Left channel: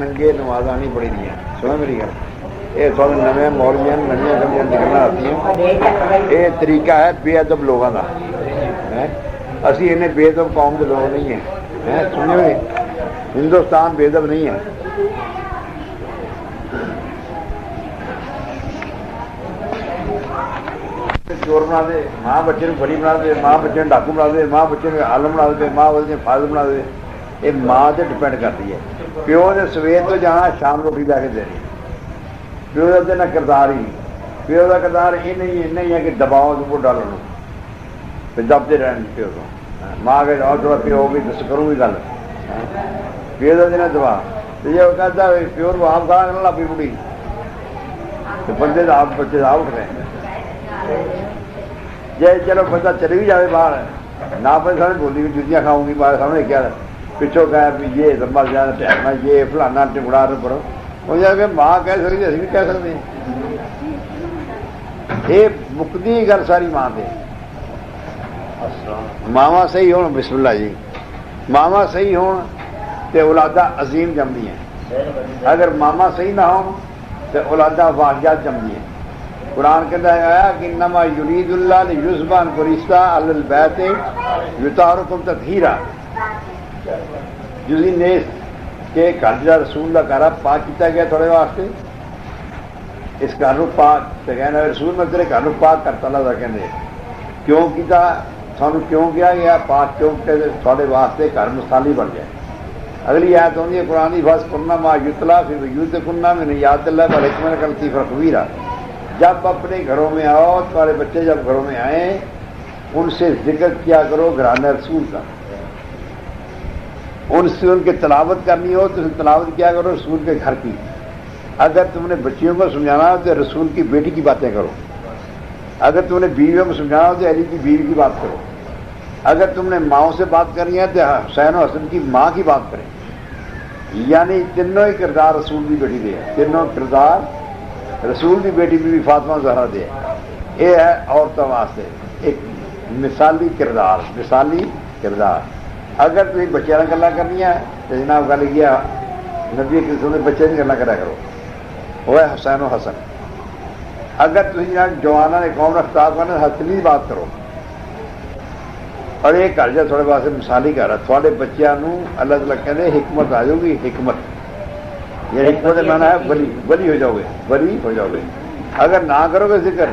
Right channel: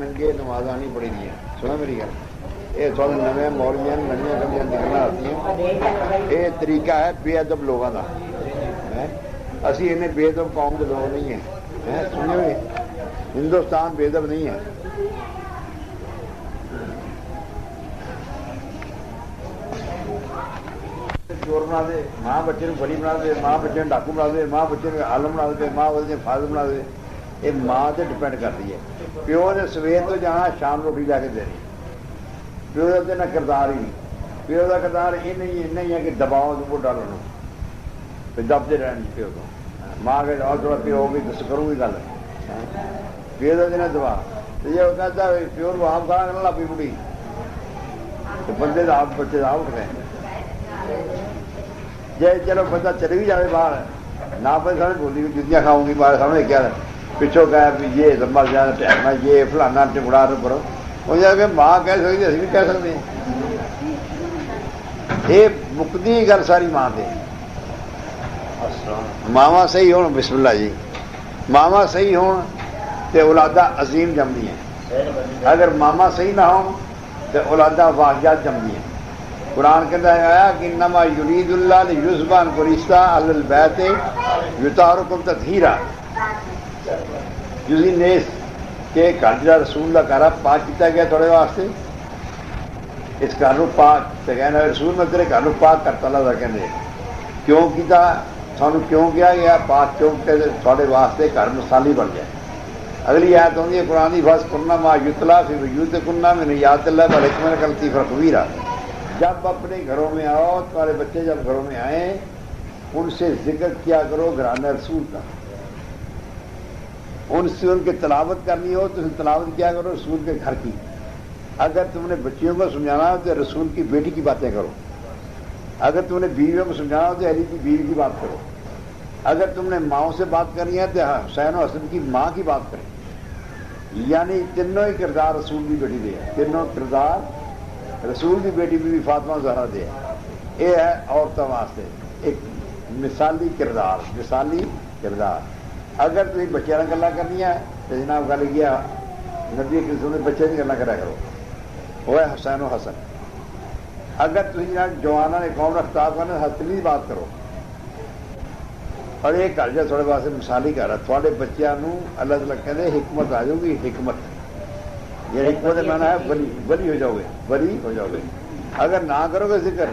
ننگے نمازاں نہیں پڑھی دیا. سنا میری گل؟ یہ تھوڑے نویں مولویاں نویں گلیاں نکلنا آتی. یہ طریقہ ہے بے ادب لوگوں کا. اسی انہیں بے ادب قوم کے لوگ نہیں ہیں. سنو گے ہندوستان بے ادب نہیں ہے. چور بنا دے, ماں بچے کو بڑی بنا دے, ماں بچے ڈاکو بنا دے, ماں بچے عالم بنا دے, ماں بچے فاضل بنا دے. یہ ماں سے ڈپینڈ کرتی ہے. پیو نے سویر تو جانا شام روٹی لے کے دینی. پیو کا دینا کردار ہی نہیں. پیو کا کردار یہ نہیں ہے کہ دباؤ کو ڈالو تو دبتے رہنے پیو کو. ماں کے اور تھوڑا پیو بھی دس کروں بھی گل. پیو کا دینا دبا تو یہ کہتا ہے پیو کو آپ کھانا کرنا لگی بڑھی تو بندے کا آپ بچے کا اٹھ رہے ہیں. جی چلو بچہ چلے بھی جائے باہر نہ پہ سامنے بولی بھی جتیاں کھاؤں گی باہر سامنے کیا پچھوں کہا بھی یہ لمبا زیادہ پیارنا یہ فلانا ٹکڑا نہ پڑو. وہ جا کے ماں کہہ سکتی اسی بھی کہہ سکتے ہیں. یہ مکتی گل ساری ماں تے. ماوا صحیح ہون بسم اللہ جی ماوا صحیح ہون تے اولادہ عظیم جمدی ہیں. اگر ماما صحیح نہ ہون تے اولادہ واقعات جمدی ہیں. قرآن کہتا ہے کہ انما یرید اللہ لیذہب عنکم الرجس اہل البیت یطہرکم تطہیرا. جزی نیس کہ گھر جا رسول کا گھر پاک کیتا گیا تھوڑے واسطے. اس گھر کو پاک تو کہنا رسول میں تیرے گھر کو پاک کرتا اللہ کہتے کیوں کیتا سانو کیوں کیا گیا پاک کیوں کہ تھوڑے واسطے گھر مثالی بن جائے. اگلی آیت ہوتی ہے قرآن کی بس کننا ما یتلا فی بیوتکن من آیات اللہ والحکمۃ واللطیف الخبیر. جب اپنے گھروں میں آؤ تمہارے بچے جب گھروں میں آئیں ان سے ذکر کیا کرو گھرانہ رسول کا. ان سے ان کی تلاوت کرنی ہو تو تلاوت کیا کرو رسول کے گھر کی. اگر تم نے بچیوں کو سمجھانا ہو تو رسول کی بیٹی کی باتیں کرو. اگر تم نے بیویوں کو سمجھانا ہو تو علی کی بیوی کی بات کرو. اگر تم نے ماؤں سے بات کرنی ہے تو حسین و حسن کی ماں کی بات کریں. یعنی تینوں ہی کردار رسول کی بیٹی دے. تینوں کردار رسول کی بیٹی بی بی فاطمہ زہرا دے. یہ ہے عورتوں واسطے ایک مثالی کردار. مثالی کردار. اگر تم بچے کا گلا کرنی ہے تو جناب گل کیا نبی کے سونے بچے کی گلا کرا کرو وہ ہے حسین و حسن. اگر تم جوانوں نے قوم نے خطاب کرنا حسن کی بات کرو. اور یہ گھر جا تھوڑے واسطے مثالی گھر ہے. تھوڑے بچوں اللہ تعالیٰ کہتے حکمت آ جاؤ گی. حکمت یہ حکمت مانا ہے بلی ہو جاؤ گے. بلی ہو جاؤ گے. اگر نہ کرو گے ذکر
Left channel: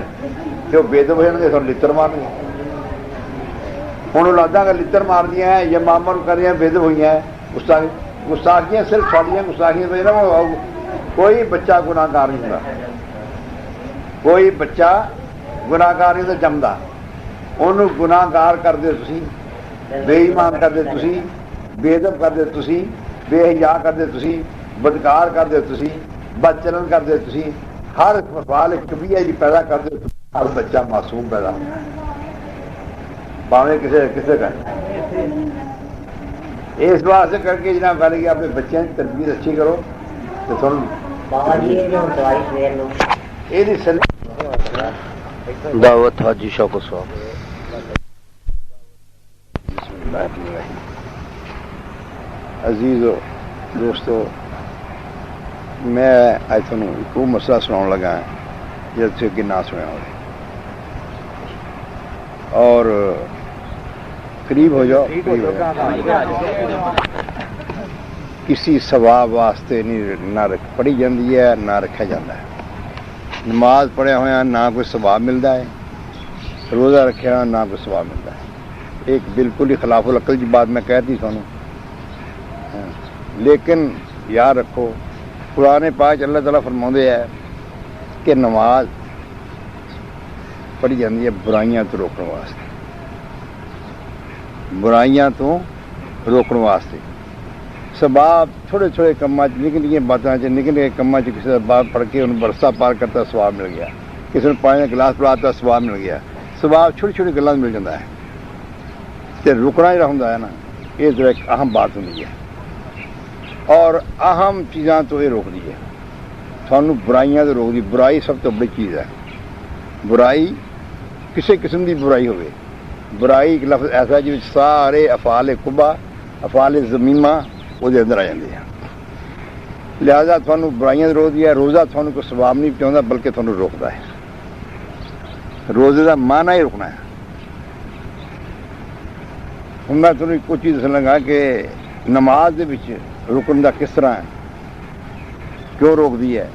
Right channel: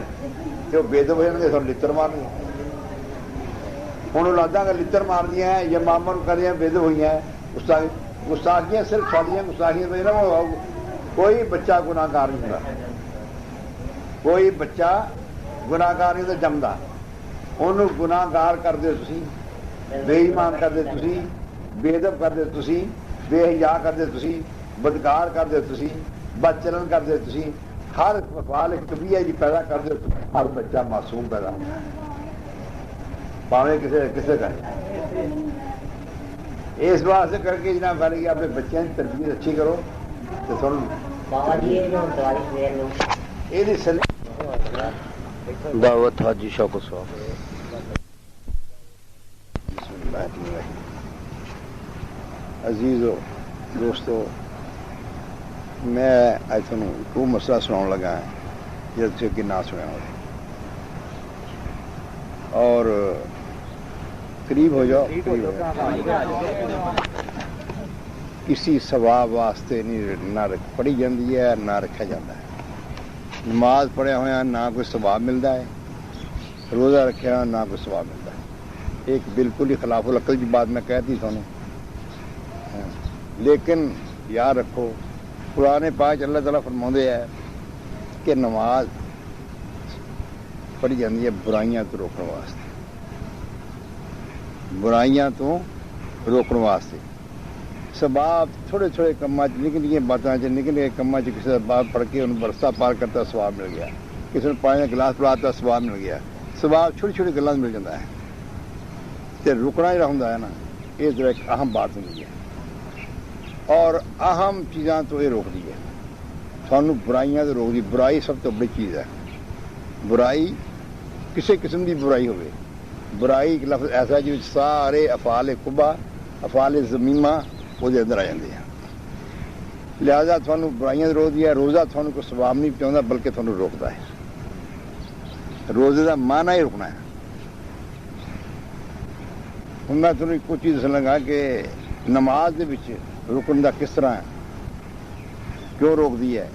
کہ وہ بے دب ہو جائیں گے تو لڑ مار گے. ہوں اولاداں کا لڑ مار دیا ہیں یا ماما کر رہے ہیں بے دب ہوئی ہیں. گستاخیاں صرف ساڑیاں گستاخیاں بھیجنا. کوئی بچہ گناہ گار نہیں ہوتا. کوئی بچہ گناہ گار نہیں تو جمدا. انہوں گناہ گار کرتے تسی بے ایمان کرتے تسی بے ادب کرتے تسی بے حیا کرتے تسی بدکار کرتے تسی بد چلن کرتے تسی. ہر وال کبھی جی پیدا کرتے ہر بچہ معصوم پیدا باویں کسے کا. اس واسطے کر کے جناب گل کہ اپنے بچوں کی تربیت اچھی کرو تو سن دعوت حاجی شوق صاحب. عزیز دوستو میں اج تمہیں وہ مسئلہ سنا لگا جس سے کہ نہ سنیا ہو اور قریب ہو جاؤ. کسی ثواب واسطے نہیں نہ پڑھی جاتی ہے نہ رکھا جاتا ہے. نماز پڑھیا ہوا نہ کوئی ثواب ملتا ہے. روزہ رکھا نہ کوئی ثواب ملتا ہے. ایک بالکل ہی خلاف العقل کی بات میں کہتی سنوں. لیکن یاد رکھو قرآن پاک اللہ تعالیٰ فرماتے ہے کہ نماز پڑھی جاتی ہے برائیاں تو روکنے واسطے. برائیاں تو روکنے واسطے. سباب تھوڑے تھوڑے کاموں نکی نکی باتوں نکے نکے کاموں کسی کا بات پڑھ کے انہوں برسہ پار کرتا ثواب مل گیا. کسی نے پانی کا گلاس پڑھاتا ثواب مل گیا. ثواب چھوٹی چھوٹی گلوں مل جاتا ہے. تو رکنا جہاں ہوتا ہے نا یہ ذرا ایک اہم بات ہوتی ہے. اور اہم چیزاں تو یہ روک دی ہے. سانو برائیاں تو روک دی. برائی سب تو بڑی چیز ہے. برائی کسی قسم کی برائی ہوئے. برائی ایک لفظ ایسا جس سارے افعال قبح افعال ذمیمہ وہ اندر آ جاتے ہیں. لہذا تھانوں برائیاں روک دیا. روزہ تھانوں کو ثواب نہیں پہنچاتا بلکہ تھانوں روکتا ہے. روزے کا معنی ہی رکنا ہے. ہوں میں تھانوں ایک چیز دسن لگا کہ نماز دے وچ رکن دا کس طرح ہے, کیوں روک دی ہے.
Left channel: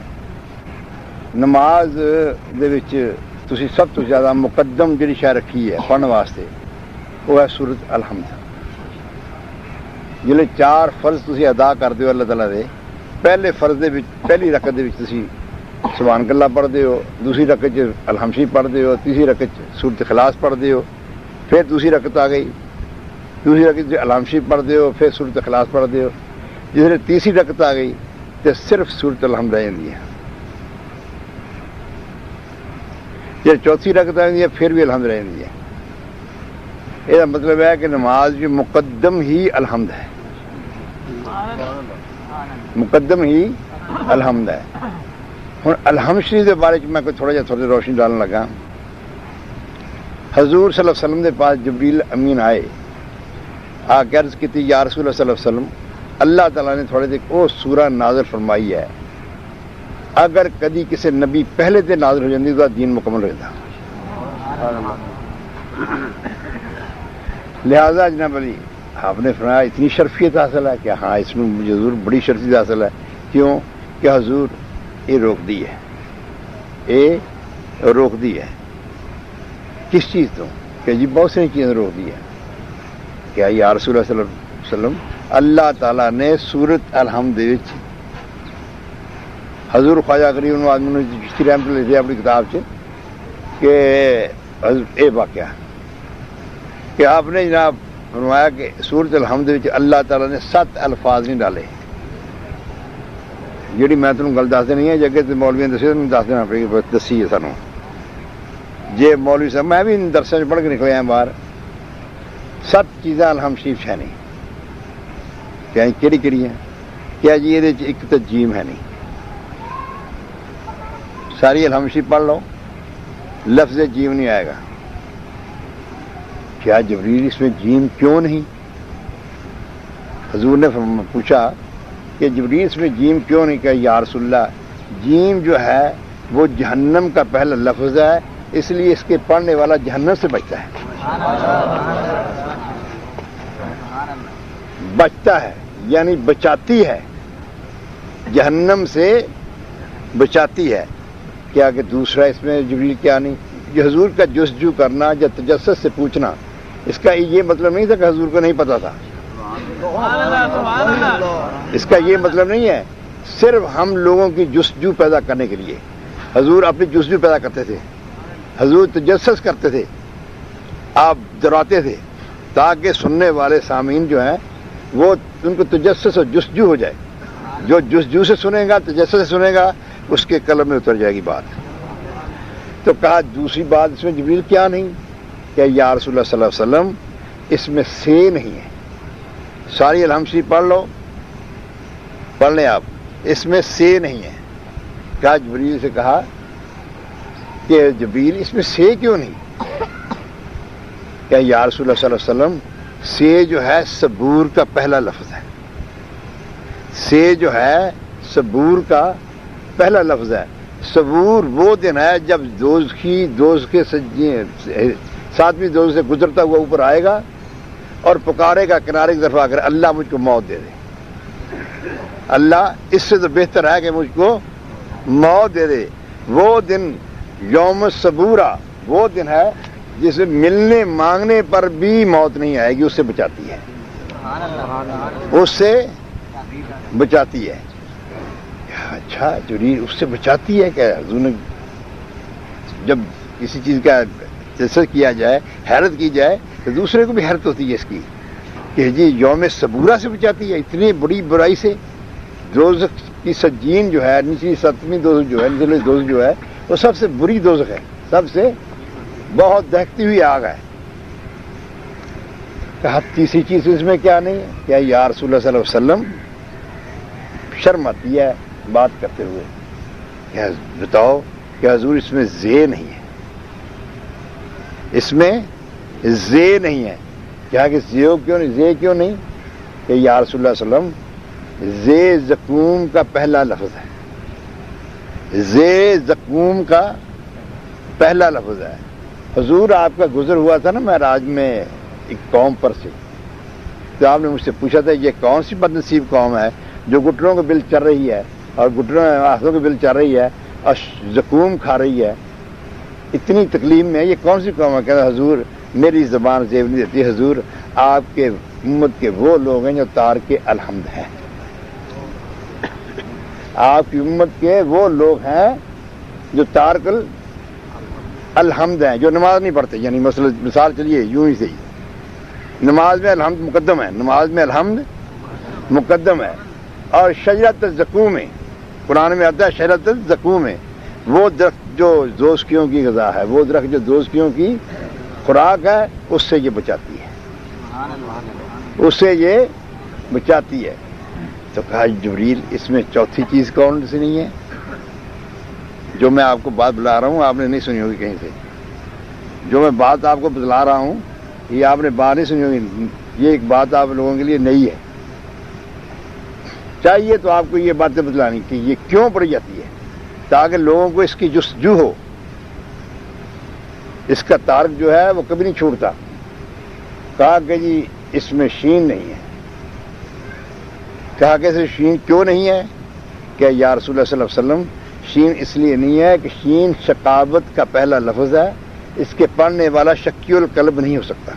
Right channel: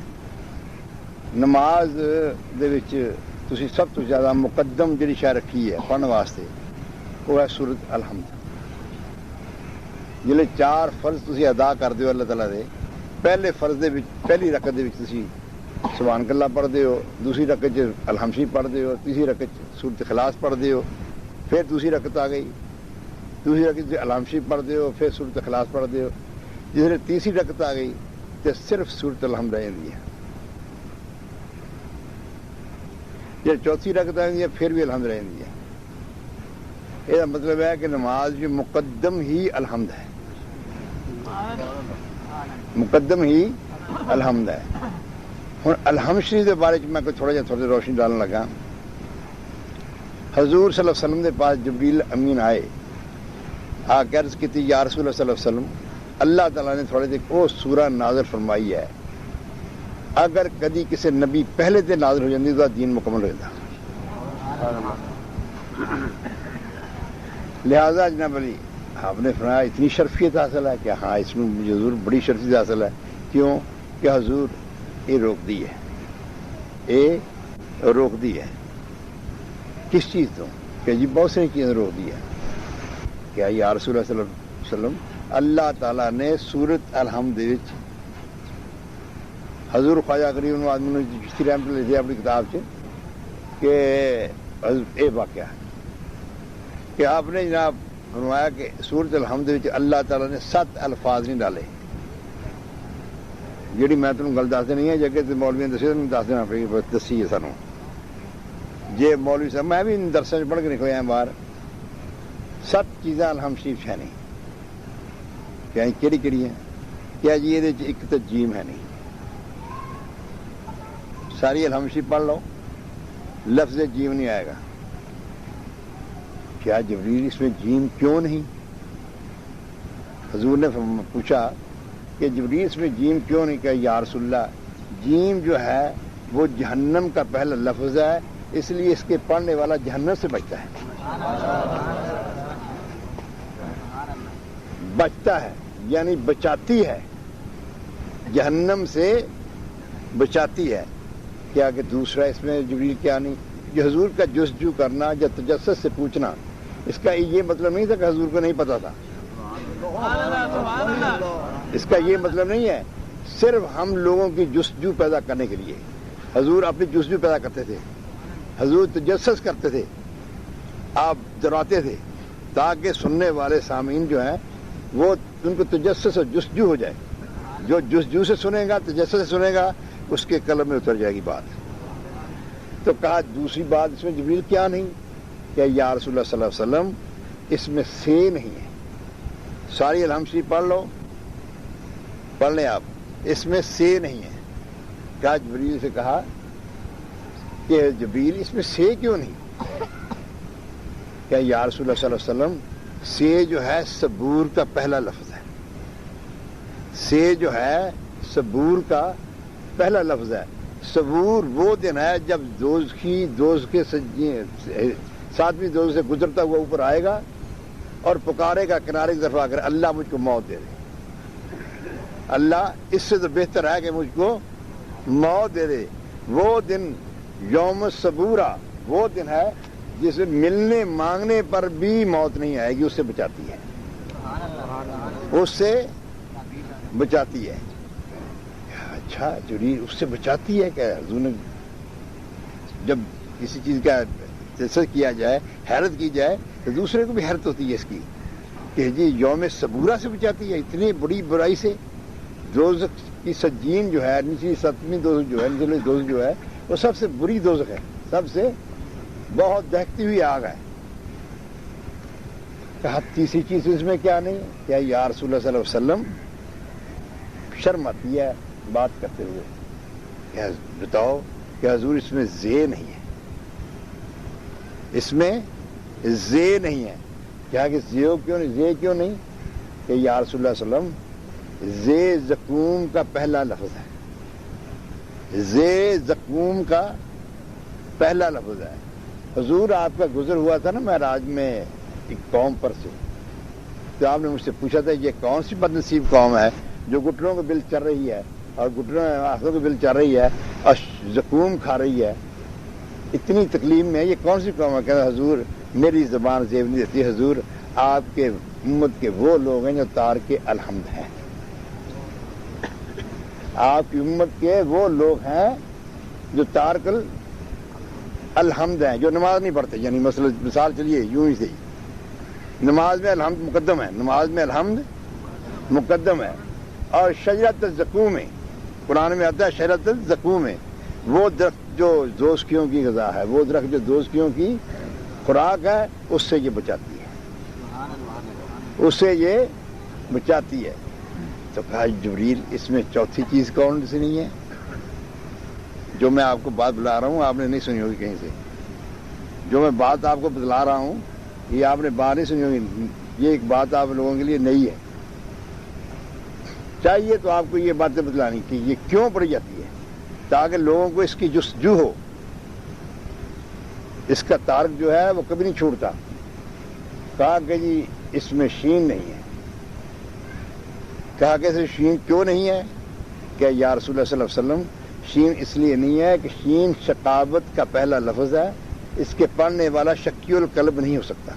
نماز دے وچ تسی سب تو زیادہ مقدم جڑی شے رکھی ہے پڑھن واسطے وہ ہے سورۃ الحمد. جلے 4 فرض تسی ادا کرتے ہو اللہ تعالیٰ دے, پہلے فرض دے وچ پہلی رکعت دے وچ تسی سبحان اللہ پڑھتے ہو, دوسری رکعت الحمد شریف پڑھتے ہو, تیسری رکعت سورۃ اخلاص پڑھتے ہو, پھر دوسری رکعت آ گئی, دوسری رکعت الحمد شریف پڑھتے ہو, پھر سورۃ اخلاص پڑھتے ہو. جس تیسری رکعت آ گئی تو صرف سورۃ الحمد رہ جاتی ہے. جب چوتھی رکعت آ جاتی ہے پھر بھی الحمد رہ جاتی ہے. یہ مطلب ہے کہ نماز جو مقدم ہی الحمد ہے, مقدم ہی الحمد ہے. ہوں الحمد شریف کے بارے میں کوئی تھوڑا جہا روشنی ڈالنے لگا. حضور صلی اللہ علیہ وسلم کے پاس جبریل امین آئے, آ کے عرض کی تھی یا رسول اللہ صلی اللہ علیہ وسلم, اللہ تعالیٰ نے تھوڑے دیر وہ سورہ نازل فرمائی ہے, اگر کدی کسی نبی پہلے تے نازل ہو جاتی تو دین مکمل ہوتا. لہذا جناب علی آپ نے فرمایا اتنی شرفیت حاصل ہے کہ ہاں اس میں مجھے حضور بڑی شرفیت حاصل ہے. کیوں کہ حضور یہ روک دی ہے, یہ روک دی ہے. کس چیز تو کہ جی بہت سی چیزیں روک دی ہے. کیا یا رسول اللہ صلی اللہ علیہ وسلم, اللہ تعالیٰ نے سورۃ الحمد حضور خواجہ غریب آدمی نے چشتی رحمت اللہ لکھا اپنی کتاب سے کہ اے واقعہ کہ آپ نے جناب فرمایا کہ سورۃ الحمد اللہ تعالیٰ نے 7 الفاظ نہیں ڈالے. جیڑی میں تمہیں گل دس دینی ہے جگہ تو مولوی نے دسی دس دینا پڑے گی, دسی ہے سانوں. جی مولوی صاحب میں بھی درسوں سے پڑھ کے نکلے ہیں باہر, 7 چیزاں الحمد شریف ہے نہیں. کیا کہڑی کہڑی ہیں؟ کیا جی یہ ایک تو جیم ہے نہیں. ساری الحمد شریف پڑھ لو, لفظ جیم نہیں آئے گا. کیا جبریل اس میں جیم کیوں نہیں؟ حضور نے پوچھا کہ جبریل اس میں جیم کیوں نہیں. کہ یا رسول اللہ جیم جو ہے وہ جہنم کا پہلا لفظ ہے, اس لیے اس کے پڑھنے والا جہنم سے بچتا ہے. بچتا ہے یعنی بچاتی ہے, جہنم سے بچاتی ہے. کیا کہ دوسرا اس میں جبریل کیا نہیں, جو حضور کا جستجو کرنا یا تجسس سے پوچھنا, اس کا یہ مطلب نہیں تھا کہ حضور کو نہیں پتا تھا. اس کا یہ مطلب نہیں ہے. صرف ہم لوگوں کی جستجو پیدا کرنے کے لیے حضور اپنی جستجو پیدا کرتے تھے, حضور تجسس کرتے تھے, آپ ڈراتے تھے تاکہ سننے والے سامعین جو ہیں وہ ان کو تجسس اور جستجو ہو جائے. جو جستجو سے سنے گا, تجسس سے سنے گا, اس کے قلب میں اتر جائے گی بات. تو کہا دوسری بات اس میں جبریل کیا نہیں؟ کہ یا رسول اللہ صلی اللہ علیہ وسلم اس میں سے نہیں ہے. ساری الحمد شریف پڑھ لو, پڑھ لیں آپ, اس میں سے نہیں ہے. کہا جبریل سے کہا کہ جبریل اس میں سے کیوں نہیں؟ کہ یا رسول اللہ صلی اللہ علیہ وسلم سے جو ہے صبور کا پہلا لفظ ہے. سے جو ہے صبور کا پہلا لفظ ہے. صبور وہ دن ہے جب دوز کے 7ویں دوز سے گزرتا ہوا اوپر آئے گا اور پکارے گا کنارے کی طرف آ کر, اللہ مجھ کو موت دے دے, اللہ اس سے تو بہتر ہے کہ مجھ کو موت دے دے. وہ دن یوم صبورہ وہ دن ہے جسے ملنے مانگنے پر بھی موت نہیں آئے گی, اس سے بچاتی ہے, اس سے بچاتی ہے. اچھا جبریل اس سے بچاتی ہے کہ حضور نے جب کسی چیز کا تجسس کیا جائے, حیرت کی جائے, تو دوسرے کو بھی حیرت ہوتی ہے اس کی کہ جی یوم صبورہ سے بچاتی ہے, اتنی بڑی برائی سے. دوزخ کی سجین جو ہے, نچلی 7ویں دوزخ جو ہے, نچلی دوزخ جو ہے وہ سب سے بری دوزخ ہے, سب سے بہت دہکتی ہوئی آگ ہے. کہا تیسری چیز اس میں کیا نہیں ہے؟ کیا یا رسول اللہ صلی اللہ علیہ وسلم شرم آتی ہے بات کرتے ہوئے, کیا بتاؤ کہ حضور اس میں زے نہیں ہے, اس میں زے نہیں ہے. کیا کہ زے کیوں نہیں, زے کیوں نہیں؟ کہ یا رسول اللہ صلی اللہ علیہ وسلم زے زقوم کا پہلا لفظ ہے، زے زقوم کا پہلا لفظ ہے۔ حضور آپ کا گزر ہوا تھا نا معراج میں ایک قوم پر سے، تو آپ نے مجھ سے پوچھا تھا یہ کون سی بد نصیب قوم ہے جو گٹروں کے بل چل رہی ہے اور گٹروں ہاتھوں کے بل چل رہی ہے اور زقوم کھا رہی ہے، اتنی تکلیف میں یہ کون سی قوم ہے؟ کہتا حضور میری زبان زیب نہیں دیتی، حضور آپ کے امت کے وہ لوگ ہیں جو تار کے الحمد ہیں، آپ کی امت کے وہ لوگ ہیں جو تارکل الحمد ہیں، جو نماز نہیں پڑھتے، یعنی مثال چلیے یوں ہی صحیح، نماز میں الحمد مقدم ہے، نماز میں الحمد مقدم ہے، اور شجرۃ الزقوم ہے، قرآن میں آتا ہے شجرۃ الزقوم ہے، وہ درخت جو دوزکیوں کی غذا ہے، وہ درخت جو دوزکیوں کی خوراک ہے، اس سے یہ بچاتی ہے، اس سے یہ بچاتی ہے۔ تو کہا جبریل اس میں چوتھی چیز کون سی نہیں ہے؟ جو میں آپ کو بات بلا رہا ہوں آپ نے نہیں سنی ہوگی کہیں سے، جو میں بات آپ کو بتلا رہا ہوں یہ آپ نے بات نہیں سنی ہوگی، یہ ایک بات آپ لوگوں کے لیے نئی ہے، چاہیے تو آپ کو یہ باتیں بتلانی کہ یہ کیوں پڑی جاتی ہے تاکہ لوگوں کو اس کی جستجو ہو، اس کا تارک جو ہے وہ کبھی نہیں چھوٹتا۔ کہا کہ جی اس میں شین نہیں ہے، کہا کہ اسے شین کیوں نہیں ہے؟ کہ یا رسول اللہ صلی اللہ علیہ وسلم شین اس لیے نہیں ہے کہ شین شقاوت کا پہلا لفظ ہے، اس کے پڑھنے والا شکی القلب نہیں ہو سکتا،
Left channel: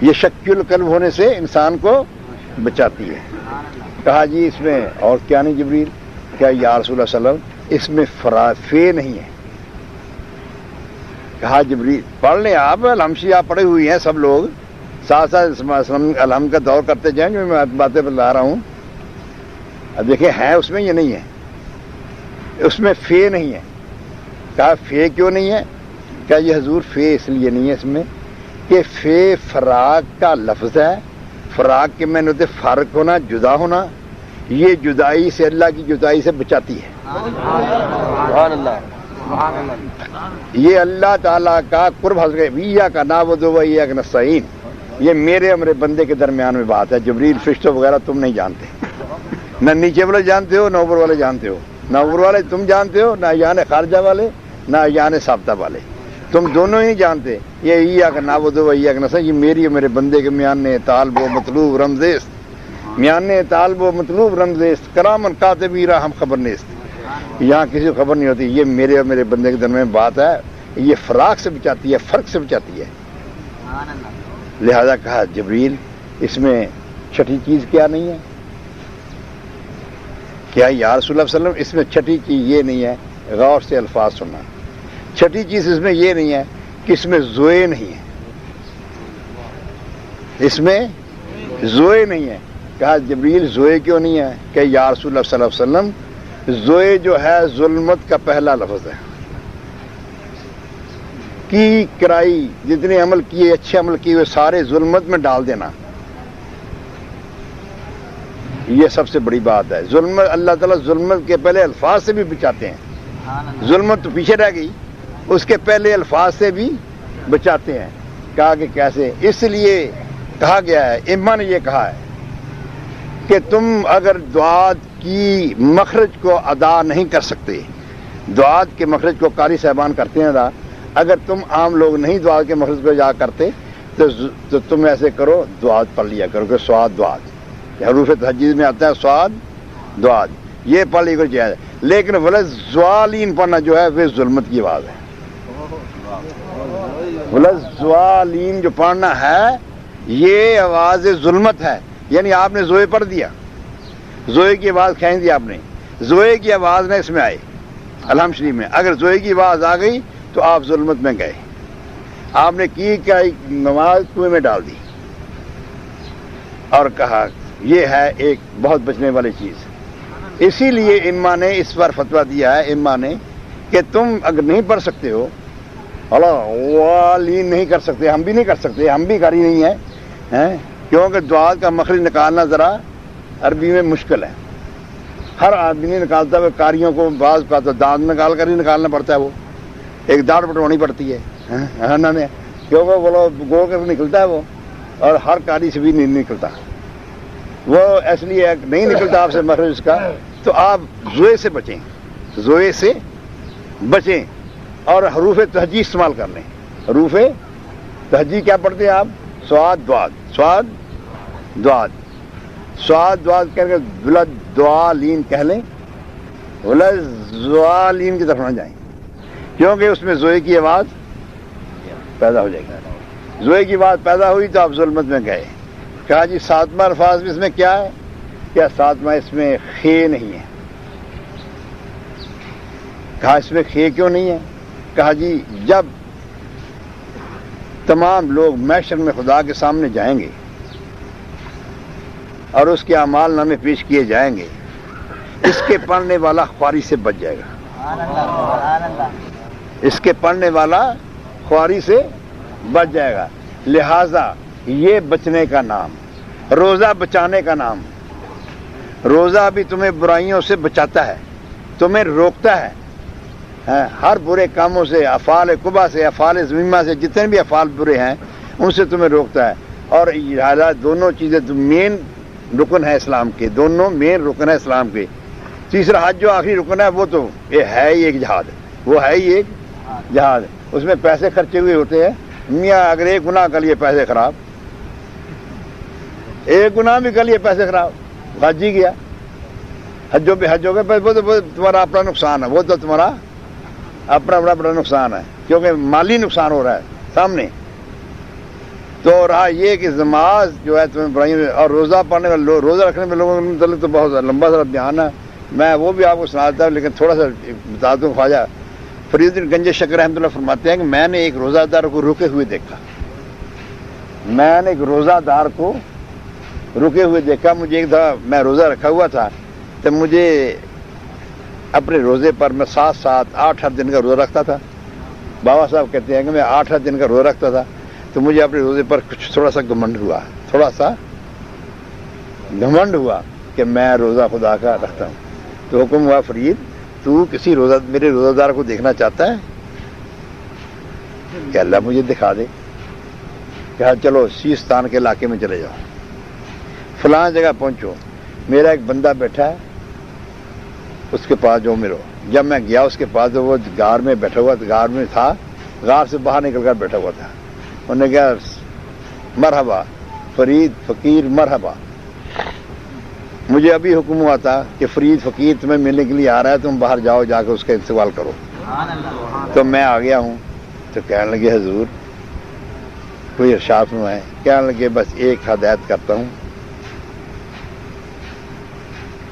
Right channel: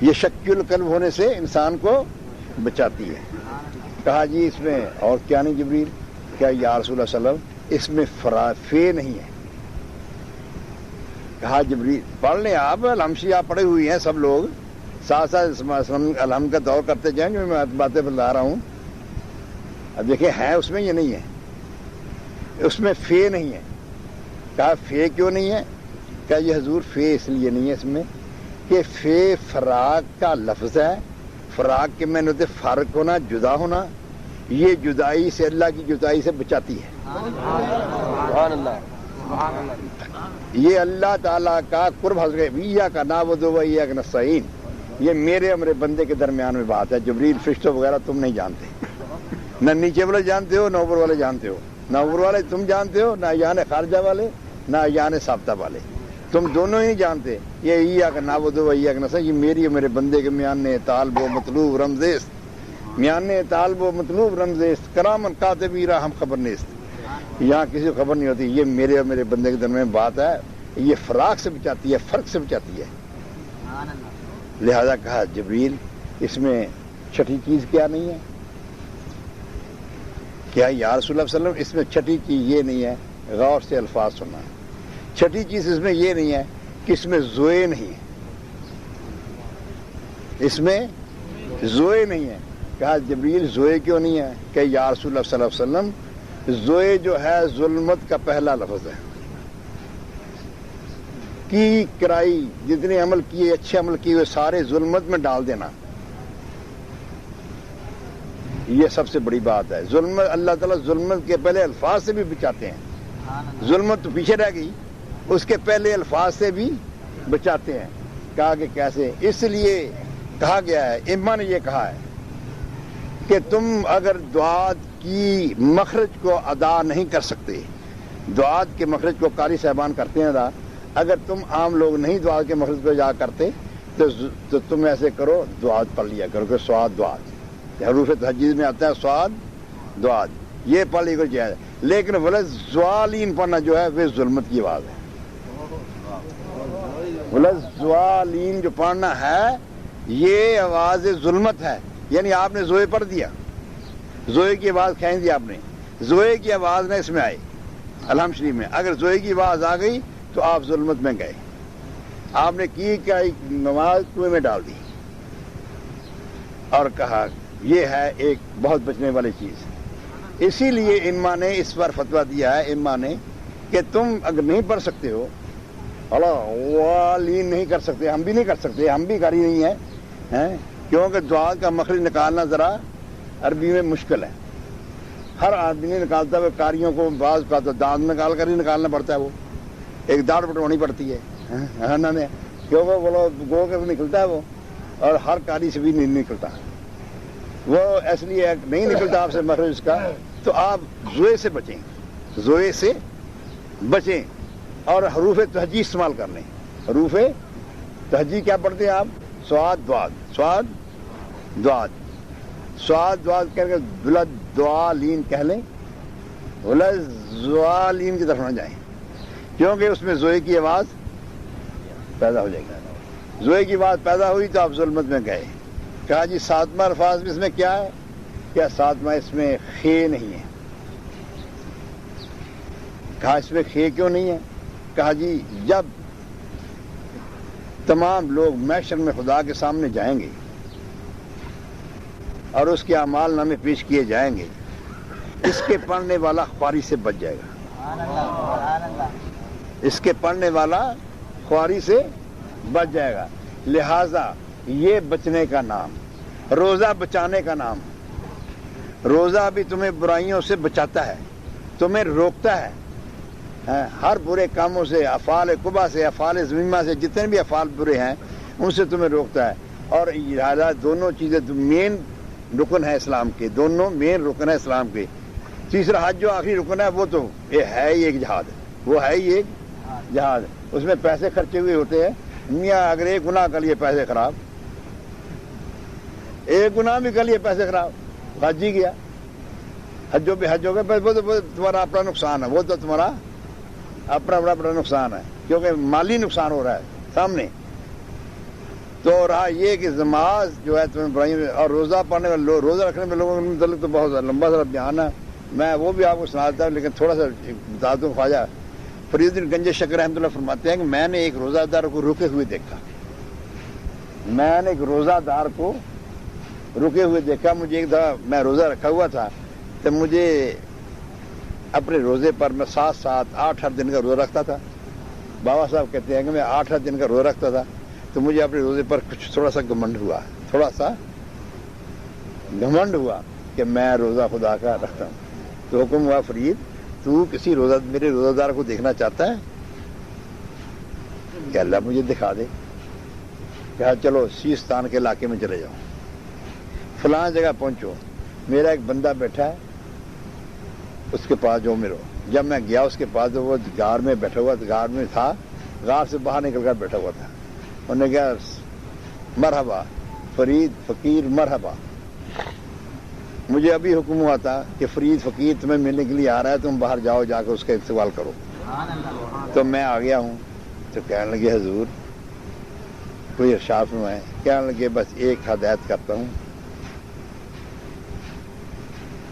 یہ شکی القلب ہونے سے انسان کو بچاتی ہے۔ کہا جی اس میں اور کیا نہیں جبریل؟ کیا یا رسول اللہ صلی اللہ علیہ وسلم اس میں فرافے نہیں ہے؟ کہا جبریل پڑھ لیں آپ، الحمشی آپ پڑھے ہوئی ہیں سب لوگ، ساتھ ساتھ الحمد کا دور کرتے جائیں جو میں باتیں بتا رہا ہوں، اب دیکھیں ہے اس میں یہ نہیں ہے، اس میں فے نہیں ہے۔ کہا فے کیوں نہیں ہے؟ کہا یہ حضور فے اس لیے نہیں ہے اس میں کہ فے فراق کا لفظ ہے، فراق کے معنی ہوتے فرق ہونا، جدا ہونا، یہ جدائی سے اللہ کی جدائی سے بچاتی ہے، سبحان اللہ سبحان اللہ، یہ اللہ تعالیٰ کا قرب حاصل ہے، ایاک نعبد و ایاک نستعین، یہ میرے ہمارے بندے کے درمیان میں بات ہے۔ جبریل فرشتوں وغیرہ تم نہیں جانتے، نہ نیچے والے جانتے ہو نہ اوپر والے جانتے ہو، نہ اوپر والے تم جانتے ہو، نہ یان خارجہ والے نہ یان ثابتہ والے، تم دونوں ہی جانتے۔ یہ ایاک نعبد و ایاک نستعین، یہ میری اور میرے بندے کے میان طالب و مطلوب رمزیست، میان طالب و مطلوب رمزیست، کرامن کاتبین ہم خبر نیست، یہاں کسی کو خبر نہیں ہوتی، یہ میرے اور میرے بندے کے درمیان بات ہے، یہ فراق سے بچاتی ہے، فرق سے بچاتی ہے۔ لہذا کہا جبریل اس میں چھٹی چیز کیا نہیں ہے؟ کیا یا رسول اللہ صلی اللہ علیہ وسلم اس میں چھٹی چیز یہ نہیں ہے؟ غور سے الفاظ سننا، چھٹی چیز اس میں یہ نہیں ہے کہ اس میں زوئے نہیں ہے، اس میں زوئے نہیں ہے۔ کہا جبریل زوئے کیوں نہیں ہے؟ کہ یا رسول اللہ صلی اللہ علیہ وسلم زوئے جو ہے ظلمت کا پہلا لفظ ہے، کی کرائی جتنے عمل کیے اچھے عمل کیے ہوئے سارے ظلمت میں ڈال دینا، یہ سب سے بڑی بات ہے۔ ظلمت اللہ تعالیٰ ظلمت کے پہلے الفاظ سے بھی بچاتے ہیں، ظلمت تو پیچھے رہ گئی، اس کے پہلے الفاظ سے بھی بچاتے ہیں۔ کہا کہ کیسے؟ اس لیے کہا گیا ہے، امام نے یہ کہا ہے کہ تم اگر دعات کی مخرج کو ادا نہیں کر سکتے، دعات کے مخرج کو قاری صاحبان کرتے ہیں ادا، اگر تم عام لوگ نہیں دعات کے مخرج کو ادا کرتے تو تم ایسے کرو دعات پڑھ لیا کرو کہ سواد دعات، حروف تہجید میں آتا ہے سواد دعات، یہ پڑھ لی کوئی جائز ہے، لیکن ولز زوالین پڑھنا جو ہے وہ ظلمت کی آواز ہے، ولز زوالین جو پڑھنا ہے یہ آواز ظلمت ہے، یعنی آپ نے زوئے پڑھ دیا، زوئے کی آواز کھینچ دی آپ نے، زوئے کی آواز نہ اس میں آئی الحمد شریف میں، اگر زوئے کی آواز آ گئی تو آپ ظلمت میں گئے، آپ نے کی کیا نماز کنویں میں ڈال دی، اور کہا یہ ہے ایک بہت بچنے والی چیز۔ اسی لیے امام نے اس پر فتویٰ دیا ہے، امام نے کہ تم اگر نہیں پڑھ سکتے ہو والین نہیں کر سکتے، ہم بھی نہیں کر سکتے، ہم بھی قاری نہیں ہیں، کیونکہ دعا کا مخرج نکالنا ذرا عربی میں مشکل ہے، ہر آدمی نہیں نکالتا، وہ قاریوں کو بعض کا تو دانت نکال کر ہی نکالنا پڑتا ہے، وہ ایک داڑھ بٹوانی پڑتی ہے کیونکہ وہ گول کر نکلتا ہے وہ، اور ہر قاری سے بھی نہیں نکلتا، وہ اس لیے نہیں نکلتا آپ سے مخرج اس کا، تو آپ زوئے سے بچیں، زوئے سے بچیں اور حروف تہجی استعمال کر لیں۔ حروف تہجی کیا پڑھتے ہیں آپ؟ سواد دواد، سواد دواد، سواد دواد کر کے ولد دوالین کہہ لیں، ولد دوالین کی طرف نہ جائیں، کیونکہ اس میں زوئے کی آواز پیدا ہو جائے گی۔ زوئے کی آواز پیدا ہوئی تو آپ ظلمت میں گئے۔ کہا جی ساتواں الفاظ میں اس میں کیا ہے؟ کیا ساتواں اس میں خے نہیں ہے؟ کہا اس میں خے کیوں نہیں ہے؟ کہا جی جب تمام لوگ محشر میں خدا کے سامنے جائیں گے اور اس کے اعمال نامے پیش کیے جائیں گے، اس کے پڑھنے والا خواری سے بچ جائے گا، اس کے پڑھنے والا خواری سے بچ جائے گا۔ لہذا یہ بچنے کا نام، روزہ بچانے کا نام۔ روزہ بھی تمہیں برائیوں سے بچاتا ہے، تمہیں روکتا ہے ہر برے کاموں سے، افعال قبح سے، افعال ذمیمہ سے، جتنے بھی افعال برے ہیں ان سے تمہیں روکتا ہے۔ اور دونوں چیزیں مین رکن ہے اسلام کے، دونوں مین رکن ہے اسلام کے۔ تیسرا حج جو آخری رکن ہے وہ تو یہ ہے ہی ایک جہاد، وہ ہے ہی ایک جہاد، اس میں پیسے خرچے ہوئے ہوتے ہیں۔ میاں اگر ایک گناہ کر لیے پیسے خراب، ایک گناہ بھی کر لیے پیسے خراب، حج ہی گیا، حجوں پہ حج ہو گئے، وہ تو تمہارا اپنا نقصان ہے، وہ تو تمہارا اپنا بڑا نقصان ہے، کیونکہ مالی نقصان ہو رہا ہے سامنے۔ تو رہا یہ کہ نماز جو ہے تمہیں بڑھائی، اور روزہ پڑھنے والے، روزہ رکھنے میں لوگوں کے متعلق تو بہت لمبا سا بیان ہے، میں وہ بھی آپ کو سناتا ہوں، لیکن تھوڑا سا بتا دوں۔ خواجہ فرید الدین گنج شکر رحمۃ اللہ فرماتے ہیں کہ میں نے ایک روزہ دار کو رکے ہوئے دیکھا، میں نے ایک روزہ دار کو رکے ہوئے دیکھا۔ مجھے ایک دفعہ میں روزہ رکھا ہوا تھا تو مجھے اپنے روزے پر میں 7 8 دن کا روزہ رکھتا تھا۔ بابا صاحب کہتے ہیں کہ میں 8 دن کا روزہ رکھتا تھا، تو مجھے اپنے روزے پر کچھ تھوڑا سا گھمنڈ ہوا، تھوڑا سا گھمنڈ ہوا کہ میں روزہ خدا کا رکھتا ہوں۔ تو حکم ہوا فرید تو کسی میرے روزہ دار کو دیکھنا چاہتا ہے کہ اللہ مجھے دکھا دے۔ کہا چلو سیستان کے علاقے میں چلے جاؤ، فلاں جگہ پہنچو، میرا ایک بندہ بیٹھا ہے، اس کے پاس جو میرو۔ جب میں گیا اس کے پاس تو وہ غار میں بیٹھا ہوا، غار میں تھا، غار سے باہر نکل کر بیٹھا ہوا تھا۔ انہوں نے کہا مرحبا فرید فقیر مرحبا، مجھے ابھی حکم ہوا تھا کہ فرید فقیر تمہیں ملنے کے لیے آ رہا ہے، تم باہر جاؤ، جا کے اس کا استقبال کرو۔ تو میں آ گیا ہوں، تو کہنے لگے حضور کوئی ارشاد فرمائے۔ کہنے لگے بس ایک ہدایت کرتا ہوں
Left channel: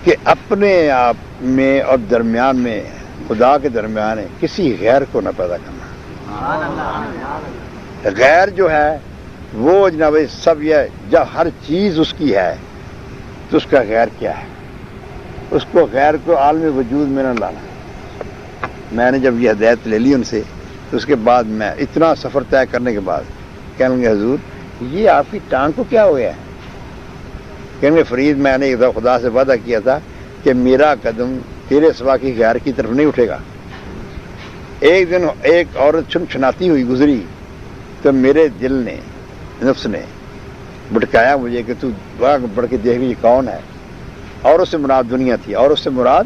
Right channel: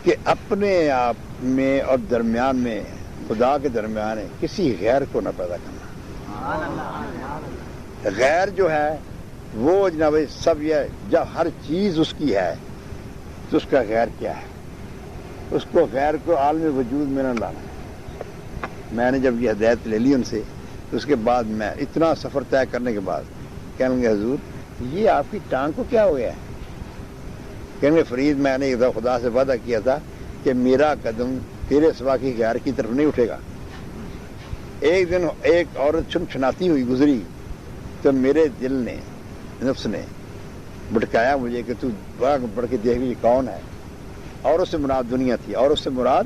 کہ اپنے آپ میں اور درمیان میں، خدا کے درمیان کسی غیر کو نہ پیدا کرنا۔ غیر جو ہے وہ جناب سب یہ جب ہر چیز اس کی ہے تو اس کا غیر کیا ہے، اس کو غیر کو عالم وجود میں نہ لانا۔ میں نے جب یہ ہدایت لے لی ان سے، تو اس کے بعد میں اتنا سفر طے کرنے کے بعد کہنے لگے حضور یہ آپ کی ٹانگ کو کیا ہوا ہے؟ کہنے لگے فرید میں نے ایک دفعہ خدا سے وعدہ کیا تھا کہ میرا قدم تیرے سوا کی غیر کی طرف نہیں اٹھے گا۔ ایک دن ایک عورت چھنچھناتی ہوئی گزری تو میرے دل نے، نفس نے بھٹکایا مجھے کہ تو وہاں بڑھ کے دیکھ یہ کون ہے، اور اس سے مراد دنیا تھی، اور اس سے مراد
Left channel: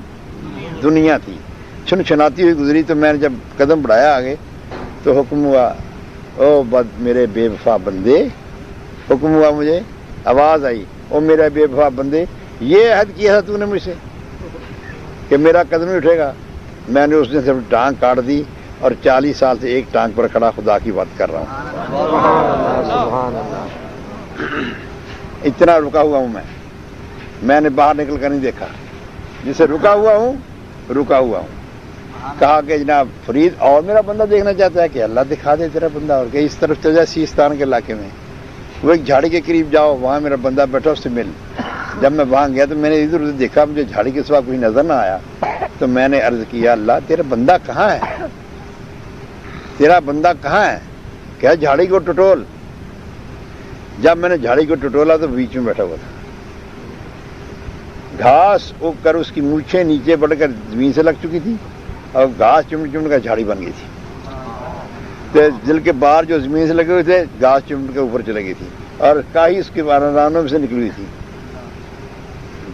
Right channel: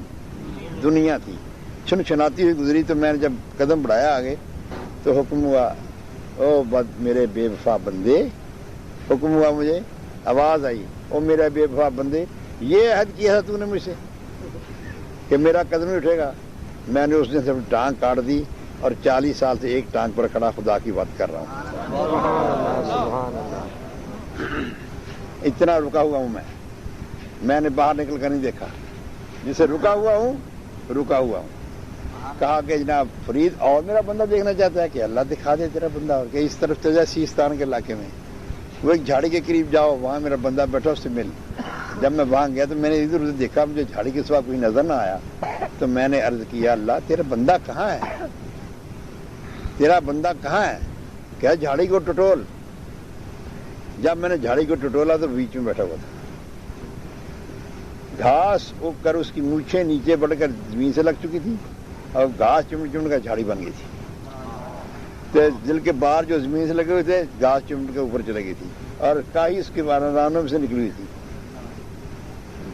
دنیا تھی۔ چھنچھناتی ہوئی گزری تو میں نے جب قدم بڑھایا آگے تو حکم ہوا او بد میرے بے وفا بندے، حکم ہوا مجھے، آواز آئی او میرے بے وفا بندے، یہ عہد کیا تھا تو نے مجھ سے کہ میرا قدم نہیں اٹھے گا۔ میں نے اس نے صرف ٹانگ کاٹ دی اور 40 سال سے ایک ٹانگ پر کھڑا خدا کی بات کر رہا ہوں۔ اتنا رکا ہوا ہوں میں نے باہر نکل کر نہیں دیکھا، جسے رکا ہوا ہوں رکا ہوا ہوں۔ کہا کہ جناب فرید اور میرا بندہ دیکھنا چاہتا ہے کہ اللہ دکھا دے تیرا بندہ، اور کہ اس طرف چل جائے سیستان کے علاقے میں، وہ ایک جھاڑی کے قریب جاؤ، وہاں میرا بندہ بیٹھا، اس سے مل۔ جب میں وہاں گیا تو میں نے ادھر ادھر دیکھا، مجھے جھاڑی کے سوا کوئی نظر نہ آیا، تو میں نے عرض کیا اللہ تیرا بندہ کہاں ہے، تیرا بندہ کہاں ہے؟ کیا جھاڑی کو ٹٹول۔ جب میں نے جھاڑی کو ٹٹولا تو بیچ میں بیٹھا ہوا تھا، گھاس اگ کر اس کی مونچھیں نیچے بڑھ کر زمین سے لگ چکی تھی، اور گھاس چمٹ چمٹ کر جھاڑی بن گئی تھی، تو دل کے باہر جو زمین سے لگے ہوئے تھے گھاس چمٹ کے اوپر چلے گئی تھی، اور کائی اس کے رانوں میں سے نکلی ہوئی تھی۔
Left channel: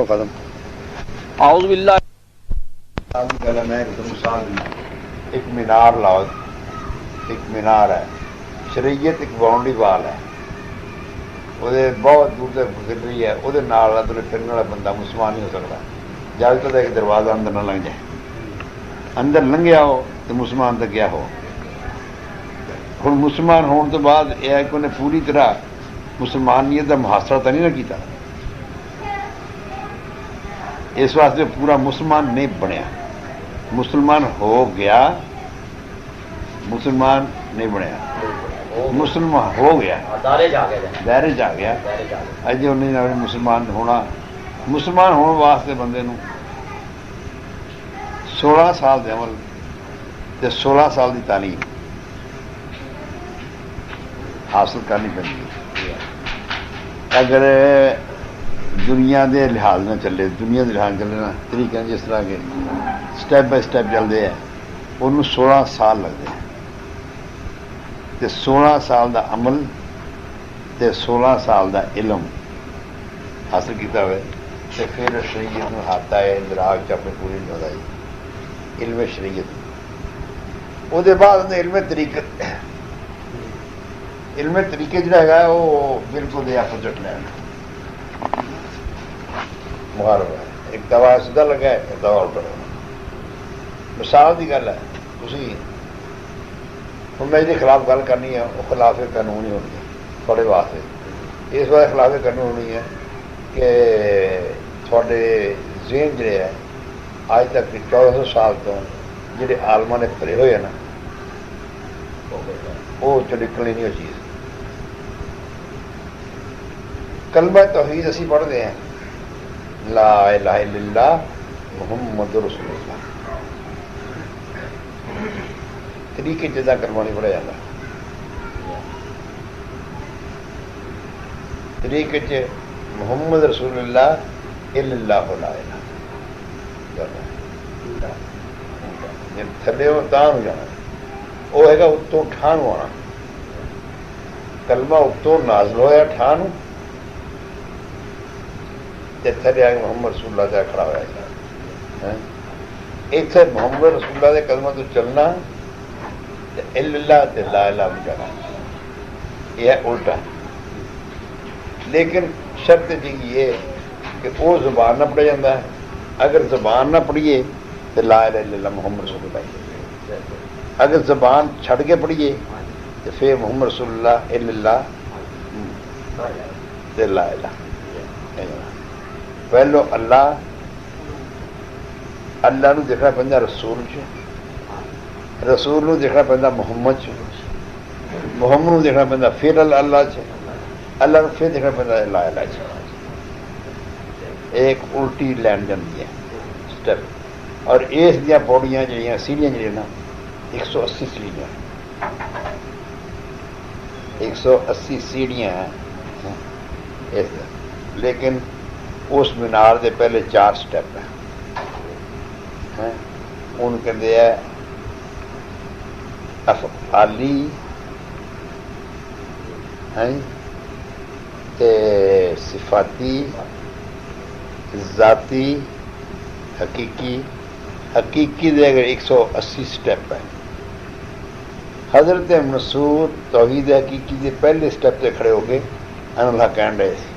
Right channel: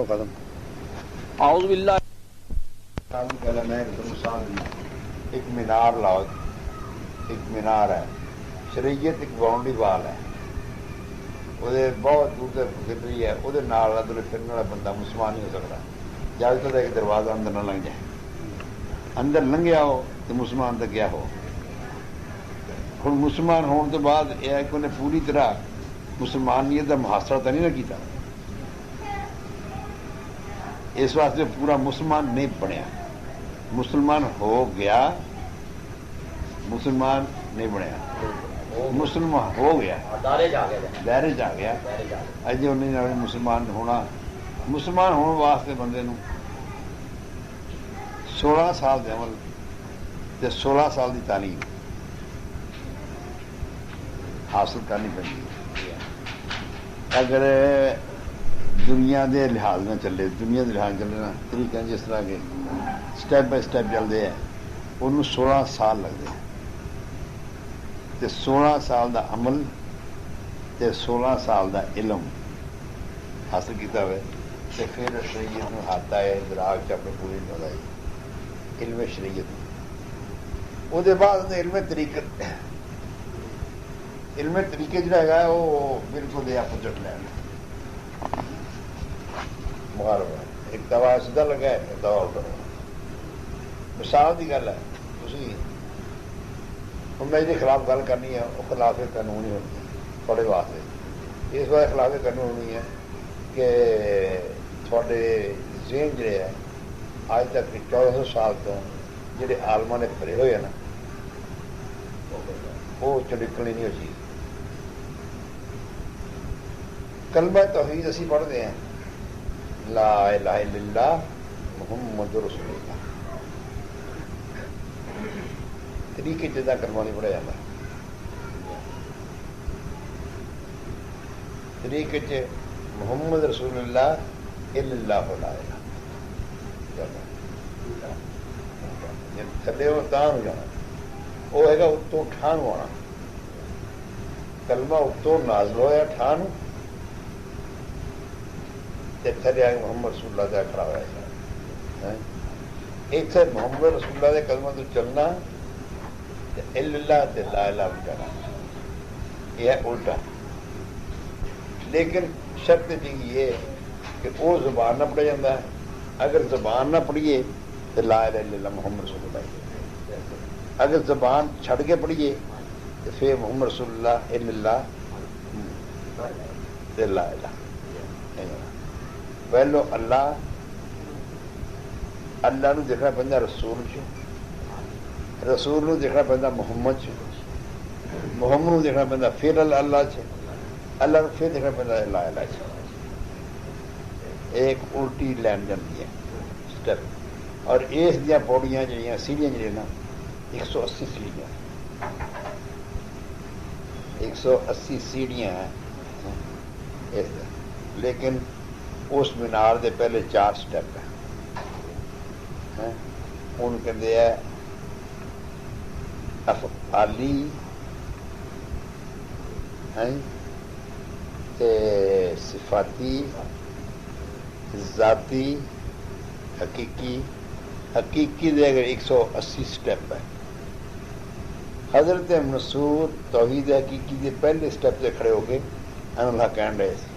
کرو ختم. اعوذ باللہ. میں ایک مینار لاؤ. ایک مینار ہے, شریعت ایک باؤنڈری وال ہے, وہ بہت دور تک گزر رہی ہے. وہ پھرنے والا بندہ مسلمان نہیں ہو سکتا جب تک ایک دروازہ اندر نہ لنگ جائے. اندر لنگیا ہو تو مسلمان تک گیا ہو. ہوں مسلمان ہونے تو بعد یہ ہے کہ انہیں پوری طرح مسلمانیت کا محاصرہ تو نہیں نہ کیتا, اس واسطے پورا مسلمان نہیں بنیا. مسلمان ہو گیا, مسلمان نہیں بنیا, مسلمان ہو گیا, دائرے جا گیا. اجے انہیں مسلمان ہونا, مسلمان ہونے واسطے بندے نو 16 سال دے عمل تے 16 سال دی تعلیم حاصل کرنی پڑی. اگر دنیا دے لحاظ نہ چلے, دنیا دے لحاظ چلے نا طریقہ جس طرح کے سٹیپ بائی سٹیپ چلتے ہیں, انہوں 16 سال لگتے ہیں. تے 16 سال دا عمل تے 16 سال دا علم حاصل کیتا ہوئے تے پھر شریعت میں ہاتھ آئے دراغ چاپے پوری ہو جائے علم شریعت. وہ دے بعد علم طریقت, علم طریقے جڑا ہے وہ بالکل اپوزٹ ہے. ایک دوا سیدھا لگا ہے, ایک دوا الٹا لگا. مثال کی گل ہے, میں جی خلاف گل کرنی ہے, وہ خلاف قانون ہی ہونی ہے تھوڑے واسطے. اس بارے خلاف قانون ہونی ہے کہ تھوڑے ذہن جڑے ہیں آج تک 1400 سال تو جڑے عالماں نے پھرے ہوئے ہیں نا, وہ چ نکلنی نہیں ہو چیز. کلمہ توحید اسی پڑھتے ہیں, لا الہ الا اللہ محمد رسول اللہ. طریقے جدا کلمہ نہیں پڑھا جاتا. طریقے محمد رسول اللہ الا اللہ لا الہ. تھلے ہو تاں ہو جانا, وہ ہے گا اتوں ٹھان آنا. کلمہ اتوں نازل ہوا ٹھان, تھلے آ کے محمد رسول اللہ سے کھڑا ہوا. ایک سے محمد رسول اللہ کے کلمہ تو چلنا, اللہ لا الہ بچانا, یہ ہے الٹا. لیکن شرط جی یہ کہ وہ زبان نہ پڑھا جاتا ہے. اگر زبان نہ پڑھیے تو لا الہ الا اللہ محمد رسول اللہ. اگر زبان چھڑ کے پڑھیے تو پھر محمد رسول اللہ الا اللہ لا الہ. پہلو اللہ نو دیکھنا پہنتا رسول چ, رسول نو دیکھنا پہنتا محمد چ, محمد نو دیکھنا پہنتا پھر اللہ چ, اللہ نو پھر دیکھنا پہنتا لا الہ چ. ایک الٹی لین جاتی ہے سٹیپ. اور اس دیا پوڑیاں جہاں سیڑھیاں جہاں نا 180 سیڑھیاں, 180 سیڑھیاں ہیں. لیکن اس مینار دے پہلے 4 سٹیپ ہیں. ان کہتے ہیں افعالی, صفاتی, ذاتی, حقیقی. حقیقی دے اگر 180 سٹیپ ہے. حضرت منصور توحید حقیقی دے پہلے سٹیپ سے کھڑے ہو کے اللہ کہن رہے تھے.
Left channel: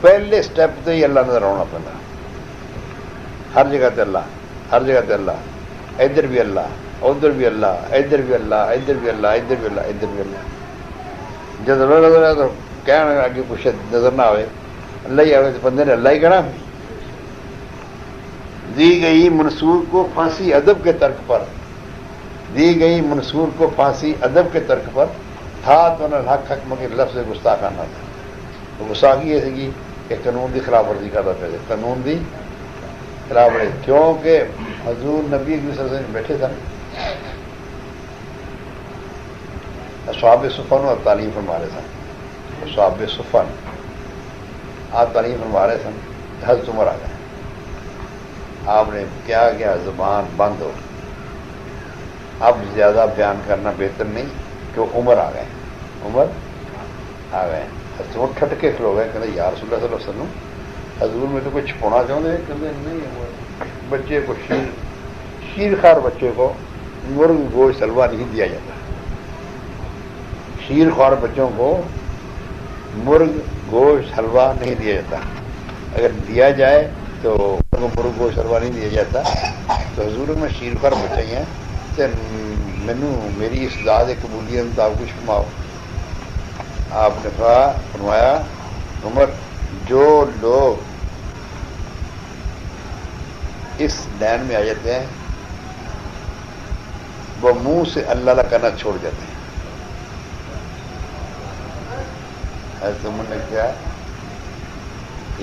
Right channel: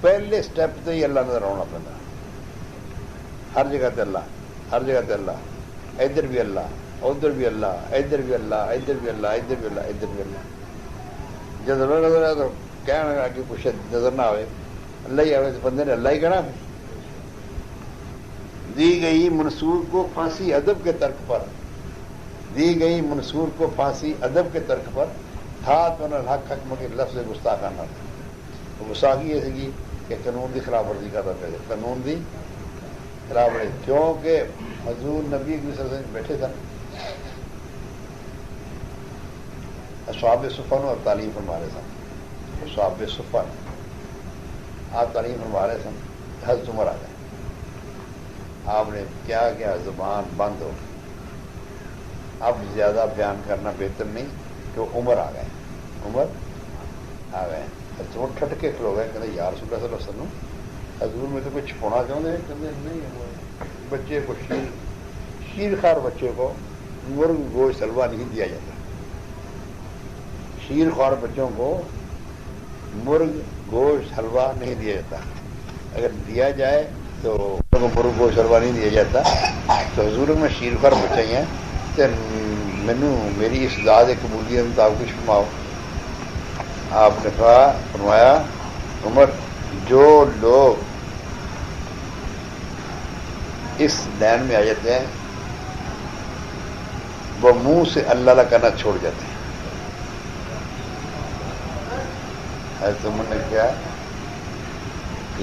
پہلے سٹیپ سے ہی اللہ نظر آنا پڑتا. ہر جگہ تے اللہ, ہر جگہ تے اللہ, ادھر بھی اللہ, ادھر بھی اللہ, ادھر بھی اللہ, ادھر بھی اللہ, ادھر بھی اللہ, ادھر بھی اللہ. جب نظر آئے تو کہنا آگے کچھ نظر نہ آئے, اللہ ہی آئے تو بندے نے اللہ ہی کہنا. دی گئی منصور کو پھانسی ادب کے ترک پر, دی گئی منصور کو پھانسی ادب کے ترک پر, تھا دونوں حق حق مگر لفظ گستاخانہ تھا. تو گستاخی یہ تھی کہ قانون کی خلاف ورزی کرتا پہ, قانون کی خلاف ورزی, کیونکہ حضور نبی صلی اللہ علیہ وسلم بیٹھے تھے. اصحاب صفن اور تعلیم فرما رہے تھے. اصحاب صفن آپ تعلیم فرما رہے تھے. حضرت عمر آ گئے, آپ نے کیا گیا زبان بند ہو, اب زیادہ بیان کرنا بہتر نہیں کہ عمر آ گئے. عمر آ گئے, حضرت ٹھٹ کے کھلو گئے, کہتے یا رسول اللہ صلی اللہ علیہ وسلم حضور میں تو کچھ چھپونا چاہتے ہیں بچے کو شیر خار بچے کو مرغ گوشت حلوہ نہیں دیا جاتا. شیر خوار بچوں کو مرغ گوشت حلوہ نہیں دیا جاتا. اگر دیا جائے تو مرغ گوشت حلوہ نہیں دیا جاتا. تو حضور میں شیر خوار بچے ہیں مینو میری اس داد قبولیت آپ کچھ فرماؤ. آپ نے کہا فرمایا عمر جو لوگ اس لائن میں آ جاتے ہیں وہ منہ سے اللہ اللہ کہنا چھوڑ جاتے ہیں. حضرت عمر نے کہا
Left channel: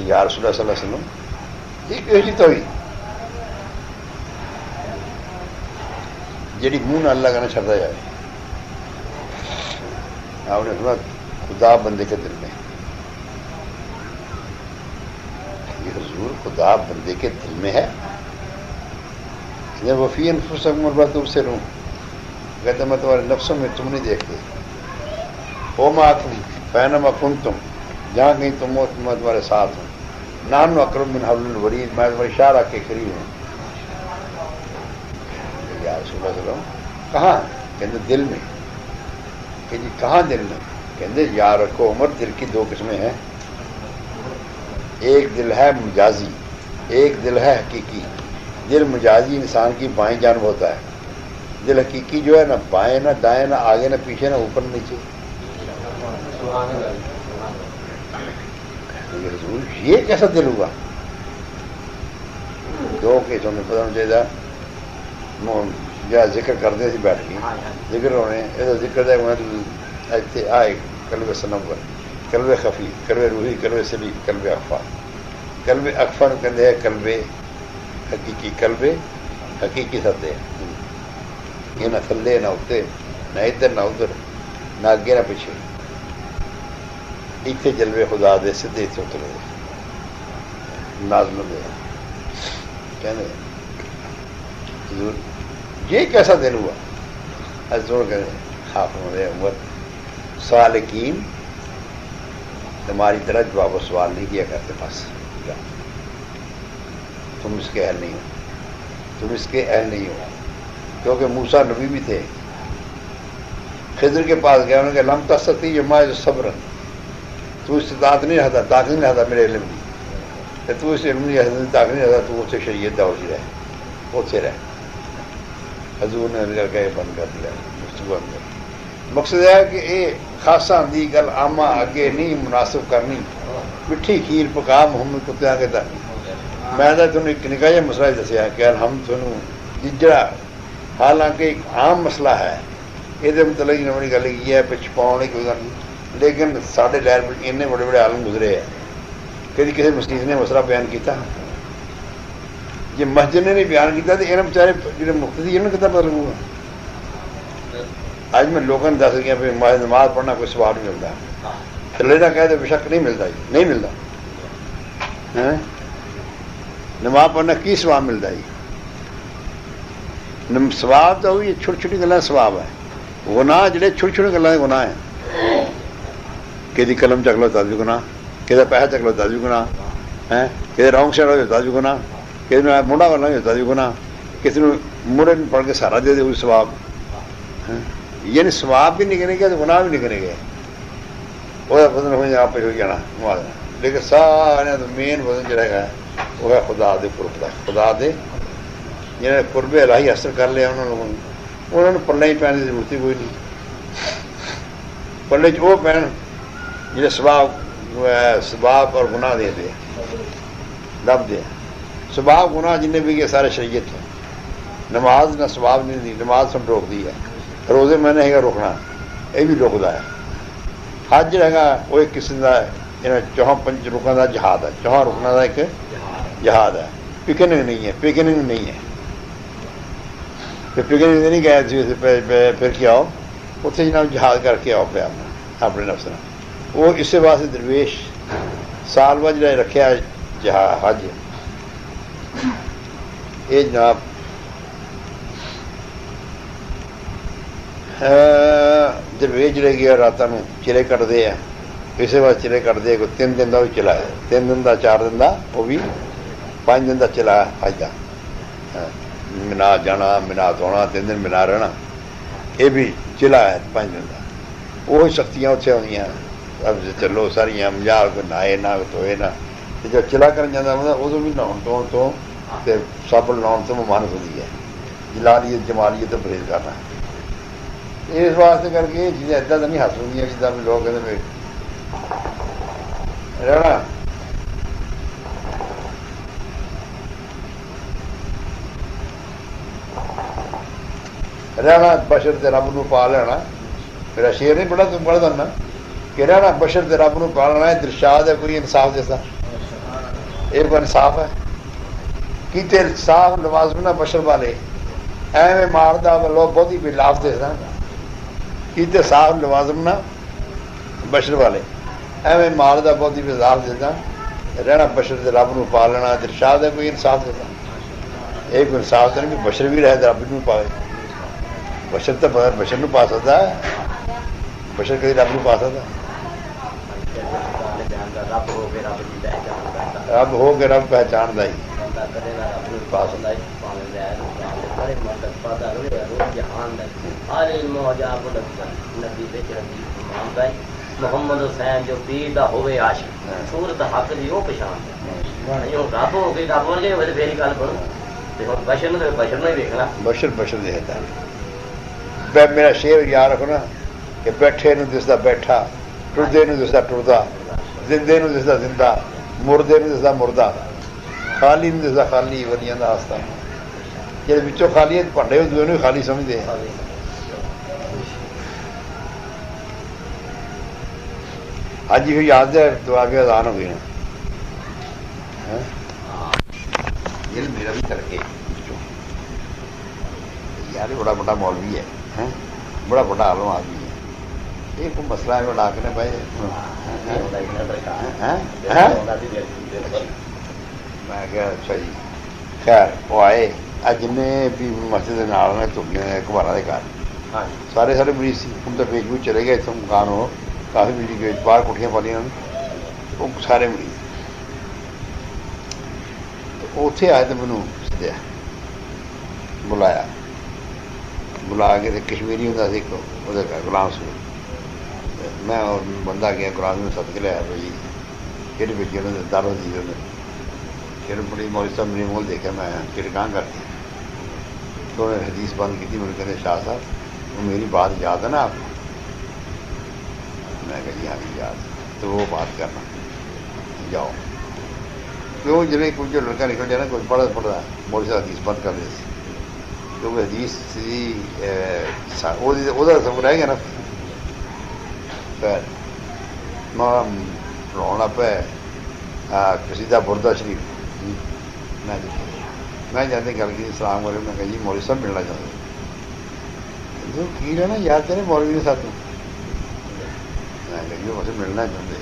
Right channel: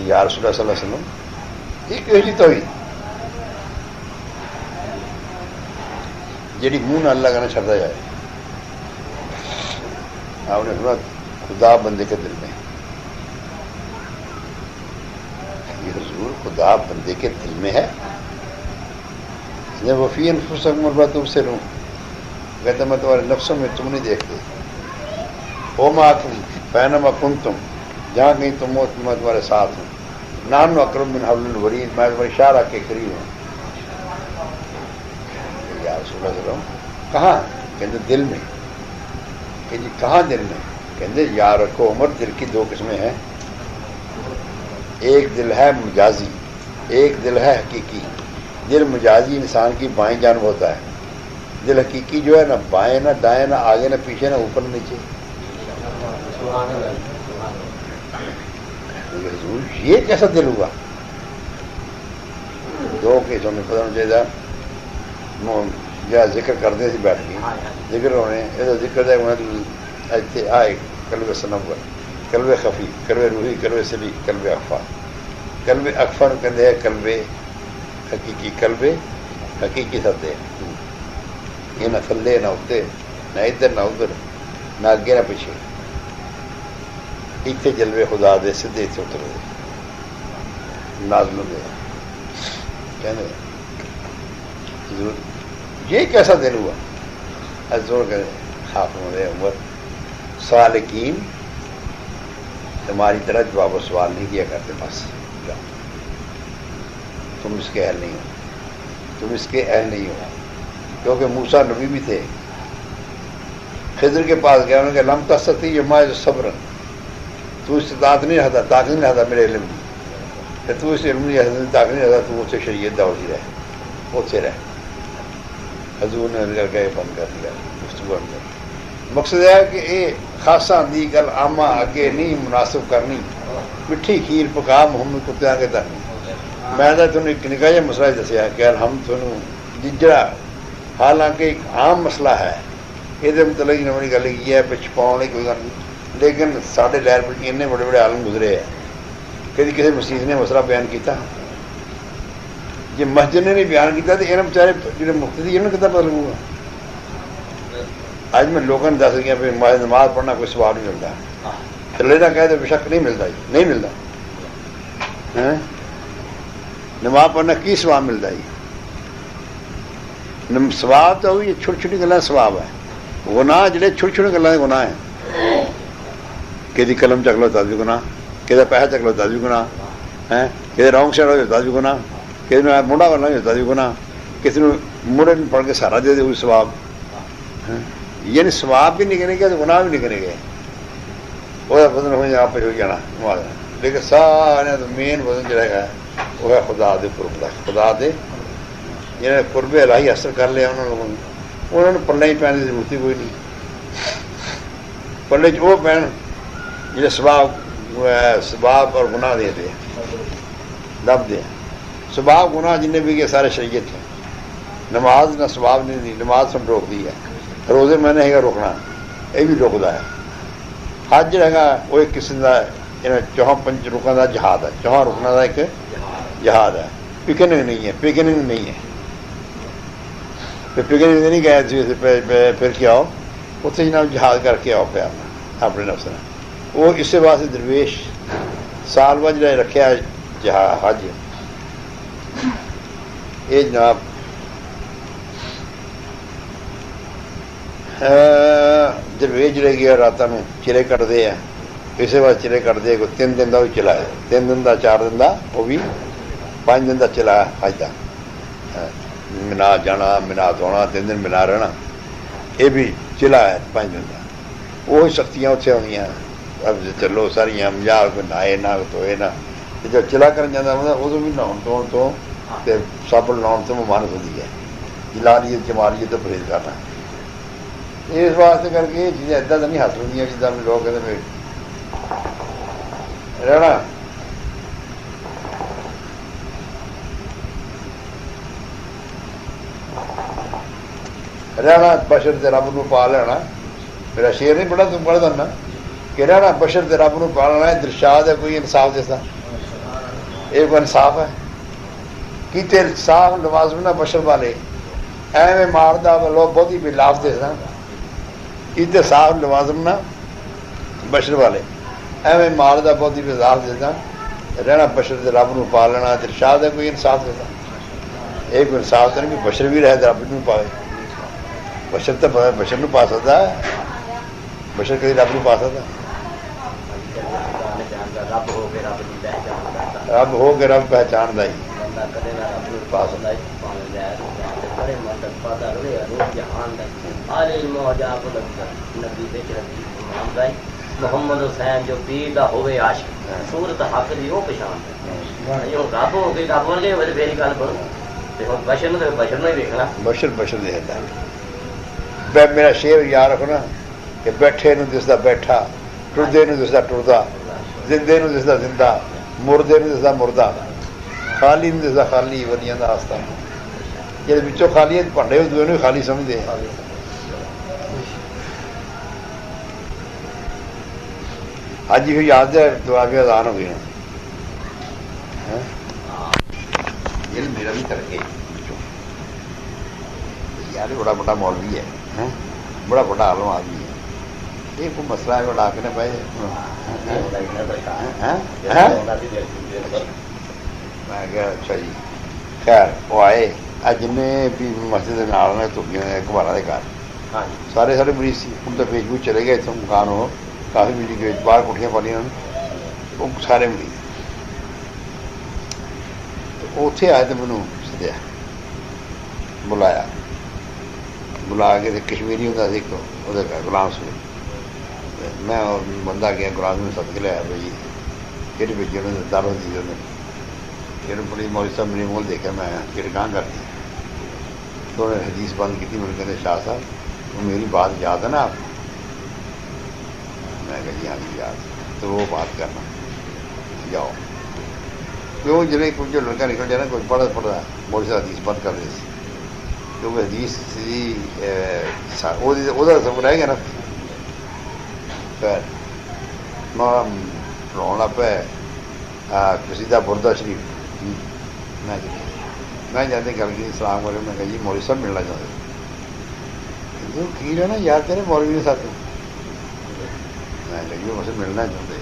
یا رسول اللہ صلی اللہ علیہ وسلم اس کی تو ہوئی جی منہ نہ اللہ کہنا چھڑتا جائے. آپ نے کہا خدا بندے کے دل میں خدا بندے کے دل میں ہے. جب وہ فی انفسکم مربع تم سے لوں کہتا میں تمہارے نفسوں میں تم نہیں دیکھتی. وہ بینما کنتم جہاں کہیں تم ہو میں تمہارے ساتھ ہوں. نحن اقرب من حبل الورید میں تمہارے اشارہ کے قریب ہوں. کیا سمجھ رہا ہوں کہاں کہتے دل میں. کہ جی کہاں دل میں کہتے یاد رکھو عمر دل کی دو قسمیں ہیں. ایک دل ہے مجازی ایک دل ہے حقیقی. دل مجازی انسان کی بائیں جانب ہوتا ہے. دل حقیقی جو ہے نہ بائیں نہ دائیں نہ آگے نہ پیچھے نہ اوپر نیچے. یہ کیسا دل ہوا؟ دو قسم میں ختم چاہیے یا ذکر کرتے تھے بیٹھ کے ذکر ہونے ذکر دے آئے قلب سنم قلب خفی قلب روحی قلب سلی قلب اخفا. قلب اکفر کہتے ہیں قلب حقیقی. قلب حقیقی سدے یہ نہ تھلے نہ اتنے نہ ادھر نہ ادھر نہ اگے نہ پیچھے. اتنے جلوے خدا دے سدے اتنے اترتے لازم دے. یہ کیسا دن ہوا؟ زور کریں آپ ہمارے اول سالکین ہماری طرح جواب و سوال نہیں کیا کرتے. بس تم اس کے اہل نہیں ہو تم اس کے اہل نہیں ہو. کیونکہ موسیٰ نبی بھی تھے. خضر کے پاس گیا انہوں نے کہا لم تستطیع معی صبر تو استطاعت نہیں رہتا طاقت نہیں رہتا میرے علم کہ تو اس علم نہیں رہتا طاقت نہیں رہتا تو مجھ سے شریعت دور رہے خود سے رہے. حضور نے کر کے بند کر دیا. مقصد ہے کہ یہ خاصا اندھی گل عامہ آگے نہیں مناسب کرنی. مٹھی کھیر پکا محمد کتے آگے تک میں تمہیں ایک نکا جہا مسئلہ دسیا کہ ہم تمہیں جڑا حالانکہ ایک عام مسئلہ ہے یہ متعلق نمبر گل کی ہے پچ پاؤ نہیں کوئی گل. لیکن سارے لہر میں اتنے بڑے بڑے عالم گزرے ہیں کدی کسی مسجد نے مسئلہ بیان کیتا جی مسجد نے نہیں بیان کیتا تو یہ بچارے جڑے مفتی انہوں نے کتنا بدل ہوگا. آج میں لوگوں نے دس گیا نماز پڑھنا کوئی سواب نہیں ملتا. لینا کہے تو بے شک نہیں ملتا نہیں ملتا. نماز پڑھنا کی سواب ملتا ہے؟ سواب تو یہ چھوٹی چھوٹی گلیں سواب ہے. گناہ جڑے چھوٹی چھوٹی گلیں گناہ ہیں. کہ قلم چک لو تب بھی گناہ کہ پیسہ چک لو تب بھی گناہ کہ رونگ سائڈ ہو جاتا بھی گناہ کسی نے موڑا کرنا ہوتا بھی گناہ کسی نے موڑے پڑھ کے سہارا دے دے کوئی سواب. یعنی سواب بھی نکلیں گے تو گناہ بھی نکلیں گے. وہ بدن ہو جائے آپ پہ ہو جانا. لیکن سارے تو مین بدن جڑے گا وہ ہے خدا دے قرب. خدا دے جنہیں قرب الہی حاصل کر لیا انہوں نے پلے ہی پہننے کی ضرورت کوئی نہیں. پلے وہ پہن جنہیں سباب اور گناہ دے دے دب دے. سباب گناہ جنہیں بھی گئے سارے شریعت تھی. نماز نہ سباب نہیں دی. نماز سب روک دی ہے. روزے میں نے روکنا یہ بھی روکتا ہے. حج رہے گا وہ ایک قسم کا چوہاں پنج رکنا کا جہاد ہے. چوہاں رکنا کا ایک جہاد ہے. پکننگ نہیں ہے. پکننگ نہیں ہے. پکننگ نہیں گئے پھر کیا ہو اتنے جناب جہاد کر کے آؤ پہ اپنے نفس. وہ اس سے واسطے درویش سال بعد جا رکھا جہاد حج یہ جناب درویش جڑے گیا راتوں چیرے کٹتے ہیں اسے بعد چلے کٹ دے کو 3 دن کا بھی چلا ہے 3 دن کا 4 دن کا وہ بھی 5 دن کا چلا ہے حج کا بنا جانا بنا دھونا 3 دن بنا رہنا یہ بھی چلا ہے 5 دن کا وہ سختیاں اتنے ہوئی اب چلو ساریا مجال کوئی نہ نہ دھوئے نہ جب چلا کر جاتا ہوتا ادو بھی نہاؤ دھونے تو صابن لاؤ تو ممانت ہوتی ہے جلالیت جمالیت تو پرہیز کرنا ہے اس واسطے کر کے یہ چیزیں اتنا تو نہیں حاصل ہوتی جتنا بھی لوگ کہتے رہنا رہنا بشر سے رب کو پا لینا میرا شیر نہیں پڑھا تو پڑھ دینا کہ رہنا بشر سے رب کو پا لینا ہے درشاد ہے کوئی انصاف جیسا ایک انصاف ہے کیتے صاف نماز ہونا بشر والے ایویں مارتا لوگ بہت ہی بلاف تھے نا کیتے صاف نماز ہونا بشر والے ایویں مارتا بہت ہی بلاف دیتا رہنا بشر سے رب کو پا لینا درشاد ہے کوئی انصاف دیتا ایک انصاف دے کہ بشر بھی رہے رب کو پائے بشر تو بشر کو پا سکتا ہے بشر کدی رب کو پا سکتا رب ہو کے رب پہچانتا ہی پا سکتا ہے محمد حسین جو پیر دا ہوئے عاشق صورت حق دی وہ پہچان جو رب ہو گئی رب ورگے ہوئے میری گل کرو بشر نے بشر نہیں دیکھنا بشر بشر دیتا ہے میرا شیر یاد رکھنا کہ بیٹھے نو دستا بیٹھا ٹردے نو دستا ٹردا زندے نو دستا زندہ مردے نو دستا مردہ خالی نو دستا خالی ودیاں دا ہستا یہ بچوں خالی بھنڈے دونوں خالی سمجھتے ہیں اج بھی یاد ہے دعا کے اذان ہو گئی میرا ترقی بڑا بڑا مولوی ہے بڑا بڑا عالم آدمی ہے یہ کوئی مسئلہ ہے اڑا کے پہ اچھا جی خیر وہ آئے جن بھی مسجد تو کمارا کے گھر سارے سارے مریض سی تو بیچ میں چلے گئے تو کار ہو کافی مری کے باہر کٹیاں پانی وہ سارے مریض وہ اتنے آئے تو مینو سدیا بلایا بلا کے کشمیری ہوں وہ غلام سے میں بندہ گیا قرآن میں سب کھلایا بھائی پھر بھی دعوت دی پھر پولیس مولوی صاحب میری مول دے کے میں کہاں کر دی تو انہوں نے حدیث بند کی تھی میں نے کہتے شاہ صاحب میری بات یاد ہے نا آپ میں کہا یاد یاد تو وہ بات کرنا جاؤ تو وہ جڑے کچھ لڑکا نکل جانا کچھ پڑھا پڑھا مولوی صاحب حدیث بند کر دیتی تو وہ حدیث وہ رہ گیا نا رونا پہ کسی کا بردہ شریف میں جاتے گل کی سلام والے میں کہا جی مولوی صاحب ملنا چاہتے ٹھیک ہے نا یار تیرے مولوی کے ساتھ میں کہ مجھے ملنا چاہتے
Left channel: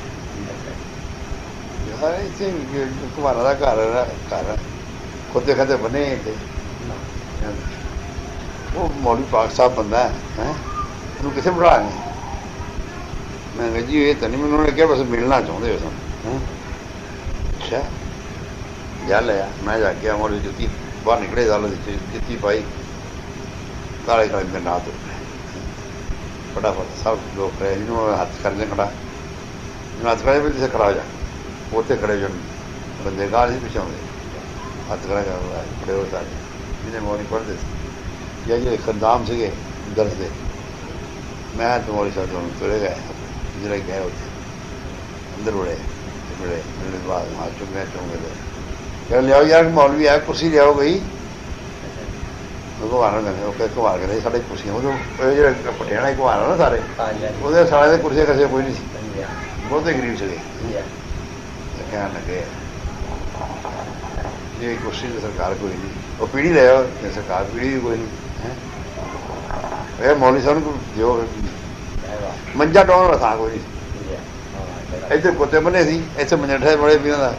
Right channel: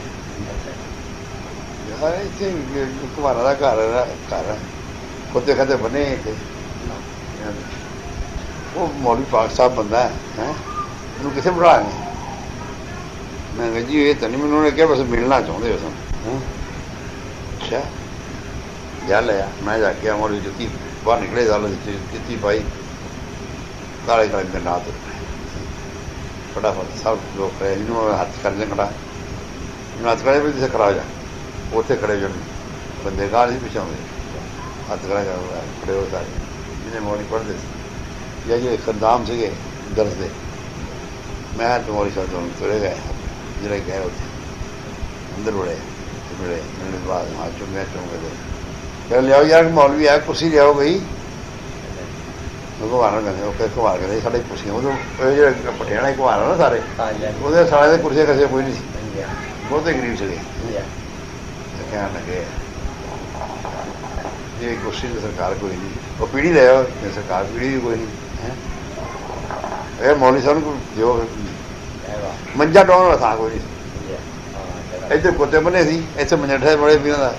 تمہارا گھر ہے کتے کھتے بنے وہ مولوی پاک صاحب بندہ ہے تم کسے بڑھا گئے میں جی یہ تو نہیں انہوں نے کیا بس ملنا چاہتے ہو اچھا چل ہے میں جا کے مولوی جتی باہر نکلے سال جتی پائی کالے کالے پھر رات بڑا سب لوگ رہے ہاتھ کر سے کھڑا ہاتھ کرے سے کھڑا ہو جائے بولتے کھڑے جو بندے گاہ سے پیچھا ہوئے ہاتھ کرا جاتا ہے بے روزگار مولوی پڑھ دیتی یا یہ خدام سے گئے درس دے میں تو مولوی صاحب چلے گئے چلے گئے ہوتے ادھر بڑے بڑے میرے پاس آ چکے ہیں لیا یار مولوی ہے کرسی لیا گئی گھمانا کہتے گھما کے سارے کرسیاں پٹیاں گھمانا نا سارے وہ سارے کرسیاں کسے کوئی نہیں سی بہت غریب سے کہنے لگے جی کرسی تو سرکار کوئی نہیں وہ پیڑھی رہا سرکار پیڑھی کوئی نہیں مولوی صاحب کو جو منجا ڈاؤن والا تھا کوئی نہیں اتنے کتے بنے سی اتنے منجا ڈھے بڑے پیڑ کا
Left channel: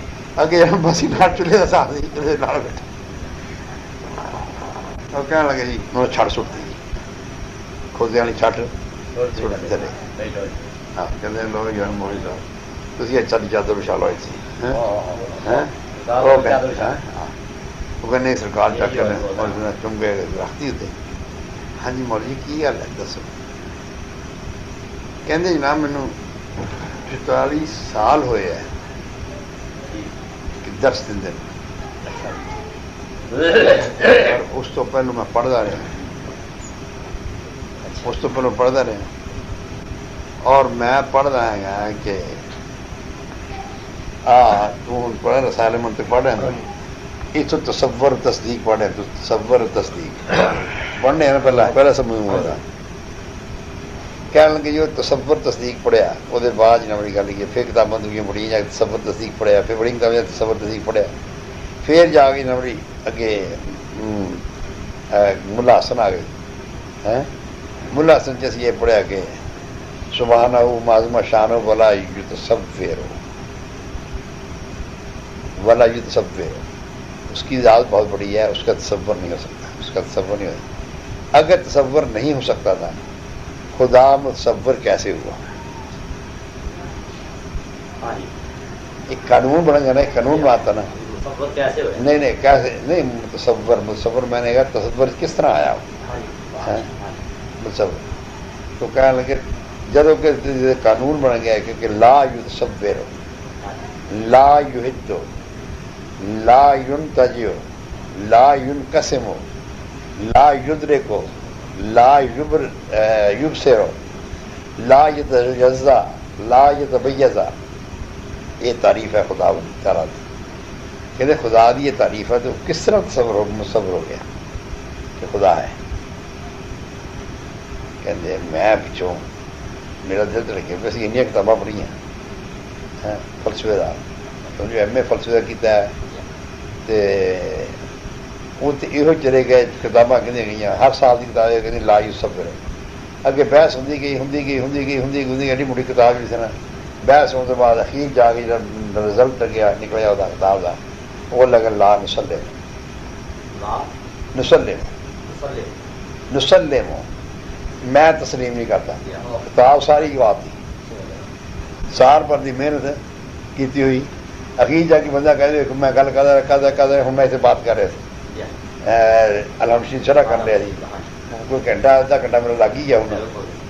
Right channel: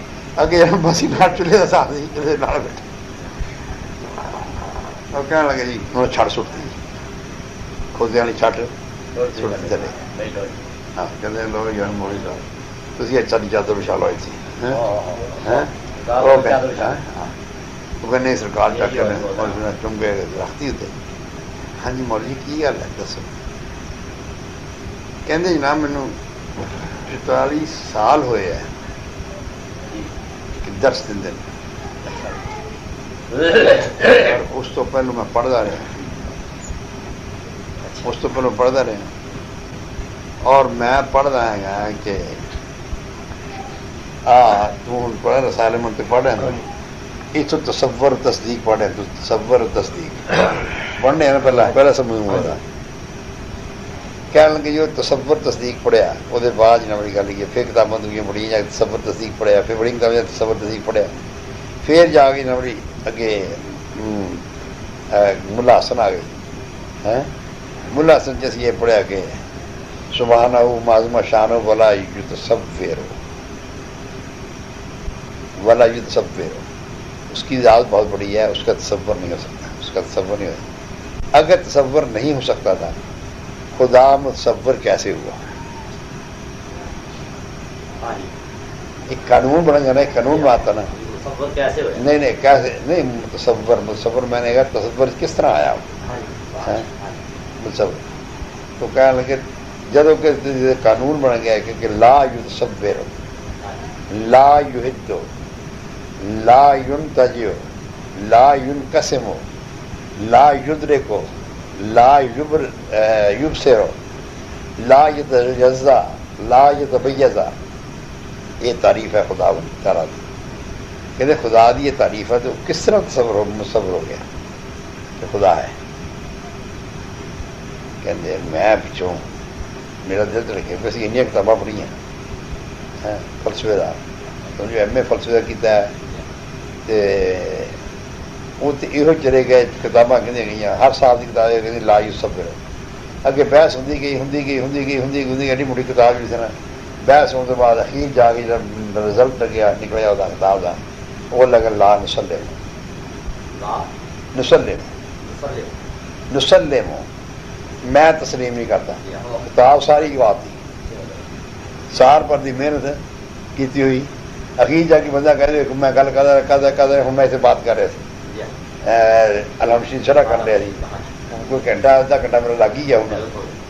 اگے بس کھڑ چولہے کا ساتھ چولہے کہنے لگے جی انہوں نے چھڑ سٹ دی کھلتے والی چھٹ چلے کہتے ہیں لوگ یار پہنچ جاؤ تو اچھا نہیں چادر بچھا لو ایسی کہنے سرکار چک کر چونکہ رکھتی ہوتی ہاں جی مول جی کی گل ہے دسو کہتے جناب مینو 44 سال ہوئے ہیں کہ درس دیتے اس تو پہلو میں پڑھتا رہا اس تو پہلو پڑھتا رہا اور میں پڑھتا ہے کہ تو پڑھا رسالے من تو پڑھا یہ تو تصور تصدیق پڑھے تو تصور تصدیق پڑھنے پہلا سمجھ پڑھا کہنے لگے جو تصور تصدیق پڑھیا وہ بعد نہ بڑی گل کہ پھر کتابیں دویاں پڑھی جا تصور تصدیق پڑھیا پھر بڑی کتابیں تصور تصدیق پڑھیا پھر جا کے نہ بڑی اگے ملا حسن آ گئی ملا حسن جیسے یہ پڑھیا کہ سبحانہ معظمہ شانہ ولا یتصفر ولا یتصفر اس کی ذات بہت بڑی ہے اس کا تصور نہیں ہو سکتا اس کا تصور نہیں ہو سکتا اگر تصور نہیں ہو سکتا تھا خدا متصور کیسے ہوا یہ قانون بنا جا رہا ہے قانون بات نا نہیں کیسے نہیں تصور میں نے کہا تصور کس طرح آیا تصور تو کہنے لگے جب کہ قانون بنا گیا ہے کہ لا یتصور لا یحد لا ینتجع لا ینقسم لا یدرک لا یبصر لا یتجزا لا یتمیز یہ تعریف ہے خدا تعالیٰ کی کہتے خدا کی یہ تعریف ہے تو کس طرح تصور ہو گیا خدا ہے کہتے ہیں میں پچھوں میرا دل تو لکھے ویسے انڈیا کتابیں پڑھی ہیں فلسفے کا جو ایم اے فلسفے کا کیتا ہے وہ تو یہ چلے گئے کتاباں کہ گئی ہر سال کی کتاب کہ لا یتصور اگے بحث ہوتی گئی ایڈی موٹی کتاب جس طرح بحث ہونے کے بعد اخیر جا کے جب رزلٹ گیا نکلیا وہ کتاب کا وہ لگا لا نسلم میں تسلیم نہیں کرتا کتاب ساری کی بات تھی سال پر دی محنت کی ہوئی اخیر جا کے بندہ کہہ دے میں گل کر ہوں میں اسے بات کر رہا تھا شرح کر لیا جی کوئی گھنٹہ آدھا گھنٹہ میرا لگ ہی گیا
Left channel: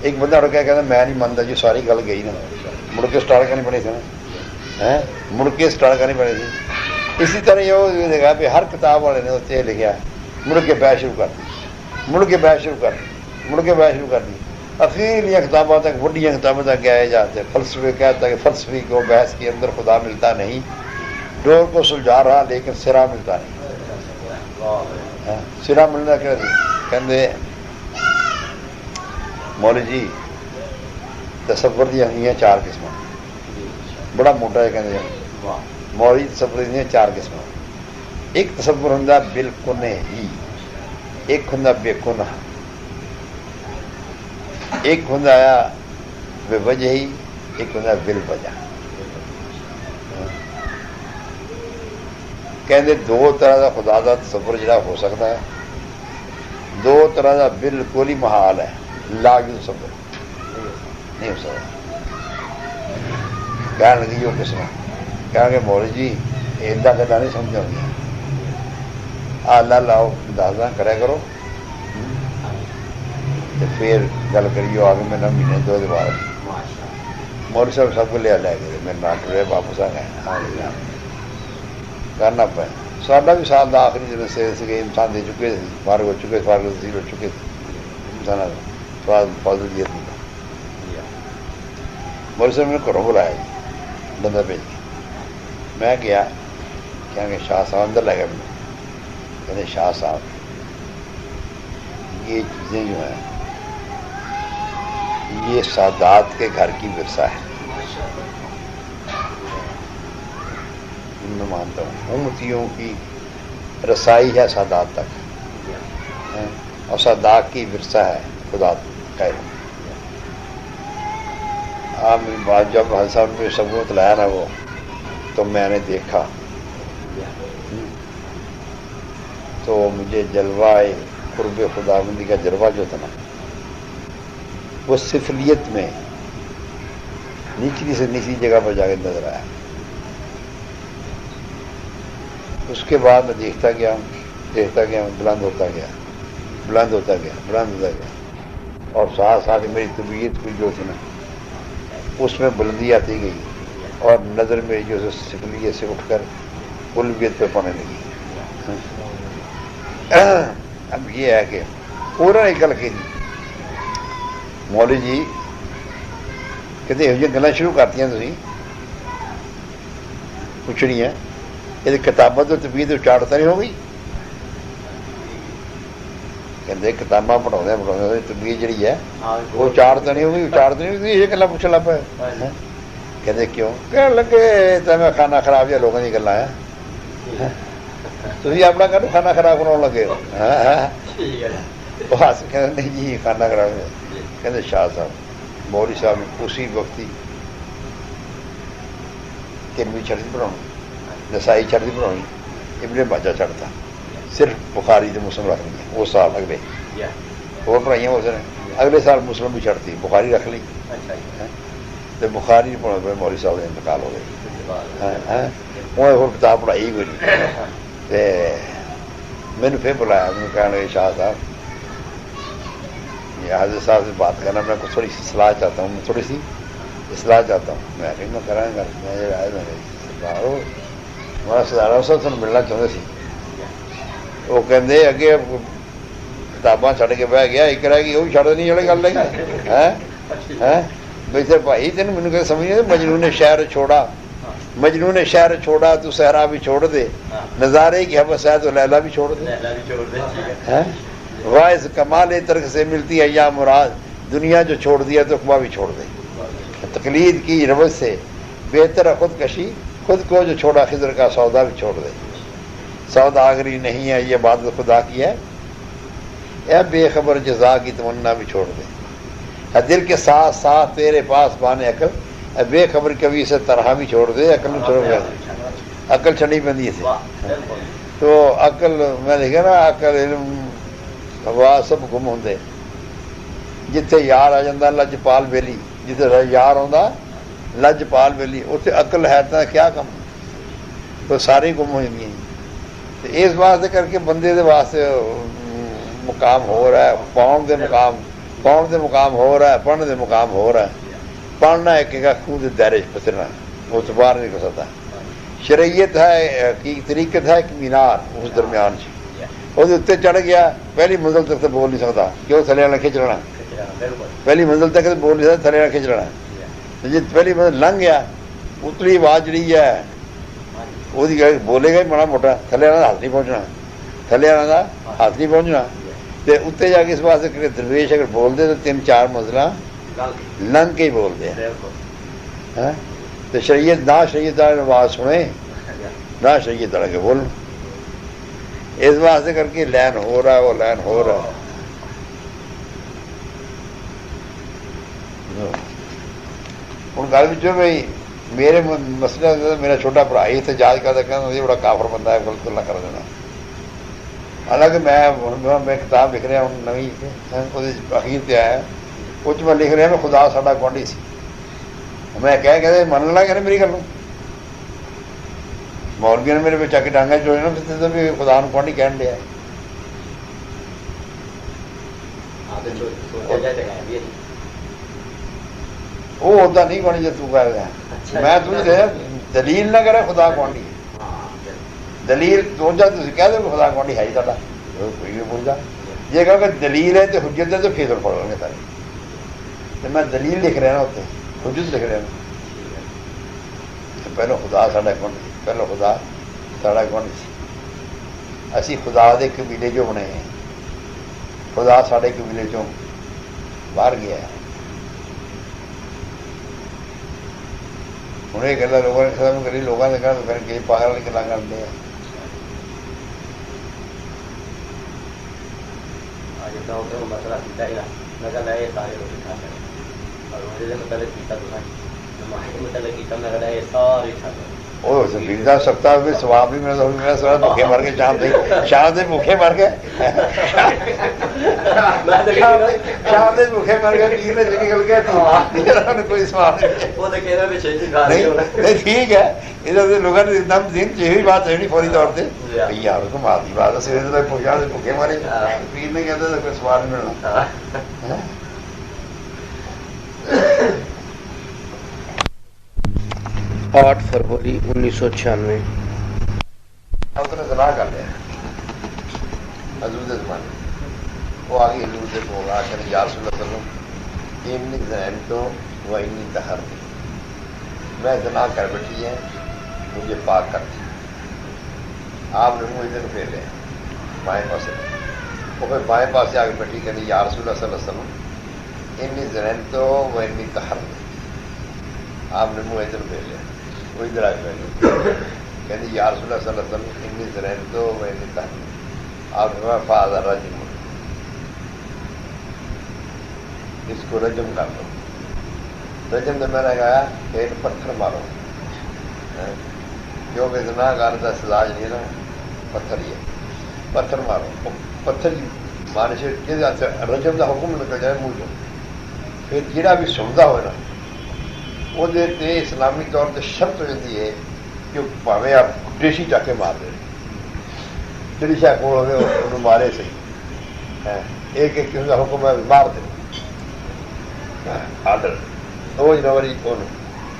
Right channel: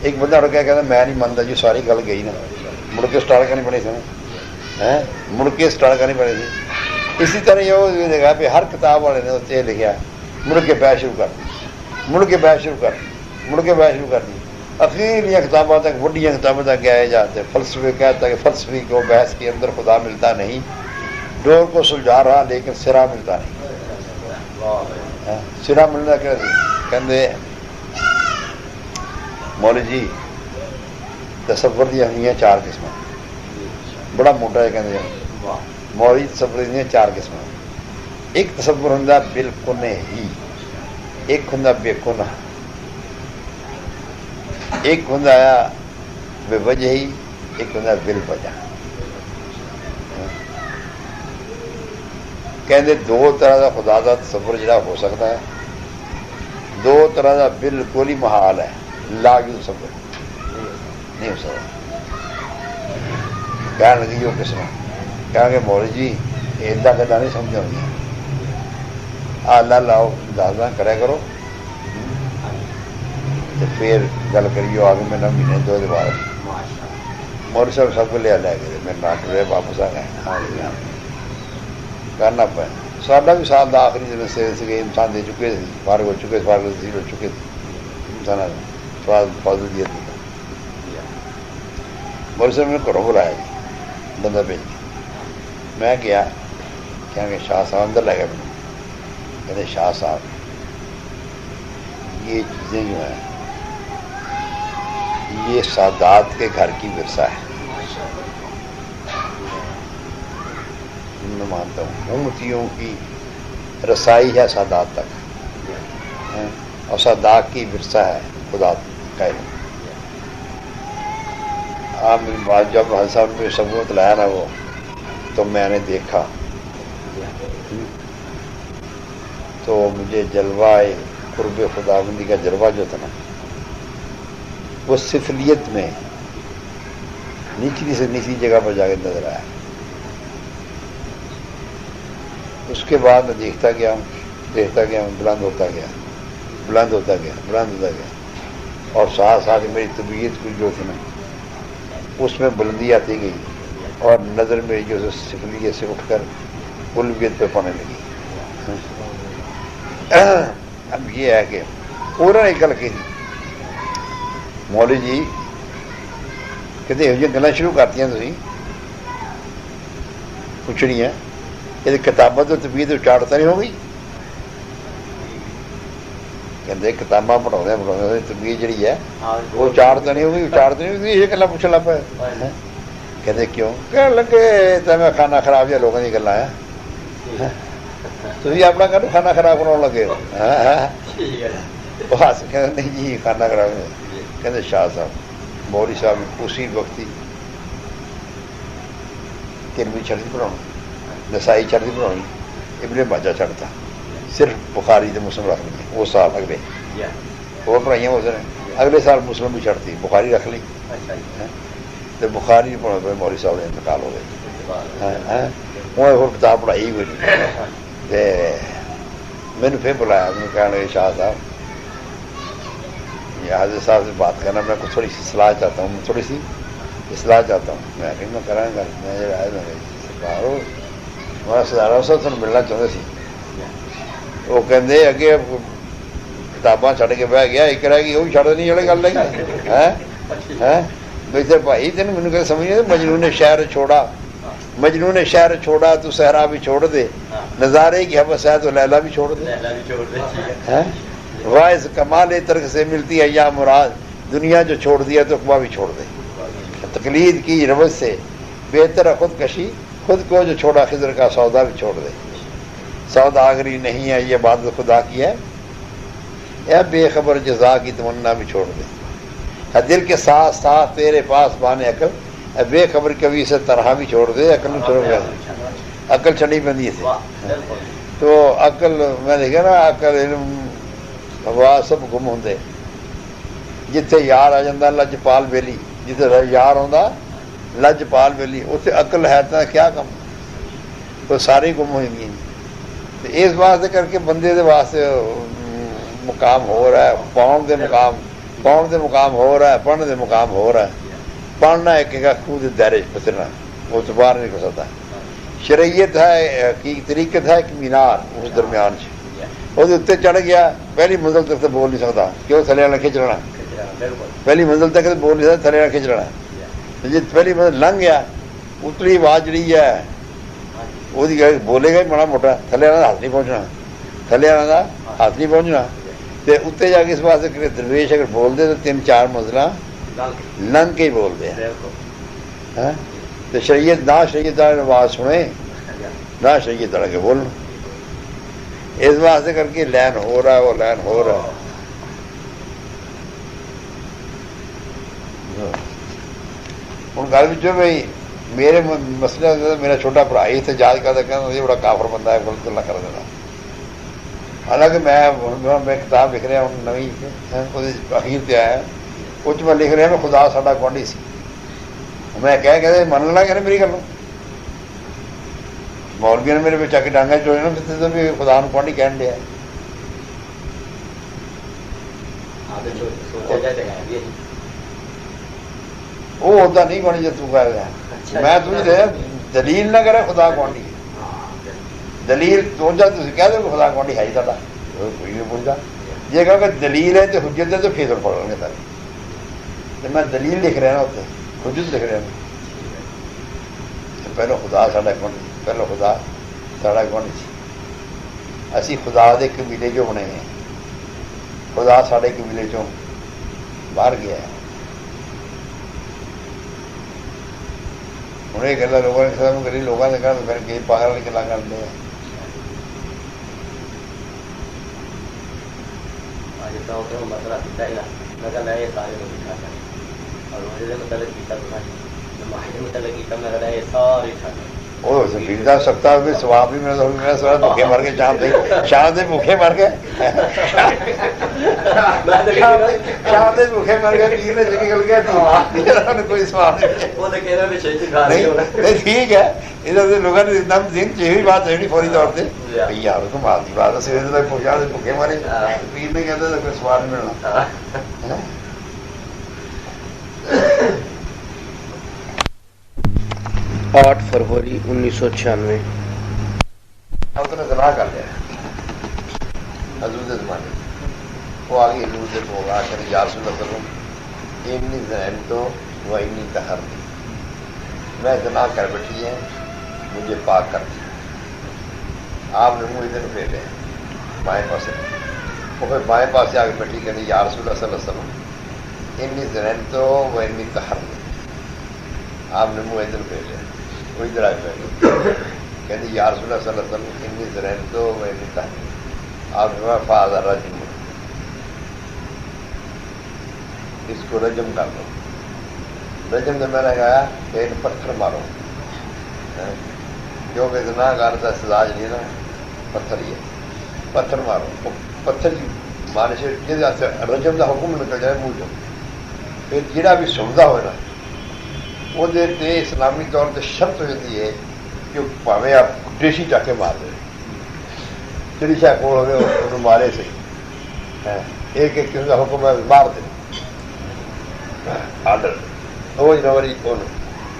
ایک بندہ اڑ گیا کہ میں نہیں منتا جو ساری گل گئی نا مڑ کے اسٹارٹ کرنی پڑی تھی مڑ کے اسٹارٹ کرنی پڑی تھی اسی طرح یہ دیکھا کہ ہر کتاب والے نے اتنے لکھا مڑ کے بحث شروع کر اخیر یہ کتابوں تک بڑھیا کتابوں تک گیا جاتے فلسفے کہتا ہے کہ فلسفی کو بحث کے اندر خدا ملتا نہیں ڈور کو سلجھا رہا لیکن سرا ملتا نہیں سرا ملنا کہتے مولوی جی تصور دیا ہوئی 4 قسم بڑا موٹا ہے کہتے مولوی تصور دیا 4 قسم ایک تصور ہوں بالکل نہیں ایک ہوں بے گناہ ایک ہوں بے وجہ ہی ایک ہوں بل وجہ کہتے 2 طرح کا خدا کا تصور جڑا ہو سکتا ہے 2 طرح کا بالکل ہی محال ہے لا تصور نہیں ہو سکتا کہنے لگی جو قسم کہا کہ مولوی جی اتنا میں نہیں سمجھا آلہ لاؤ دادا کرے کرو پھر گل کریے آگے میں نہ مہینے 2 دن بعد مولوی صاحب سب کو لیا لائے میں کام کرے واپس آ گئے کرنا پہ ساڈا بھی سال کا آخری دن سے امتحان دے چکے بار ہو چکے بار نزدیک ہو چکے بہت دیا مولوی صاحب نے گھروں بلایا بندہ بھیج دیا میں گیا کیا کہ شاہ صاحب اندر لے گئے کہتے شاہ صاحب یہ چیزیں جو ہیں یہ سادات کے گھر کی ورثہ ہے میں مانتا ہوں امتیوں کی رسائی ہے سادات تک اور سادات کی ورثہ ہے خدا کا جب حضرت صاحب نے سب کو بتلایا نا وہ تو میں نے دیکھا تو مجھے جلوہ قرب خدا بندی کا جلوہ جو تھا نا وہ سفلیت میں نچلی سے نچلی جگہ پر جا کے نظر آیا. اس کے بعد دیکھتا گیا بلند ہوتا گیا بلند ہوتا گیا بلند ہوتا گیا اور ساتھ ساتھ میری طبیعت بھی جو تھی نا اس میں بلندی آتی گئی اور نظر میری جو سکریے سے اٹھ کر بلبیت پہ پڑنے لگی. اب یہ ہے کہ پورا نکل کے مولوی جی کہتے یہ گلا شروع کرتی ہیں تھی پوچھنی ہے یہ کتاباں تو طبیعت اچاڑتا نہیں ہوگی. کہتے کتاباں پڑھا طبیعت جہی ہے وہ اچاڑتا نہیں ہوگی یہ گلا پوچھنے لگ پہ. کہتے کیوں کہ لگے تمہیں کھانا خراب یا لوگوں نے گلا ہے تھی اپنا کھانا خراب کرنے لگے بس کہ نہیں جی کھانا خراب ہے. کہتے شاہ صاحب مولوی صاحب اسی وقت ہی ابن چڑھتی بناؤ نسائی چڑھتی بناؤ ابن پنجا چڑھتا صرف بخاری سے مسلم رکھ لی وہ صاحب اگلے وہ پڑھائیاں اس نے اگلے سال مسلم بھی چڑھتی بخاری رکھ لی تو بخاری نہیں پڑھا مولوی صاحب نے انتقال ہو گئے. وہ کتاب پڑھائی میری میں نے پھر بلایا کہنے لگے شاہ صاحب یہ حاضر صاحب سے بات کرنا میں تھوڑی سی اصلاح چاہتا ہوں میں کہ میں کرا گا تو ملنا چاہتے تھے. وہ کہتے اگے اب کتاباں چڑھ کے بہ گیا ایک رہ گئی وہ چڑھ نہیں جڑے گل نہیں ادھر بھائی تین مجھے کہ سمجھ نہیں مجنوں نے شہر چھوڑا تو صحرا بھی چھوڑ دے نظارے کی حوث ہے تو لیلا بھی چھوڑ دے. واعظ کمال ترک سے ملتی ہے یا مراد دنیا جو چھوڑ دیا تو اقوا بھی چھوڑ دے. تقلید کی روش سے بہتر ہے خودکشی خود کو جو چھوڑا خضر کا سودا بھی چھوڑ دے. سوداگری نہیں ہے یہ بات خدا کی ہے یا بے خبر جزا کی تمنا بھی چھوڑ دے. دل کے ساتھ ساتھ تیرے پاس بانے عقل بے خبر کبھی سے طرح بھی چھوڑ دے. عقل چھڑی پہ دی تھی تو عقل میں دیکھا نا عقل علم ہوا سب گم ہوتے جتنے یار آ جاتا لجپال بیلی جتنے یار ہوتا لجپال بیلی اتنے عقل ہے تو کیا کم تو ساری گم ہوئی گئی. اس واسطے کر کے بندے دے واسطے مقام ہو رہا ہے پاؤن دے مقام ہو رہا ہے پڑھنے دے مقام ہو رہا ہے. پڑھنا ایک خود دائرے بچنا وہ باہر نہیں نکل سکتا. شریعت ہے کی طریقت ہے مینار اس درمیان وہ اتنے چڑھ گیا پہلی منزل تک تو بول نہیں سکتا کیوں تھلے والا کھینچ لینا پہلی منزل تک تو بول نہیں سکتا تھلے والا کھینچ لینا. جی پہلی منزل لنگ گیا اتنی آواز جڑی ہے وہ بولے گا ہی بڑا موٹا تھلے والا ہاتھ نہیں پہنچنا تو اتنے جا کے اس واسطے درویش اگر بولتے تو 3-4 منزلہ لنگ کے ہی بولتے ہیں. تو شریعت نہ شریعت والے آواز سنے نہ شریعت والے کے بول اس واسطے کر کے لین ہو رہا ہے وہ لین ہو رہا ہے. گل جو بھائی میرے مسئلہ میرا چھوٹا بھرا ہی احتجاج کرتا کہ بڑا کافر بندہ ہے غلط اللہ کر دینا. حالانکہ میں کتاب لکھ رہا ہوں نویں اخیر دیا ہے کچھ میں لکھ رہا میں خدا ساڈا گوانڈی سی میں کہ من لگا کہ میری گل مولوی نے میرے بچا کے ڈانگا جو ہے نا بھی خدا گوانڈی کہن دیا. وہ ہوتا نہیں گوانڈی جب تم میں تجھے دیا دلیل نہ کرے خدا گوانڈی دلیل سوچا تھی کہہ دو خدا گوانڈی ہے ہی سارا پوچھا یہ کہ اگر دلیل ہے تو حجت ہے تو پھر پڑھ لیتا میں دلیل لکھ رہا ہوتے حجت لکھ رہا پہلو خدا ساڈا گوانڈی پہلو خدا ساڈا گوانڈی سی اسی خدا دے قبیلے جو ہونے ہیں خدا ساڈے قبیلے چوں باہر گیا ہے. یہ گلا لوگوں نے لوگوں نے کر کے باہر والی گلا کرتے ہیں. وہ جا سکتا ہے سواب بھی میرا میرا سوال بھوکے مر گئے شام سے بھوکے مر گئے شام سے بھوکے مر گئے نکل گیا کوئی سواب ٹھیک ہے یہ بات ہے فوری طور پہ یار کو بات کی بات سویرے تک پہنچا بھوکے مارے پیر نہیں کہتے تو کوئی سوال نہیں ملنا 8 فروری 1996 سلاح کر لیا حضرت زمانے وہ آگے حضور سے ہوگا کہ یار سن ایمنی زنیب تو وہ ایمنی دہر میں زنا کر بیٹھی ہے مجھے پاک کر دی آپ نے مجھے ادھر پھیرے بائیں پاس وہ پھر بائیں پاس سے آگے بیٹھی کہ یا رسول اللہ صلی اللہ علیہ وسلم ایمنی زنیب تو وہ ایمنی دہر آپ نے منہ ادھر پھیرے کوئی طرح کہتے یا رسول اللہ صلی اللہ علیہ وسلم اتنی طرح تو میں نکلا آپ نے کہا فاضل رجم اس کو رجم کر دو رجم تو میں نے کہا کہ پتھر مارو جو کہ اتنا گانا سزا نہیں نا پتھر ہی پتھر مارو پتھر مارے شریف رجم کا حکم نکل جائے منہ چ پھر جہاں بھی سنتا ہوئے نا وہ اسلامی طور پہ شرط ہو جاتی ہے کہ پاوے آپ ٹیشی جا کے مار دیں جی شاید کو مارے سے ایک ایک قسم کا حکم مار دیں آڈر 2 جنوری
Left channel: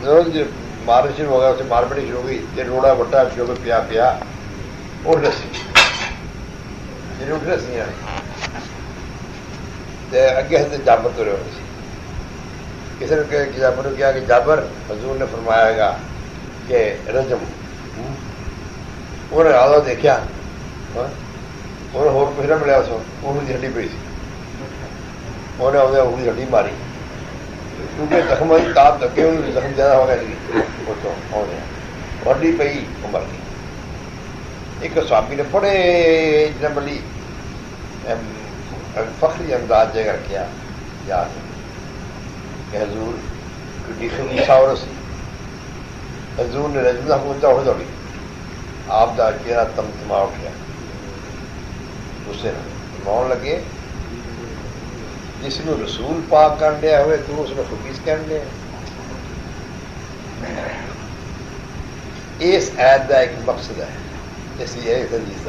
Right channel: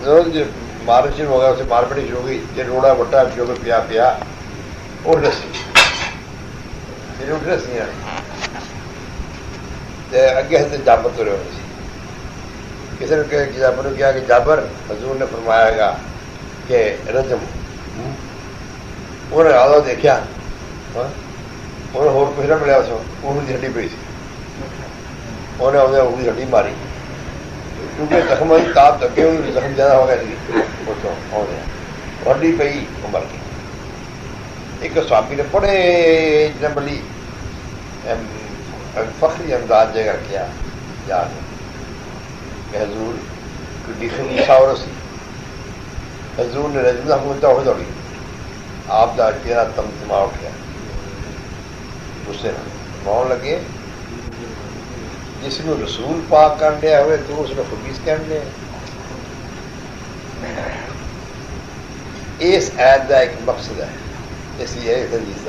روز مارنا شروع ہو گیا اسے مار پڑی شروع ہو گئی یہ روڑا بٹا شروع ہو گیا پیا اور رسی رسی آئی اگے سے جابر تو رہے ہوئی کسی نے جابر نے کیا کہ جابر حضور نے فرمایا گا کہ رجم انہیں آدھا دیکھا انہیں اور کچھ نہ ملیا انہوں کی ہڈی پی سی انہیں آدھے اپنی ہڈی ماری کیونکہ زخم کی تاپ دکے ہوئی زخم زیادہ ہو گیا ہڈی پی وہ مر گئی ایک سوامی نے بڑے بڑی فخری انداز جگہ کیا یاد حضور حضور نے رجنا دوڑ دوڑی آپ کا چہرہ تمتما اٹھ گیا اس سے بہن لگے جس کو رسول پاک کرنے ہوئے تو اس کو خبیث کرنے اس عید کا ایک مقصد ہے اس لیے حدیث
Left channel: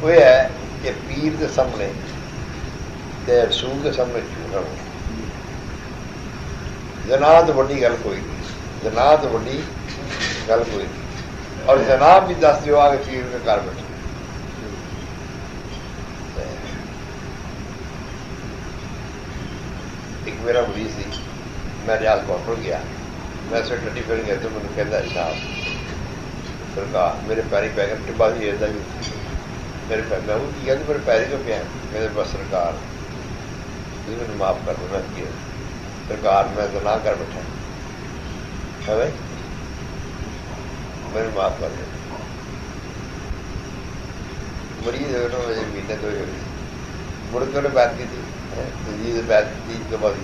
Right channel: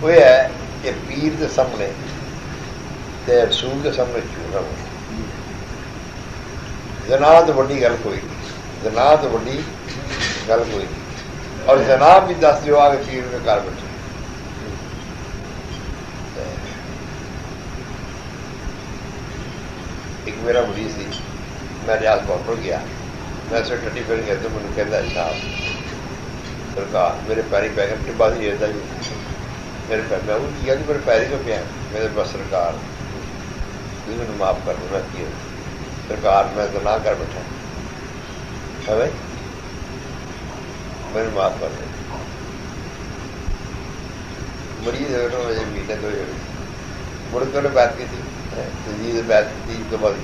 وہ ہے کہ پیر کے سامنے رسول کے سامنے جھوٹ رہو جناب تو وڈی گل کوئی نہیں جناب تو وڈی گل کوئی نہیں اور جناب بھی دس دیو آ کے پیر کے گھر بیٹھے ایک میرا مریض تھی میں ریاض پاؤڈر گیا میں اسے ٹٹی پھر گیا تو میں نے کہتا اچھا سرکار میرے پیری پہ گئے ٹپا دی رہتا جی میرے پیر میں وہ کیا کہ میرے پیری میں پیا میرے پاس سرکار مجھے معاف کر دوں میں کیا سرکار میں تو نہ کر بیٹھا میرے معاف کر مریض پینے تو بڑے تو نے بات کی تھی بات کی تھی تو بڑی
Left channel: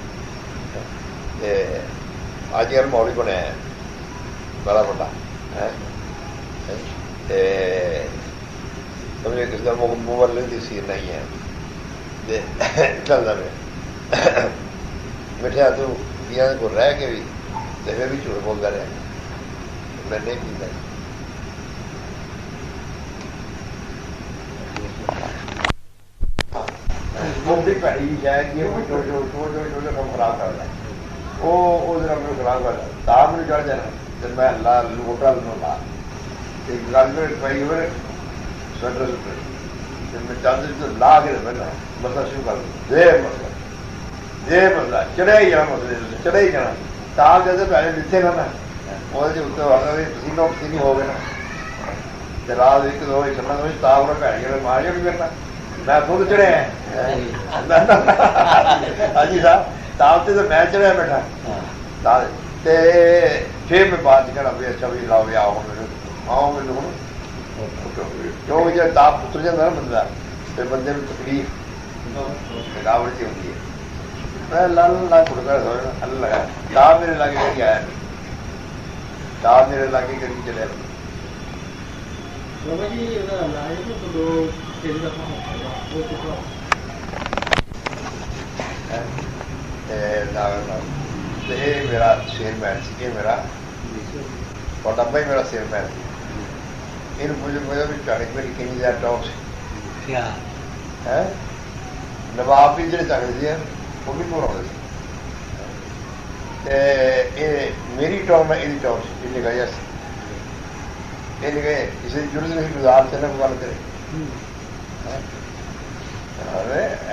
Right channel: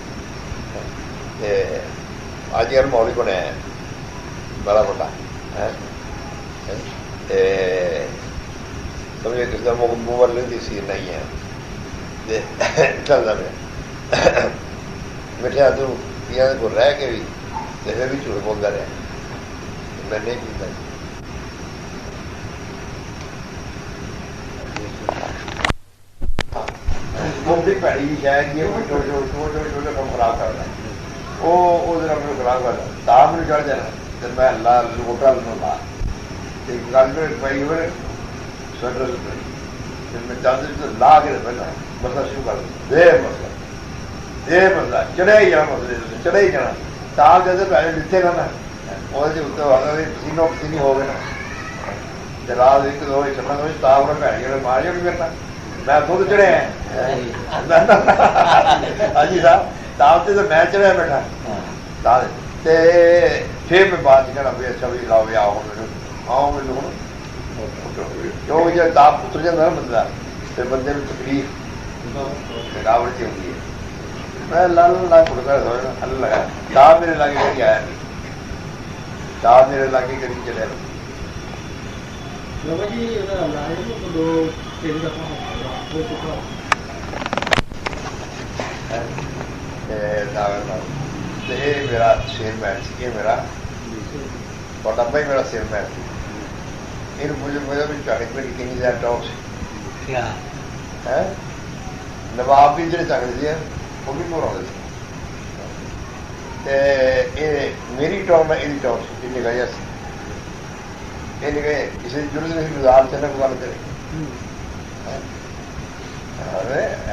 آج یار موڑی کو نے بڑا بڑا سمجھے کس طرح موبائل لیتی سی نہیں ہے چلتا میں بیٹھا تو کو رہ کے بھی میں بھی جھوٹ بولتا رہا میں نہیں پیتا پیڑی بھی جائے گی خراب کرنا وہ خراب کرنا تاپ نے چڑھ جائے میں اللہ موٹا سونا لا کے بندہ شکر دے بندہ چڑھے ہی جانا مسئلے چڑھے ہی جانا تاپ جیسے پہلے پیچھے کرنا وہ پسینہ پسینی ہو گئے رات ایک دو کرنا تاپ نے بھن کے ماریا بھی کرنا میں خود چڑھے ہیں ہاں جی صاحب تاپ سے تو میں چڑھیا بیٹھا پھر میں بات کرنا پہ اچھا بھی کھاؤ آؤ آؤ جو مجھے تاپ اتر جاتا نا بندہ پھر بندے میں تکلیف تھکاوٹ جی ہوتی ہے میں اللہ لگا تاپ میرے لاگے کہیں آیا نہیں تاپ میرے لاگے کہیں چلے میرا شیر مین سی یہ میرا اور لمبا ہی میرا سیر مین مجھے چاڑی پڑی نیچے جا ٹاپ سے جب آپ بھی جڑے چاہتے ہیں وہ بھی پورا ہوتا میری ٹاپ میں یہ ٹاپ سے جگہ یہ جگہ کسی چھوٹے سے گزار سے نہ گزار دے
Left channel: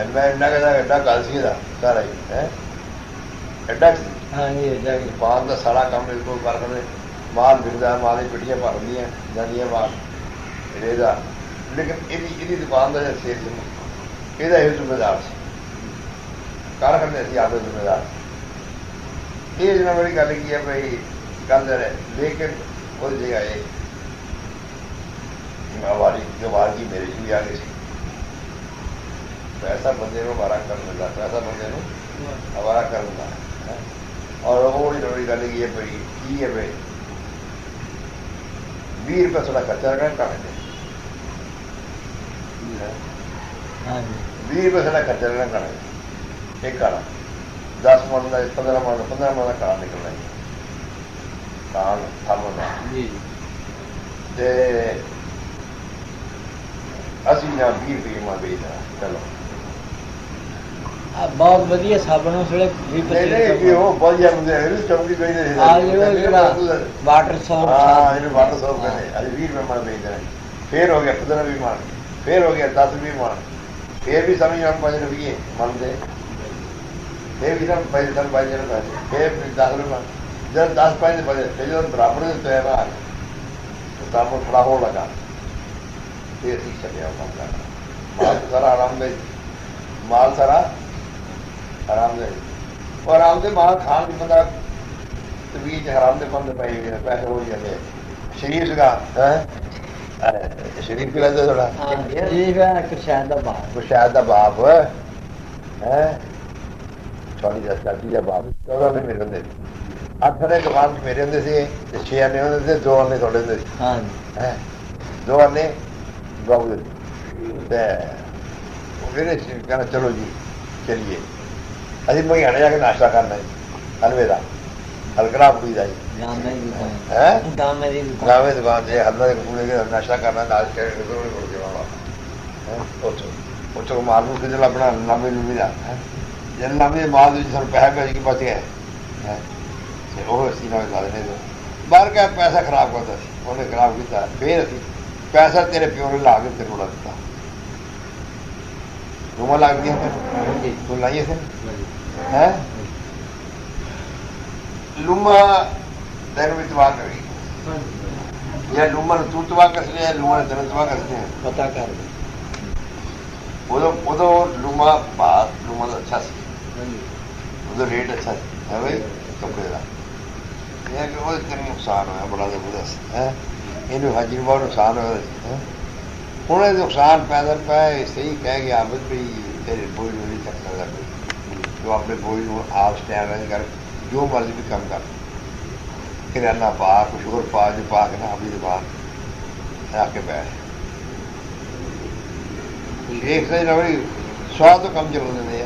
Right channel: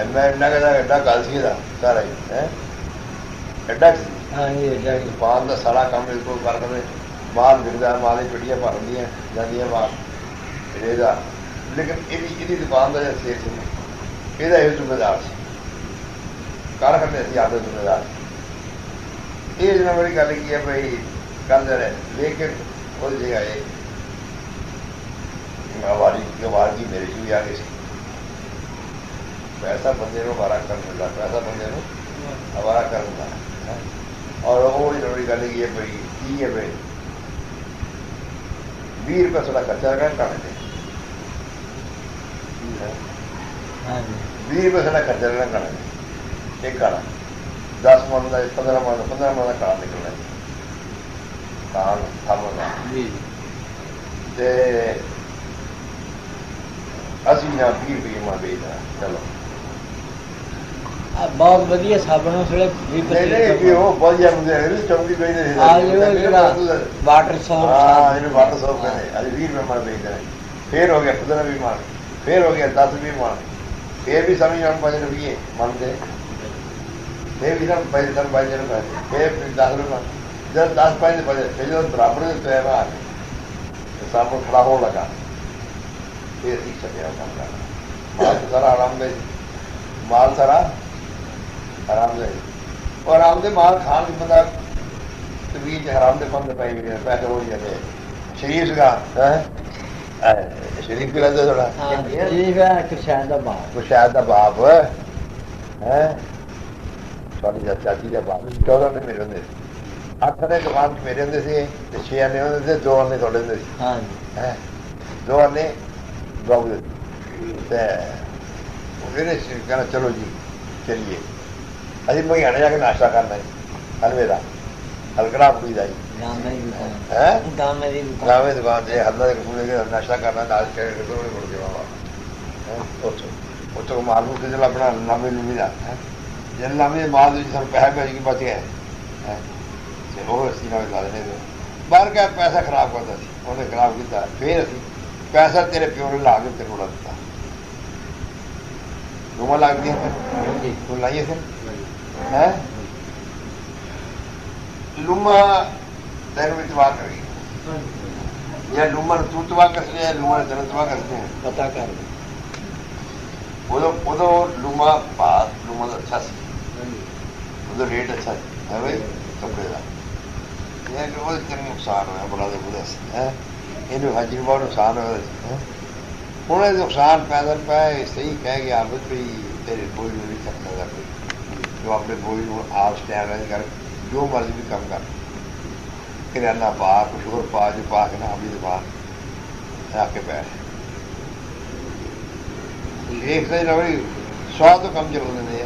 میں گل سی سارا باہر کا سارا کام کر رہے باہر ملتا ہے مارے بڑیاں مارتی ہیں جاتی ہے مار لیکن یہ دکان کا یہ ذمہ دار سی کار کرتے آپ کا ذمہ دار یہ جو میری گل کی ہے بھائی کرتے رہے لیکن وہ جگہ یہ ہماری کمار کی میرے بھی آ گئی سی پیسہ بندے کو ہمارا کرتا پیسہ بندے کو ہمارا کرتا اور وہ میری گل کی ہے بھائی ٹھیک ہے بھائی 20 روپئے کا خرچہ رکھا کام 20 روپئے کا خرچہ رکھنا کام ایک کھانا 10 منٹ کا 15 منٹ کا کام نکلنا کام اسی جب بہت ودیا صاحب بہت واٹر صاحب پھر ہو گیا 15 بھی من پھر ہو گیا 10 بھی من یہ بھی سمجھ رہا ہوں 5 روپیے منتے یہ بھی نہ 10 روپئے 10 5 بجے اپنے تہوار سب تھوڑا ہو لگا یہ نہیں سمجھا سارا آرام سے مال سارا آرام سے اور آرام سے مال کھان پتا حرام سے مند پائی ہوئی ہے پیسے وہ کہتے ہیں شریف کا شریف کے لگتا تھوڑا شاید کا باپ چاچی کا باپ 14 نے میرے ہوتے 8 آنے کے بعد میرے ہوتے تھے 6 آنے ہوتے تھے 2 آنے ہوتے تھے 2 آنے پھر کہنا چلو چلیے ابھی کوئی آنے جا کے ناشتہ کرنا ہے حلوے کا ہلکنا پی جائے دکان سے ہلکا ناشتہ کرنا دال کے مارکیٹ کے دل اپنا نبے لے کے جاتے ہیں نبے بعد سب کہہ کر بچ گئے ڈر گیا پیسہ خراب ہوتا ہے انہیں خراب ہوتا ہے پھر پیسہ تیرے پیوں کے ڈال دیتے عمر لگتی ہے ہمیں لائیے تھے لوما دیر میں دعا کری یہ لوما نے تو دعا کر لیا لوما نے دعا کر لیا پتا کیا وہ لوما بات لوما سے اچھا سی تو ریٹ اچھا لیکن وہ تیرے نقصان ہے بڑا ہے یہ بھاجی بہت نقصان ہو رہا ہے انہیں نقصان پیدا پہ اس سے ہی کہہ گیا آپ آج کیا کر دو بار کم کر رہتا باہر کوئی بات کام کی بات جا کے بیٹھ ایک سے روی 100 تو کم سے ہوتے تھے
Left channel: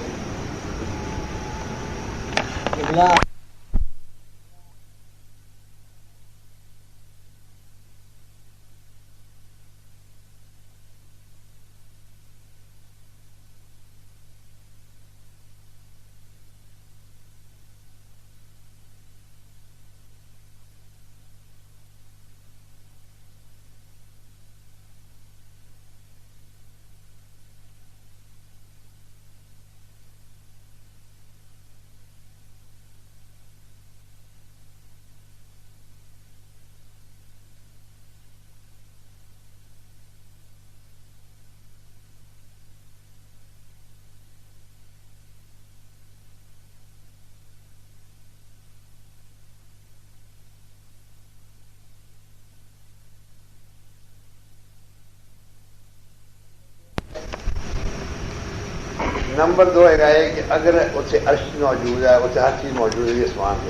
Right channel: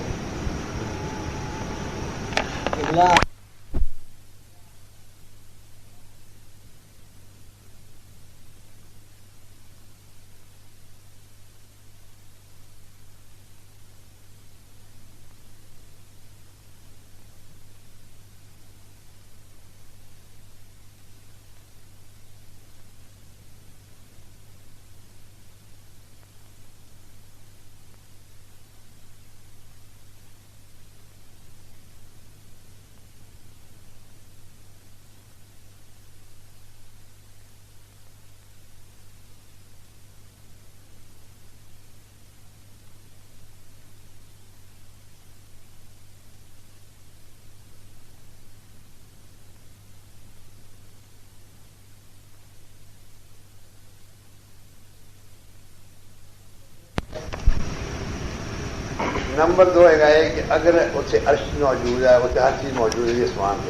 نمبر 2 ہے کہ اگر اسے عرش موجود ہے اسے ہر چیز موجود ہے اسمان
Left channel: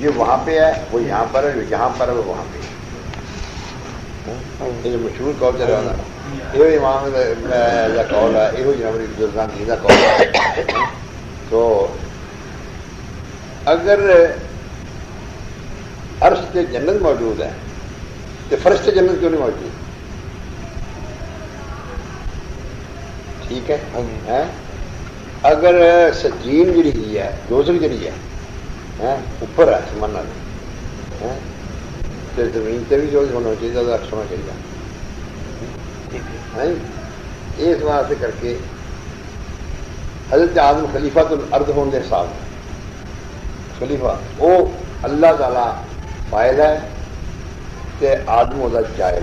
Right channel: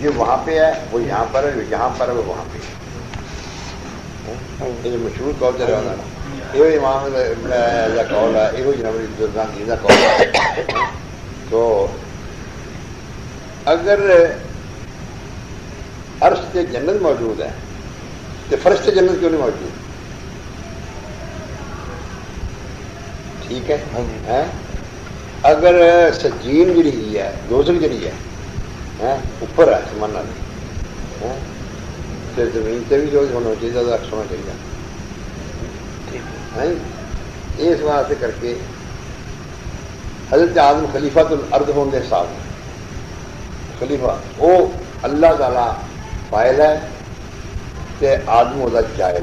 یہ وہاں پہ ہے وہ یہاں پر ہے یہاں پر ہے وہ وہاں پہ یہ مشہور قول جو رہا نا یہ امام یا قول ہے یہ جنوری گلزانی کا قول ہے تو اگر عرش سے جنت موجود ہے تو فرشتے جنت کیوں نہیں موجود ہے؟ ٹھیک ہے اگر سجین جی ہے دوزل جی ہے اوپر ہے سمانا زمین سے بھی جو ہونا چاہیے زیادہ سونا چاہیے اس واسطے کر کے حضرت آدم خلیفہ تو ارد ہونے کے ساتھ خلیفہ وہ اللہ تعالیٰ فائد ہے کہ آدم ہوتا جائے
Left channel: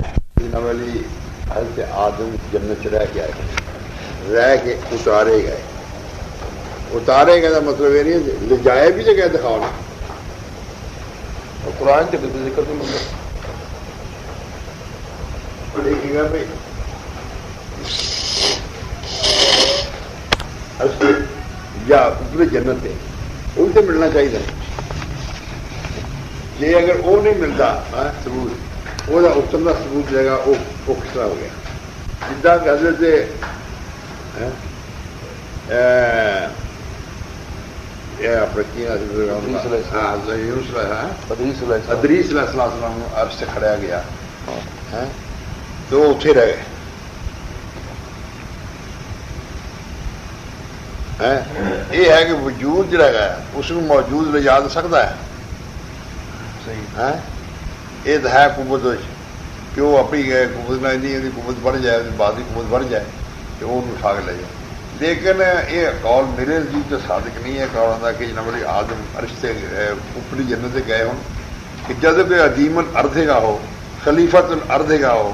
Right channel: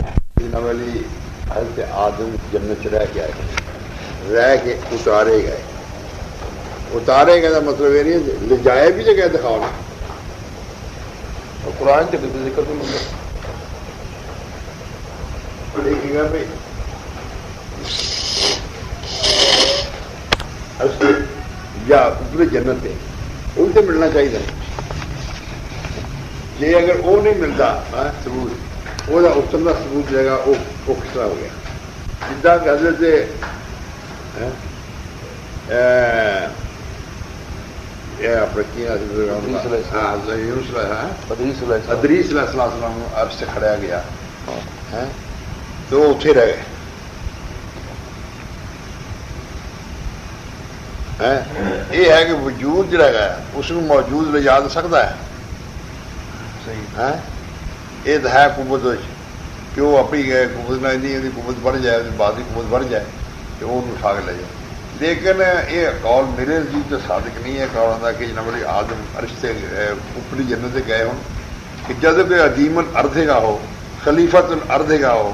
والی حضرت آدم جنت چ رہ کے آئے رہ کے اتارے گئے کا مطلب یہ نہیں لے جائے بھی جگہ دکھاؤ نا اور قرآن کے ذکر تو مطلب دیکھیے گا بھائی یا اوپر جنت ہے ان سے ملنا چاہیے جی اگر وہ نہیں ملتا ثبوت وہ اترنا ثبوت جائے گا وہ کس طرح ہو گیا جدا کہ حضرت ادریس علیہ السلام عرش سے کھڑا گیا تو وہ اتنے رہ گئے یہ ہے کہ وجود جڑا ہے اس کو موجود لے جا سکتا ہے یہ تو ہے قوت کہ وہ اپنی قوت نہ قوت بڑھ جائے بعد کی قوت بڑھ جائے کہ وہ اٹھا کے لے جائے لیکن یہ قول میرے جی تو صادق نہیں ہے قول آتا کہ جناب آدم عرش سے اوپری جنت سے گئے ہوں کہ جب کوئی عظیم الارض کا ہو خلیفت الارض کا ہو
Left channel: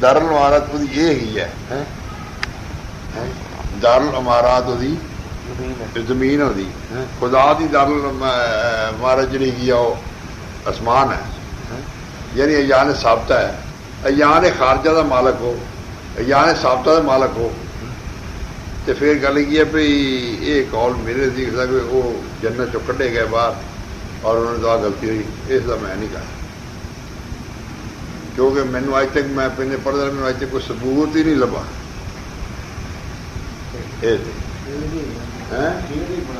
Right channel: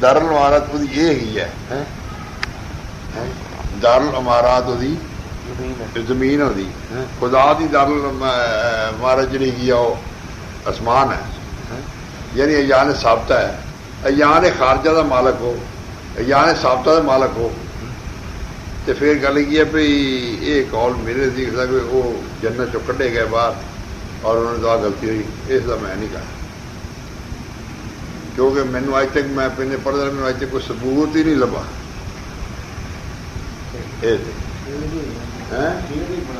دارالعمارات وہ یہ ہی ہے دارالعمارات وہی زمین ہوتی خدا دی دارالعمارت جڑی ہے وہ آسمان ہے یعنی ایان ثابتہ ہے ایان خارجہ دا مالک ہو ایان ثابتہ دا مالک ہو تو پھر گل یہ بھائی یہ قول میرے سی وہ جنت چو کڈے گئے باہر اور انہوں نے تو غلطی ہوئی اس کا میں نہیں کہا کیونکہ مینو اج تک میں پہلے پڑھتا مینو اج تک کوئی ثبوت ہی نہیں لبا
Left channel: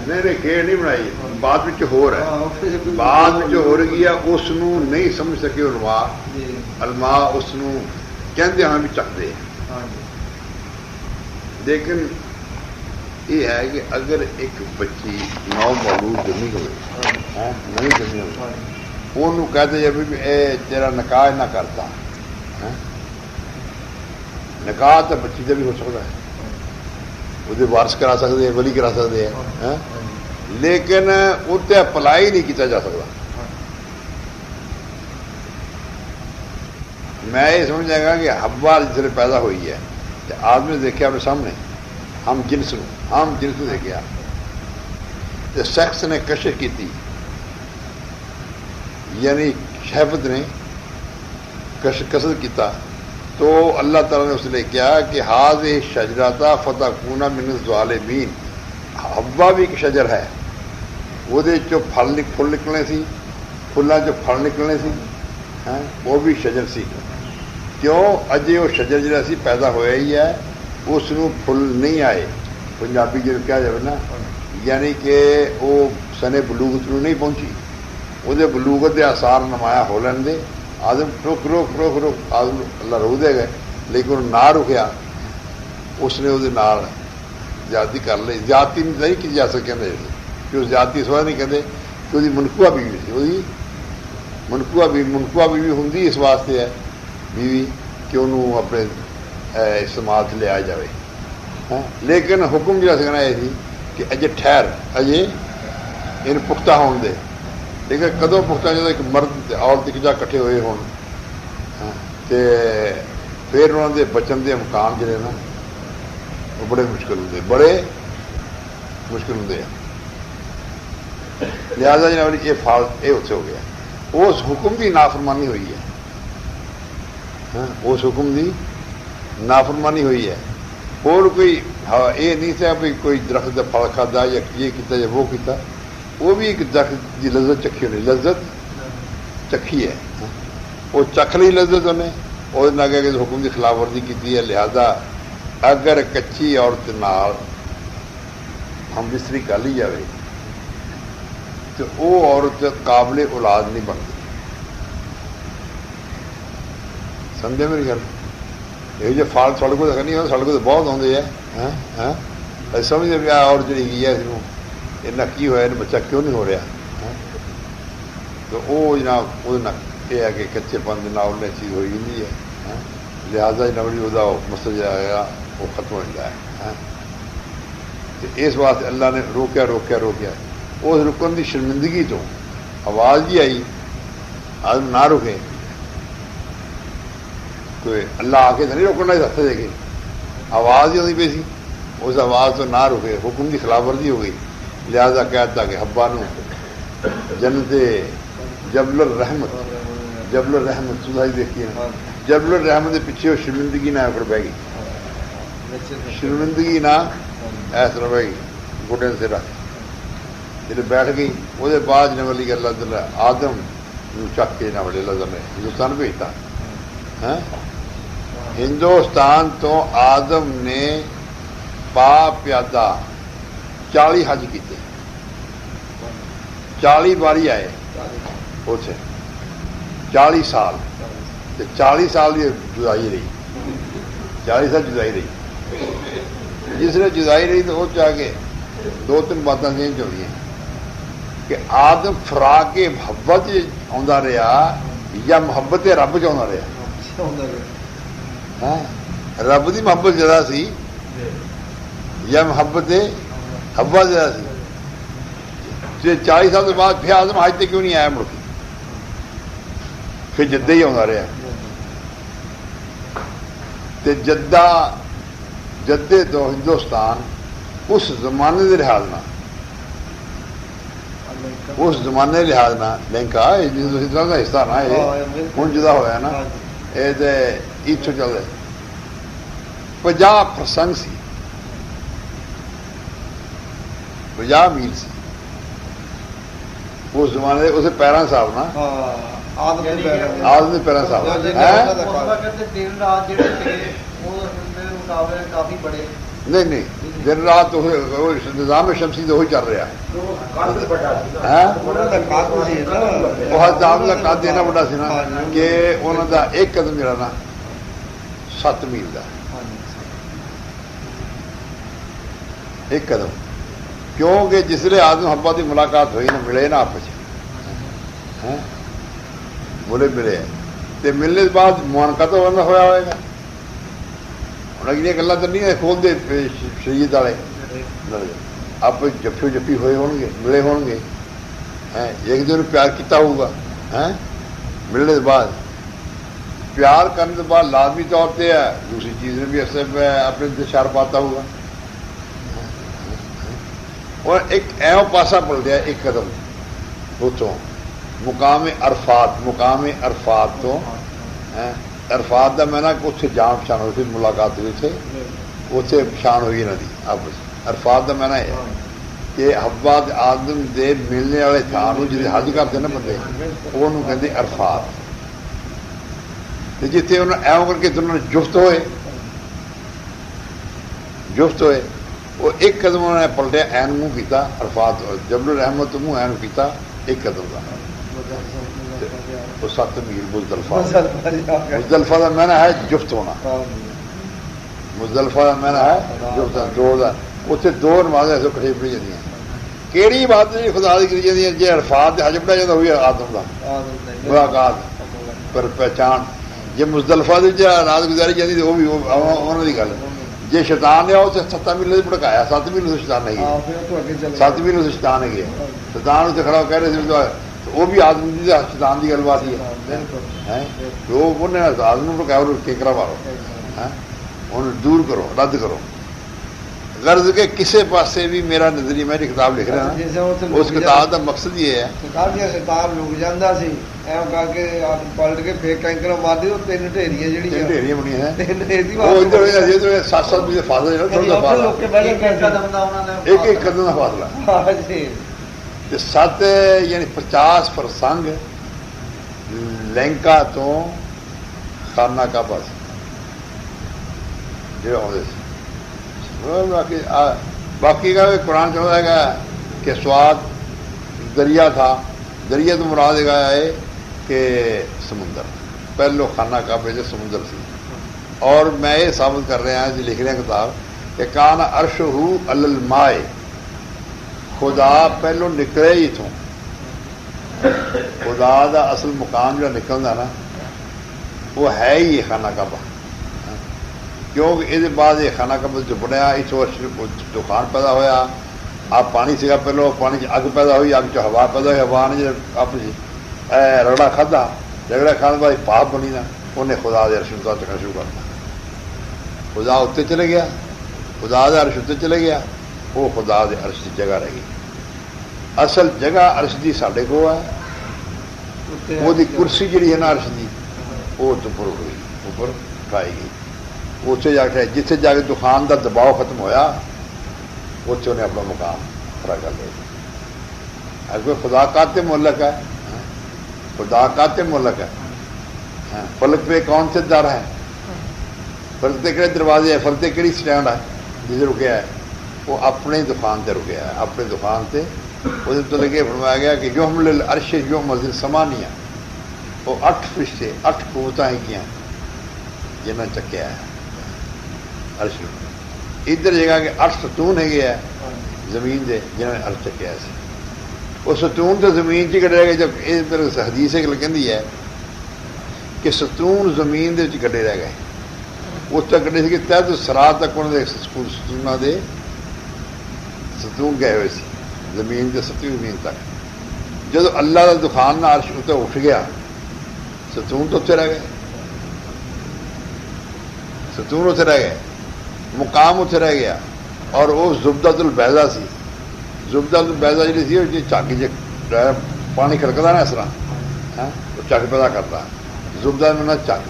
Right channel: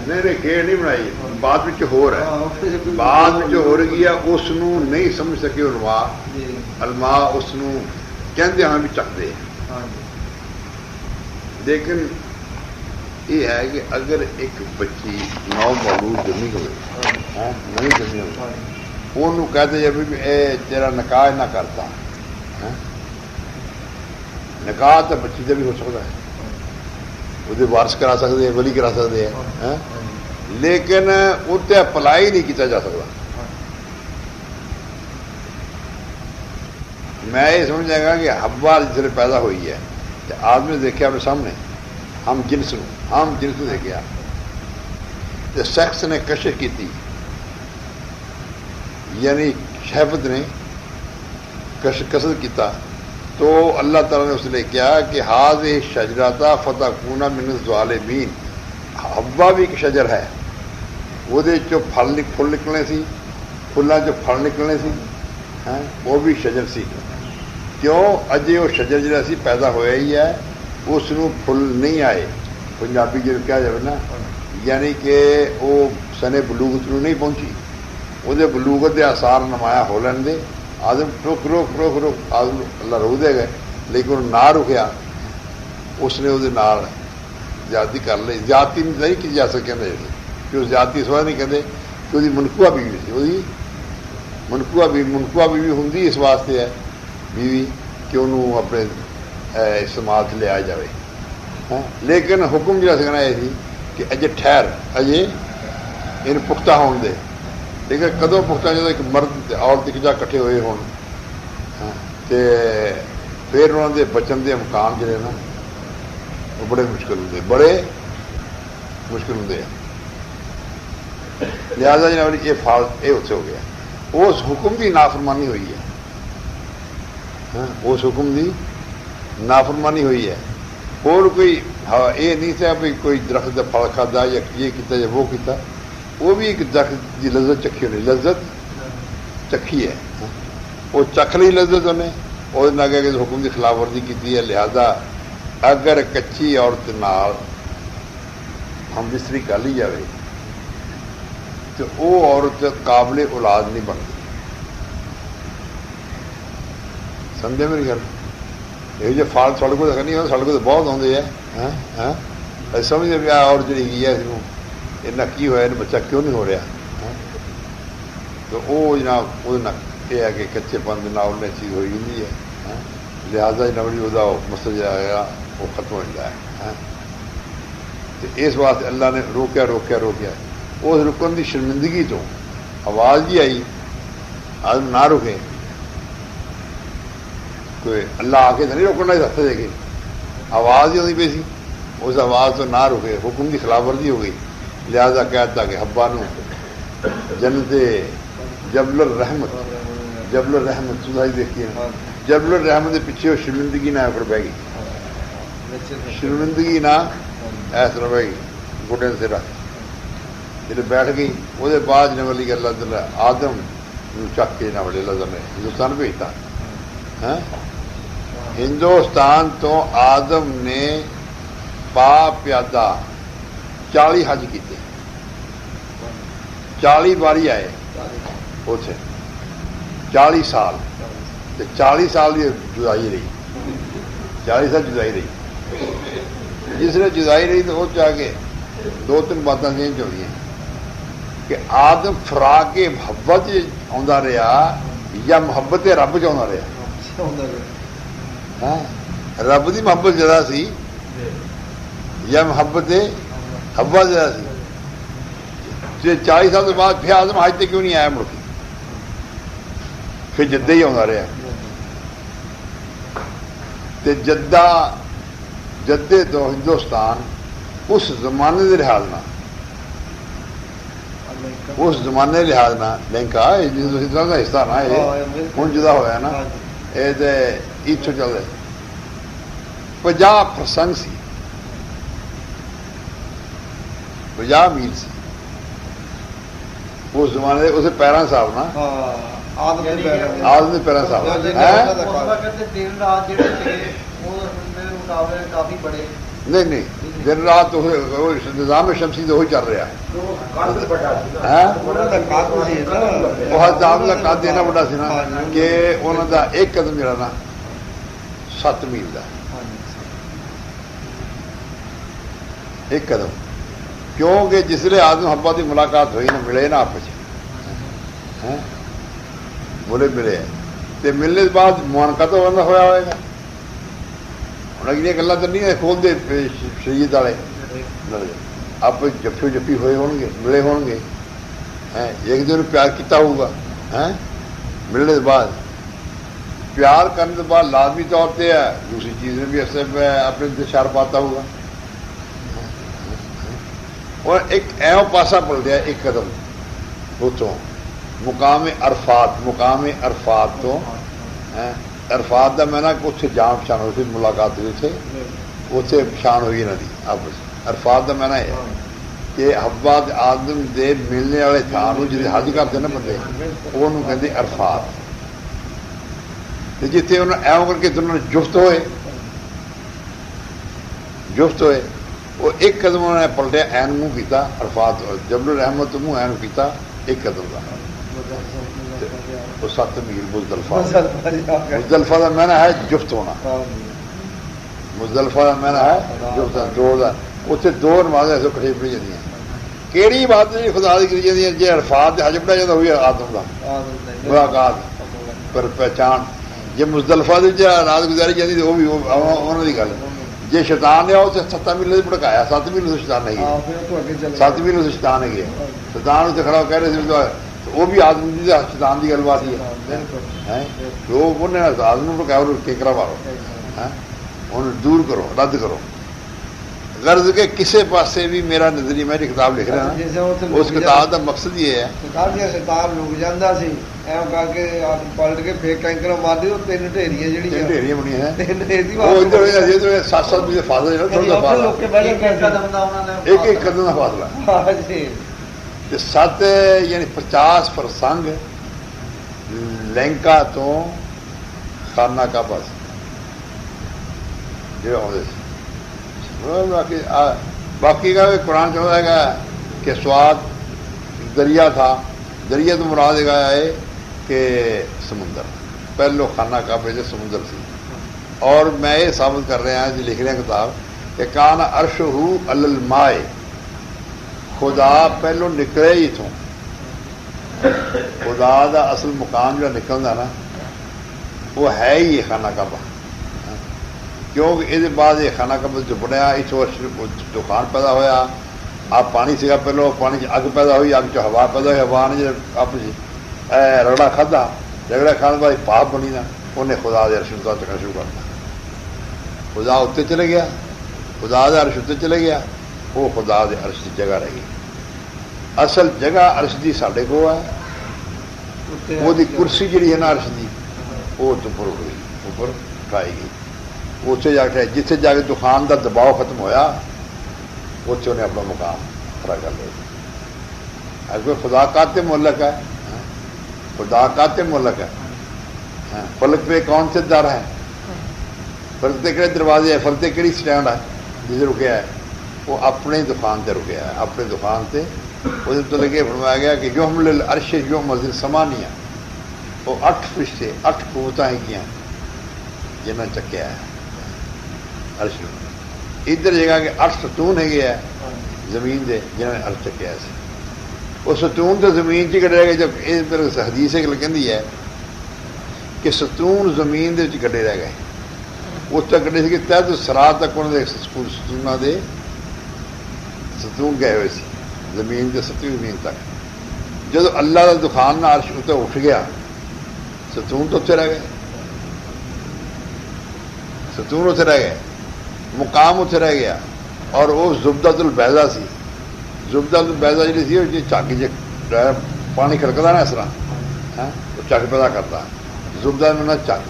نہیں کھیڑ نہیں بنائی بعد میں ہو رہا ہے بعد میں ہو رہی ہے اس نہیں سمجھ سکے علماء اس کہتے ہاں بھی چکتے ہیں لیکن یہ ہے کہ اگر ایک بچی نو مولود جمی ہوئے نہیں جمی ہوئی وہ کہتے جب تیرا نکاح نہ کرتا نکاح تو بچی سے بھی ہو سکتا ہے وہ وارث کرا سکتے ہیں ولی کرا سکتے ہیں لیکن اتنے اپلائی نہیں کیا جا سکتا میں یہ سمجھا گا کہ حوا جس نے پیدا ہوئی ہے تو آدمی نے دیکھا اپنے سامنے ہم جنس دیکھا تو سیکس نے کشش کی تھی یعنی شہوت نے کسر کیتا تو اللہ تعالیٰ نے اس نے کیا کہ ہاض شجراتا فتح کونا من الظالمین حوا بھی ایک شجر ہے وہ پھل نکلنے سی فلاں جو پھل نکلنے سی وہ بھی شجر سی کیوں اجے وہ شجر جہاں سی پیدا ہوا ہی ہے اس پھل نہیں آئے پنجابی جو کہا جائے نا یعنی کہ وہ سنے بلوغت نہیں پہنچی وہ بلوغت کے آثار نمایاں ہو لین دے آدم روک آدم اللہ رو دے گئے لیکن وہ نہ رکیا اس نے وہ زیادتی کر لی زیادتی نہیں کی جا سکے کہ وہ زیادتی اس واسطے نہیں کہتے کہ وہ منقوع بیوی سی وہ منقوع بیوی ہوں اس واسطے ہے بیوی کہ انہوں اپنے استعمال سے لیا جائے لیکن حکم جہاں سکنا یہ سی کہ اجے ٹھہر اجے ان پختہ ہون دے لیکن کدوں پختہ جب ایک مرد عورت ایک جگہ کٹھے ہوئے ہون پھر انہوں کے بچن کے امکان جڑے نا وہ بڑے مشکل ہوں لہٰذا جناب یہ اتنے ہو گیا اس حکم کی نافرمانی ہوئی ہے اس حکم کی نافرمانی ہوئی ہے اور کوئی یہ نہیں تھا بھی کوئی درخت کا پھل کھادا یا یہ کیتا یا وہ کیتا وہ بھی ایک درخت کی لذت چکھی ہونی لذت چکھی ہے وہ چکھ لی لذت انہیں وہ اگے کہ حکم کی خلاف ورزی کی ہے، لہذا اگر کچی عورت نال ہم بستری کر لی جائے تو وہ عورت قابل اولاد نہیں بنتی. سمجھے میری گل؟ یہ جو فال سڑ کو نہیں ہوتا، سڑ کو تو بہت آتے ہیں سمجھے پیا. اور جی ہے اس کی ہوا بچہ کیوں نہیں ہو رہا، تو وہ جناب وہ یہ ہے کہ کچے پن کے نال چیز ہوئی ہوئی ہے، لہٰذا نوڑی وہ مسئلہ جہا وہ ختم ہو جاتا ہے. اس واسطے اللہ نے روکیا روکیا روکیا. اس رکن کی شرمندگی تو آواز ہی آئی آدمی نہ رکے، کوئی اللہ آ کے تو نہیں روکنا رستے دے کے، آواز ہی آتی پی سی، اس آواز تو نہ رکے، حکم کی خلاف ورزی ہو گئی. لہذا کہتا کہ حبا نو جنت جبل الرحمت، جبل الرحمت سدھائی دیکھیے جبل الرحمت کے پیچھے وہ شرمندگی نہ بہ گئی، شرمندگی نہ ایس طرح بہ گئی گڈے سے رکھ جب بیٹھ گئی. وہ بعد نے والی اللہ تعالیٰ آدم چک کے نہ بڑے اللہ تعالیٰ نے ہندوستان بھیجتا. ہندوستان تو آدم نے پا پیادہ 40 حج کیتے، 40 باری آئے اتنے 40 سال، 40 سال یہ جدائی رہی، 40 سال جدائی رہی. جس نے جدائی رہی تو وہ چاہ کے 2-3 باتیں چینج ہوئی ہیں کہ آدم فراق محبت آتا رہا یا محبت رب چاہتا رہا. رب کی محبت زیادہ سی یا محبت حوا زیادہ سی. 40 سال کے بعد پھر آدم حج تے کیوں نہیں آیا مڑ کے، پھر جدہ ہی آتا رہا. جدے تو ہندوستان اس زمانے کے لحاظ نہ، اس زمانے کے لحاظ نہ لنکا ہندوستان کا حصہ نہ یہ ہوں جدا ہوا نا، یہ اتوں چل رہے 50% سی، 50 میل سی اس زمانے اسے پیرا صاحب نا آدمی پیرا صاحب نہیں نہیں دن رات نظام شمسی تو وہی چل رہا بہت زیادہ قد اینا بڑا سی نا کہ انہوں کا ایک قدم جڑا نا 7 میل کا ایک قدم. کیونکہ جسے آدم حبا کی ملاقات ہوئی نا ملے نا آپس بولے ملے تو ملنے کے بعد معانقہ تو بندہ ہوا ہوئے گا. ہوں اگلی گلا تو نہیں کھول دے شریعت والے آپ جفی جفی ہوئے ہون گے ملے ہون گے ایک دوسرے پیار کیتا ہوگا. ملنے کے بعد پیار کرنے کے بعد لازمی طور پہ ہے دوسری چیز میں بھی اپنے انتشار پاتا ہوگا. اور ایک ایو پاسا پلٹیا ایک قدم اتوں مقام عرفات تو عرفات کا میں نا اتنے جان پچھان ہوئی ملاقات ہوئی تھے اتنے پچھان ہوئی انہوں کی آپس. عرفات کا میں نا یہ کہ حوا آدم دے ملنے والے تھان جی حج کرتے نا بندے وہ کہتے عرفات. جیتے انہوں ایو کر کے دونوں جفت ہوئے وہ ایک قدم انہوں نے پلٹیا این منہ کیتا عرفات جبل الرحمت منہ این کیتا ایک قدم کا وہ 7 میل مزدلفہ کا میں ہے جفت ہونا. مزدلفہ کا میں ہے جفت ہونا. اتنے 2 نمازیں ایسے کٹھی پڑی جاتی ہیں. کہڑی بات نہیں خدا کی کری جاتی ہے جی عرفات حج پڑھا جاتا ہوئی آدم کا ملاقات پر پہچان. جی مزدلفہ کی رات گزاری جاتی وہ بھی انہوں کی گل. جی شیطان نے وہ 7 میل سے بھڑکایا 7 میل سے شیطان نہیں گیا 7 میل سے شیطان ہے گیا. شیطان اسے کھڑا کہہ رہے تھے وہ بھی آدمی شیطان کی گل بات ہی ہے. وہ آدمی بھڑکایا اور کیکرا مارو انہوں دور کرو رد کرو. غرض کے کسے پاسے بھی میرا نظریہ میں کتاب لکھ رہا ہوں اس کتاب کا مقصد یہ ہے شیطان رک جاتا سی ایو کر کے پلٹ کے پھر کینکر مار دی 3 ڈھیریاں ڈھیریاں بنی ہیں وہ ادھر 7 میل فاصلہ ایک قدم کا فاصلہ 7 یعنی 50 فرسنگ لینکا تو خانہ کعبہ سی جو آتے سی. باقی کا قرآن چاہتا ہے کہ سواد دریا تھا. دریا تو مراد گیا ہے کہ سمندر. پہلو خانہ کعبے سے سمندر سی. اور میں یہ ثابت کر رہا ہوں جو لکھ رہے ہیں کتاب کہ کان عرشہ علی الماء. خدا پہلو نکلے ہی تھوں. خدا دا اصل مقام جو نکلتا نا وہ ہے ہی یہ خانہ کعبہ. کیونکہ یہ بعد یہ خانہ کعبہ جو بنیا اتوں طوفان پیدا ہوا. آپ پانی سا پہلو پانی اگ پیدا ہوئی. اگ چ ہوا پیدا ہوئی. ہوا نے آپ رگڑا کھدا. رگڑا کھانے بعد پاپ بنی نا انہیں خدا دے عرش کا چکنا شروع کرتا. خدا اتنے چلے گیا. خدا دے عرش اتنے چلے گیا. وہ خدا دے عرش کی جگہ رہ گئی. اصل جگہ عرش دی ساڈے کو ہے. وہ دی کرسی جڑی ہے نا عرش دی وہ اوپر ہوئی اوپر اٹھائی گئی. اتنے جا کے جتنے جا کے دخان کا دباؤ ختم ہویا اتنے انہیں اپنا مقام کھڑا کر لیا. اگر خدا کاتے ملک ہے. خدا کاتے ملک ہے. فلک پہ کون سے در ہے. فلک پہ کہڑے دروازے ہے. فلک پہ کہڑی سٹینڈ ہے جسے رکیا ہے. وہ اپنے دکان سے رکیا ہے. اپنے دکان سے وہ تو لگے فرمایا گیا کہ جو ہم عرش جو مسجد سمانیہ وہ 8 فرشتے 8 قوتیں کیا جنہیں چکیا ہے عرش. ادھر جگہ کہ 8 ستون ہے گیا زمین دے جنہوں نے عرش چکیا ہے. وہ ستون تو زمین چ کٹے گئے. جب یہ حدیث کہندی ہے کہ ستون زمین دے کٹے رہ گئے. اس تک کٹے سی کہ تحت سرا تک انہوں نے ستونوں دے ستون گئے ہوئے سی زمین دے 7ویں زمین تک. جب اللہ کا دخان نہ عرش اتنے اٹھ گیا ستون تو اتنے رہ گئے. ستون اتنے رہ گئے. مقام اتنے رہ گیا. اور وہ زبدۃ البیضا سی. زبدۃ البیضا جی سی وہ چاکی جی پانی کھڑکتا نا اس طرح وہ چک پیدا کرتا. زبدہ میں چک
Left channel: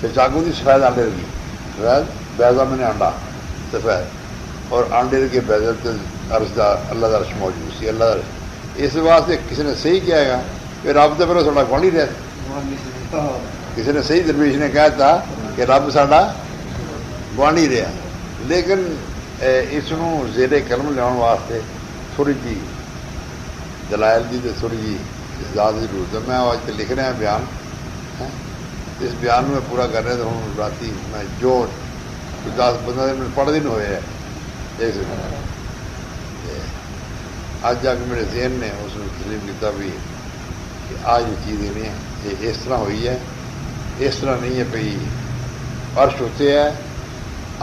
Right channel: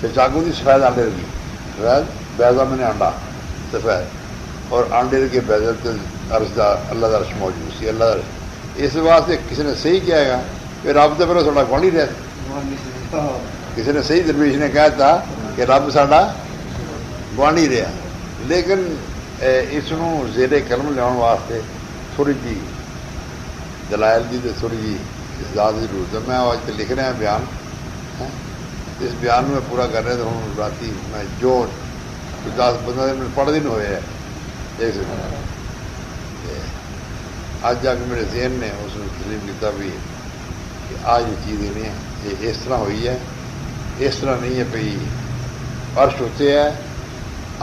پھر چاقو کی سفید آنڈے رہی. سفید بیضا میں نے انڈا سفید اور آنڈے کے بیضا عرش دا اللہ کا عرش موجود سی. اللہ کا عرش اس واسطے کسی نے صحیح کیا گا کہ رب تو پہلے تھوڑا گوانڈی رہا. کسی نے صحیح درویش نے کہا تھا کہ رب ساڈا گوانڈی رہا. لیکن اس زیر قلم لیا واسطے تھوڑی جی دلائل کی تھوڑی جی اجازت کی ضرورت ہے. میں آج لکھ رہا بیان. اس بیان میں پورا کر رہے تو ہوں رات میں جو 10-15 دن پڑھ دن ہوئے ہیں ایک آج جا کے میرے ذہن نے اس میں تسلیم کیا بھی کہ آج یہ چیز نہیں ہے. یہ اس طرح ہوئی ہے. اس طرح نہیں ہے بھائی عرش ہوتے ہے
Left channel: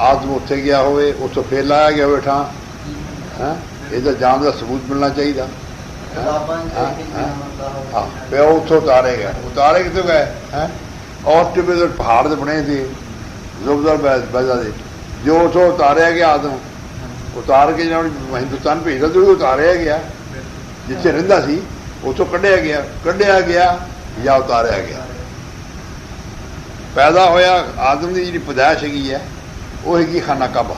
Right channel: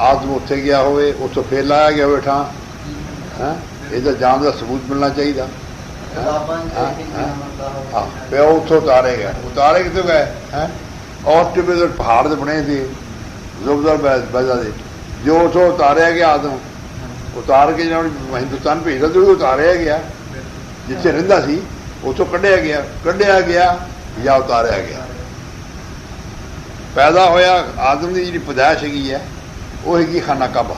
آدم اتنے گیا ہوئے اتوں پھر لایا گیا ہوئے ٹھان یہ جان کا ثبوت ملنا چاہیے. ہاں پہ وہ اتوں اتارے گئے. اتارے کتوں گئے اور ٹبے پہاڑ سے بنے تھے زبدہ بیضا دے جو اتوں اتاریا گیا. آدم اتار کے جنہوں ہندوستان بھیجا تو اتاریا گیا. جتنے رہتا سی اتوں کڈیا گیا یا اتاریا گیا. پیدا ہویا آدم کی جی پیدائش ہے وہ ہے خانہ کعبہ.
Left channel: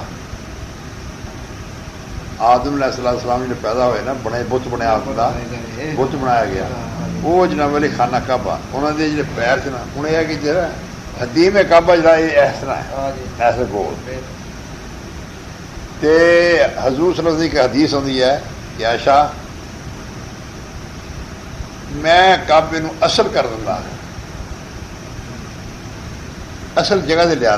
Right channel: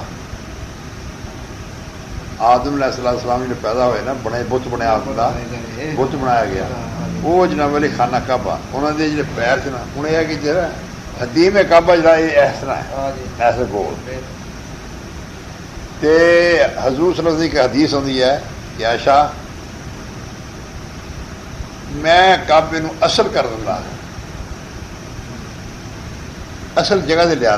آدم علیہ السلام جی پیدا ہوئے نا بنے بت بنیا آدم کا بت بنایا گیا. وہ جناب والی خانہ کعبہ انہوں نے جڑے پیر سے نا انہیں یہ کہ جرا حدیم کعبہ جڑا یہ اس طرح ہے ایسے گول. تے حضور صلی اللہ علیہ وسلم کی حدیث ہوتی ہے کہ عائشہ میں کعبے نو اصل کر دوں اصل جگہ سے لیا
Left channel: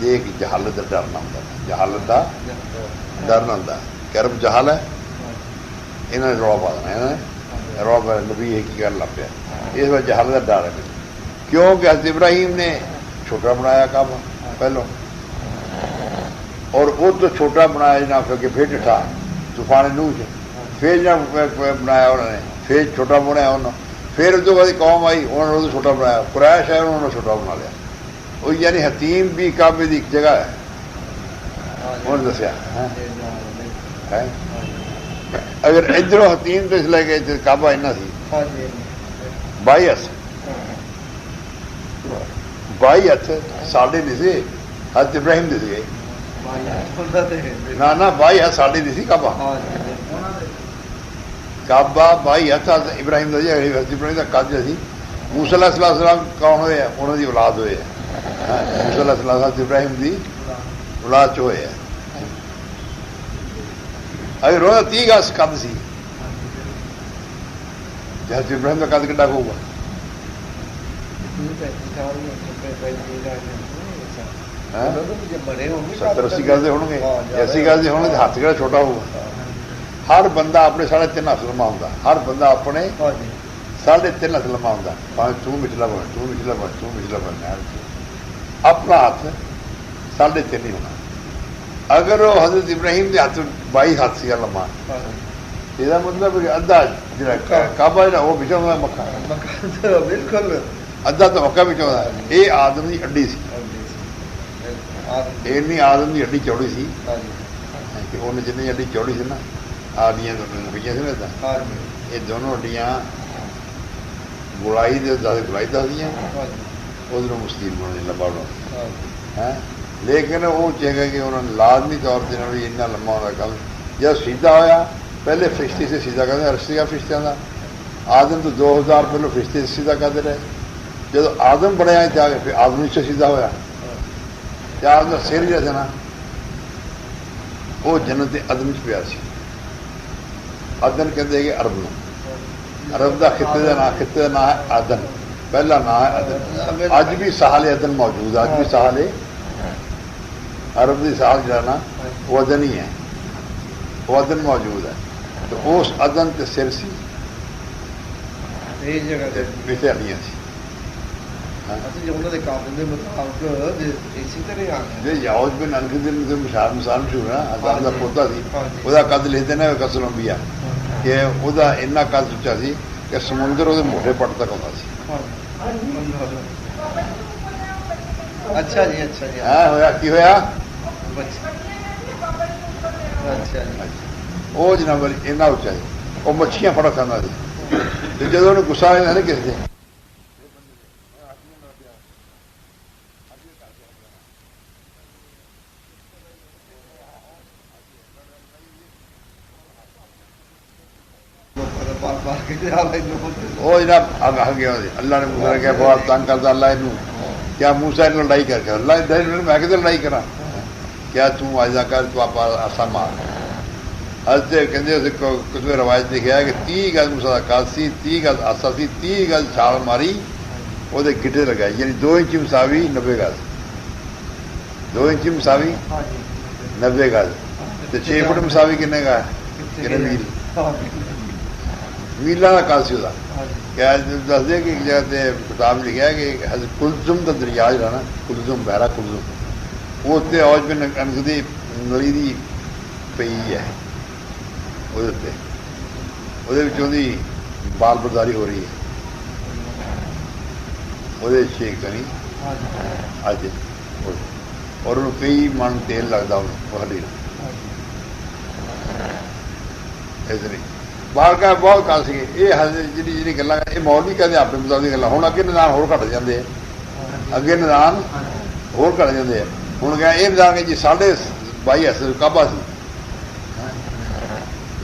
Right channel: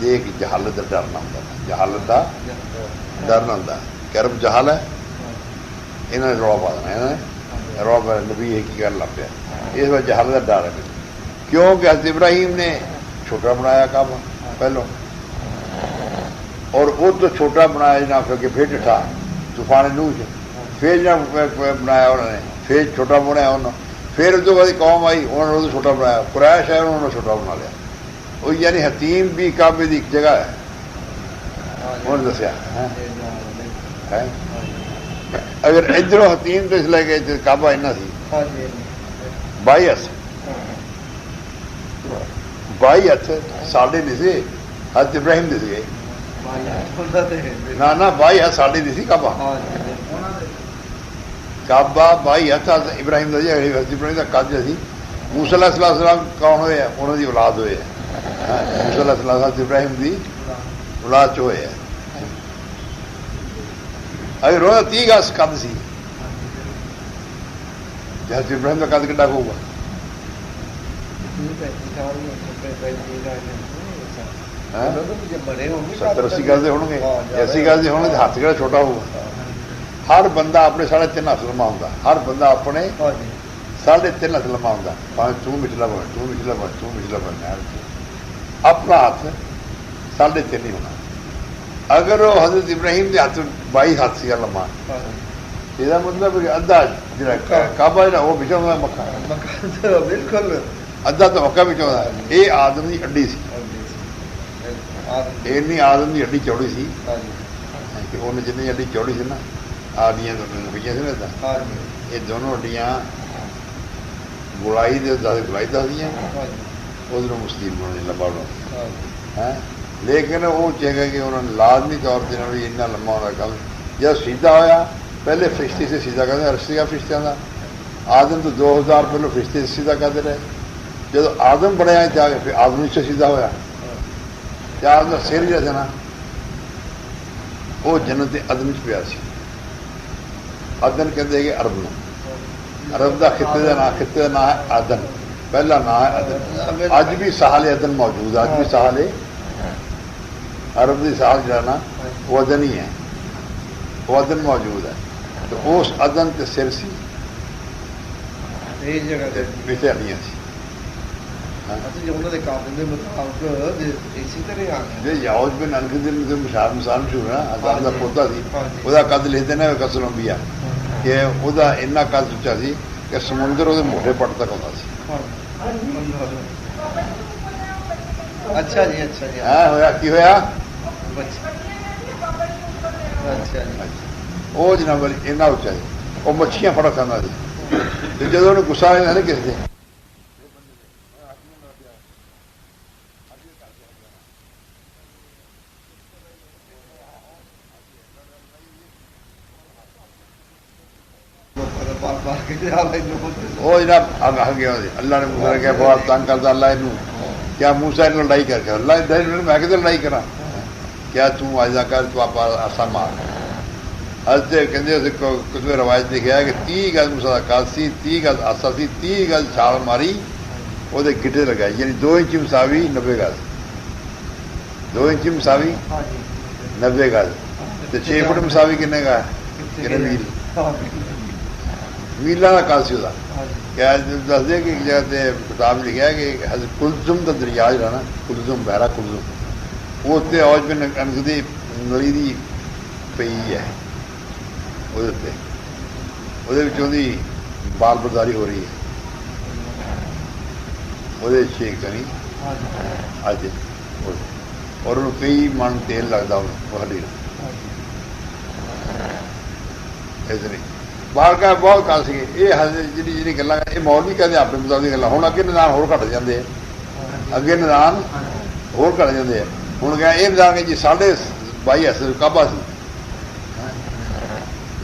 دیکھ جہالت کا ڈر نہ ہوتا. جہالت کا ڈر نہ ہوتا. کرب جہال ہے انہوں نے روڑا پا دینا. انہوں نے روڑا پا نبی ایک ہی گل لگ پیا. اس وقت جہالت کا ڈر ہے کیونکہ حضرت ابراہیم نے چھوٹا بنایا کعبہ پہلو اور وہ تو چھوٹا بنایا جناب کہ پھر ڈٹھا طوفان نوح سے پھر جناب بنایا انہوں نے پھر چھوٹا بنایا انہوں پھر اس بعد قوم آئی انہوں نے چھوٹا بنایا. قریش ہے انہوں نے چھوٹا بنا لیا. وہ یعنی حتیم بھی کعبے کی ایک جگہ ہے. انہوں نے دسیا اگر ادھر حتیم تو اس لے کے کعبہ اینا سی 22 ہاتھ ساڑھے نہیں سی. حضرت ابراہیم دس گئے نہ 22 ہاتھ ساڑھے نہیں سی کعبہ. ਕਾਬਾ 22 ਹੱਥਾਂ ਇਬਰਾਹਿਮ ਦਾ ਜੀ ਇਬਰਾਹਿਮ ਦਾ ਕੱਦ ਸੀ। ਮੂਸਾ ਅਲੈਹਿਸਸਲਾਮ ਕੌਣ ਹੋਏ ਆ? ਉਹਨਾਂ ਦੀ ਔਲਾਦ ਹੋਏ ਆ। ਮੂਸਾ ਅਲੈਹਿਸਸਲਾਮ ਇਬਰਾਹਿਮ ਦੀ ਔਲਾਦ ਚ ਹੋਏ ਆ। ਅਗਰ ਉਹਦਾ 30 ਗਜ਼ ਕੱਦ ਸੀ, ਜਦ ਇਬਰਾਹਿਮ ਦਾ ਕੱਦ ਕਿੱਡਾ ਹੋਊਗਾ? ਹੈਂ? 70-80 ਗਜ਼ ਦੇ ਹੋਣਗੇ, 80 ਗਜ਼ ਦੇ ਹੋਣਗੇ। ਹੱਥ ਕਿਹੜਾ ਛੋਟਾ ਹੋਊਗਾ? ਹਰ ਬੰਦਾ ਆਪਣੇ 3.5 ਹੱਥ ਲੰਮਾ ਹੁੰਦਾ। ਹਰ ਬੰਦਾ ਆਪਣੇ 3.5 ਹੱਥ ਲੰਮਾ ਹੁੰਦਾ। ਭਾਵੇਂ ਤੂੰ ਵਿਚਲਾ ਬਣ, ਤੂੰ ਵਿਚਲਾ ਬਣ, ਤੂੰ ਵਿਚਲਾ ਬਣ, ਆਪਣਾ ਹੱਥ 3.5 ਹੀ ਹੋਣਾ। ਅਗਰ ਉਹ ਹਜ਼ਰਤ ਇਬਰਾਹੀਮ ਦੇ ਹੱਥ 22 ਹੱਥ ਸੀਗਾ ਲੰਮਾ, ਇਹਦਾ ਮਤਲਬ ਅੱਧਾ ਜਿਹੜਾ ਕਾਬਾ ਜਿਹੜਾ ਉਹ ਵਿਚਾਉਂਦਾ ਮੱਕਾ, ਬਿਲਕੁਲ ਅੱਧਾ ਤਾਂ ਮੱਕਾ ਵਿਚਾਉਂਦਾ। ਇਹ ਆਦਮ ਦੀ ਅੱਡੀ ਸੀ। ਇੰਨੀ ਆਦਮ ਦੀ ਅੱਡੀ ਚੌੜੀ ਸੀ ਕਿ ਉਹਨੇ ਜਿੰਨੀ ਅੱਡੀ ਚੌੜੀ ਸੀ ਨਾ, ਆਡੀਆਂ ਪਈਆਂ ਸੀ ਨਾ ਏਦਾਂ, ਇਹ ਦੋਨੋਂ ਅੱਡੀਆਂ ਗੁਲਾਈ ਦੇ ਗੁਲਾਈ ਦੱਸਦੀਆਂ, ਉਧਰੋਂ ਮੁਸਲਿਮ ਬਣਾਉਣੇ ਲੰਬਾ ਬਣਾਉਣਾ ਹੈ। ਲੇਕਿਨ ਉਹ ਚਾਹੇਗਾ ਕਿ ਉਹਨਾਂ ਨੇ ਲਾਜ਼ਮੀ ਤੌਰ ਤੇ ਵੀ ਇੰਨਾ ਲੰਮਾ ਹੋਣਾ ਕੰਮ। ਜਦ ਸਿੱਧਾ ਹੋਇਆ, ਪਹਿਲੇ ਫਰਿਸ਼ਤੇ ਸੇ ਸਿੱਧਾ ਕਰਦੇ ਰਸੀਆ ਫਰਿਸ਼ਤਿਆਂ ਦਾ। ਆਦਮ ਤੋਂ 2000 ਪਹਿਲਾਂ ਫਰਿਸ਼ਤੇ ਸਿੱਧਾ ਕਰਦੇ ਰਹੇ। ਜਦੋਂ ਆਦਮ ਬਣਿਆ ਜਾ ਕੇ ਫਿਰ ਆਦਮ ਵਿੱਚ ਸਿੱਧਾ ਹੋਇਆ। ਤੇ ਆਦਮ ਦਾ ਸਿਰ ਜਿਹੜਾ ਸੀ ਨਾ, ਉਹ ਜੰਨਤ ਦੇ ਅਦਮ 'ਚ ਪਿਆ ਸੀ। ਅਦਨ ਕਹਿੰਦੇ ਕਿ ਅਰਬ ਨੂੰ, ਅਰਬ ਦਾ ਖਿੱਤੇ ਦਾ ਨਾਂ ਹੈ ਆਦਨ, ਪਹਿਲਾ ਨਾਂ ਹੈ ਅਦਨ। ਅੱਜ ਵੀ ਸਾਹਲੇ ਅਦਨ ਮੌਜੂਦ ਹੈ। ਅੱਜ ਵੀ ਸਾਹਲੇ ਅਰਬ ਦੀ ਸਾਲ ਜਿਹੜਾ ਨਾ ਉਹ ਅਦਨ ਹੀ ਹੈ, ਉਹ ਅਦਨ ਮੌਜੂਦ ਹੈ। ਤੇ ਉਸ ਅਦਨ ਤੇ ਸਿਰ ਸੀ, ਇਹ ਜਗ੍ਹਾ ਤੇ ਪਿੱਛੇ ਹੱਡੀਆਂ ਸੀ। ਉਹਨਾਂ ਦੇ ਕਾਬਿਲ ਦੇ ਮੁਤਾਬਕ ਇਸੇ ਤਰ੍ਹਾਂ ਆ ਜੇ ਯਾਉਜ ਬਿਨ ਅਨਕਦਿਨ ਦੇ ਮਿਸਾਲ ਮਸ਼ਹੂਰ ਹੈ, ਆਜ਼ਾਦ ਦਾ ਪੋਤਾ ਸੀ। ਉਹਦਾ ਕੱਦ ਲਿਖਦੇ ਨੇ ਕਸਰ ਅੰਬੀਆ ਕਿ ਉਹਦਾ ਇੰਨਾ ਕੱਦ ਉੱਚਾ ਸੀ ਕਿ ਸਮੁੰਦਰ ਉਹਦੇ ਮੋਢੇ ਪੱਟ ਤੱਕ ਆਉਂਦਾ ਸੀ। ਅੱਛਾ ਜੀ, ਅੱਛਾ ਜੀ। ਹੋਇਆ ਕੀ ਹੋਇਆ? ਅੱਛਾ ਜੀ। ਉਹ ਜਨਾਬ ਇੰਨਾ ਉੱਚਾ ਸੀ, ਉਹ ਮੱਛੀਆਂ ਫੜਾ ਖਾਂਦਾ ਸੀ। ਤੇ ਜਦੋਂ ਉਹਨੂੰ ਗੁੱਸਾ ਆ ਜਾਂਦਾ ਨਾ ਕਿਸੇ ਦੇ, ਉਹ ਜਨਾਬ ਆ ਗਿਆ। ਅੱਲਾ ਨੇ ਮੂਸਾ ਨੇ ਕਿਹਾ ਬਹੁਤ ਤੰਗ ਕਰਦਾ ਅੱਲਾ ਇਹਨੂੰ, ਕਿਆ ਮੂਸਾ ਇਹਨੂੰ ਲੜਾਈ ਕਰਕੇ ਅੱਲਾ ਮੈਂ ਕਿਤੇ ਲੜਾਈ ਕਰਾਂ, ਕਿਆ ਤੂੰ ਆਜਾ ਕਰ, ਤੂੰ ਆਪਾਂ ਆਸਾ ਮਾਰ। ਹਜਦੇ ਕਹਿੰਦੇ ਕਿਸੇ ਰਵਾਇਤ ਲਿਖਿਆ ਕਿ 30 ਗਜ਼ ਮੂਸਾ ਦਾ ਕੱਦ ਸੀ, 30 ਗਜ਼ ਆਸਾ ਸੀ, 30 ਗਜ਼ ਛਾਲ ਮਾਰੀ, ਉਹਦੇ ਗਿੱਟੇ ਲਗਾਈ, ਯਾਨੀ 2 ਇੰਚ ਮਸਾਵੀ 90 ਗਜ਼, 2 ਇੰਚ ਮਸਾਵੀ 90 ਗਜ਼, ਤੇ 6 ਫੁੱਟ ਮਸਾਵੀ ਕਿੰਨੇ ਗਾ? ਕਿੰਨੇ ਮੀਲ? ਮੀਲਾਂ ਦਾ ਕੱਦ ਸੀ ਉਹਦਾ। ਕਿਆ ਦੱਸਦੇ ਕਿ ਜਗ੍ਹਾ ਤੇ ਕਿਤਾਬ ਲਿਖਿਆ ਕਿ ਹਜ਼ਰਤ ਕੁਲਜ਼ੁਮ ਦਾ ਦਰਿਆ ਜਿਹੜਾ ਨਾ, ਕੁਲਜ਼ੁਮ ਬਹਿਰਾ ਕੁਲਜ਼ੁਮ, ਉਹ ਉੱਤੇ ਔਜ ਬਿਨ ਅਨਸ ਦੀ ਨਲੀ ਦੀ ਪਈ ਹੈ, ਉਹਦੇ ਉੱਤੇ, ਉਹਦੇ ਵਿੱਚ ਉਹਦੀ ਬਾਲ ਬਰਦਾਰੀ ਹੋ ਰਹੀ ਹੈ। ਉਹਦੇ ਛੇਕ ਤਾਂ ਨਹੀਂ ਅੱਜ, ਔਰ ਉਹਨੂੰ ਕਈ ਮਣ ਤੇਲ ਲੱਗਦਾ ਉਹ ਹੱਡੀ ਨੂੰ। ਇਸ ਲਈ ਬਾਲਕਾ ਬਹੁਤ ਕਾਲ ਸੀਗੇ। ਇਹ ਜਿਹੜੀ ਗੱਲਾਂ ਇਹ ਮੌਲਵੀ ਕਹਿੰਦੇ ਆਪਣੇ ਮੁਤਾਬਕ ਦੀਆਂ ਗੱਲਾਂ। ਹੁਣ ਅੱਗੇ ਨਿਦਾਨ ਹੋਰ ਘੱਟ ਜਾਂਦੇ ਆ, ਅੱਗੇ ਨਿਦਾਨ ਹੋਰ ਘੱਟ ਜਾਂਦੇ ਆ। ਹੁਣ ਕਿਹਾ ਇਹ ਨਿਦਾਨ ਕਿ ਜੀ 22.5 ਹੱਥ ਕਾਬਾ ਸੀ।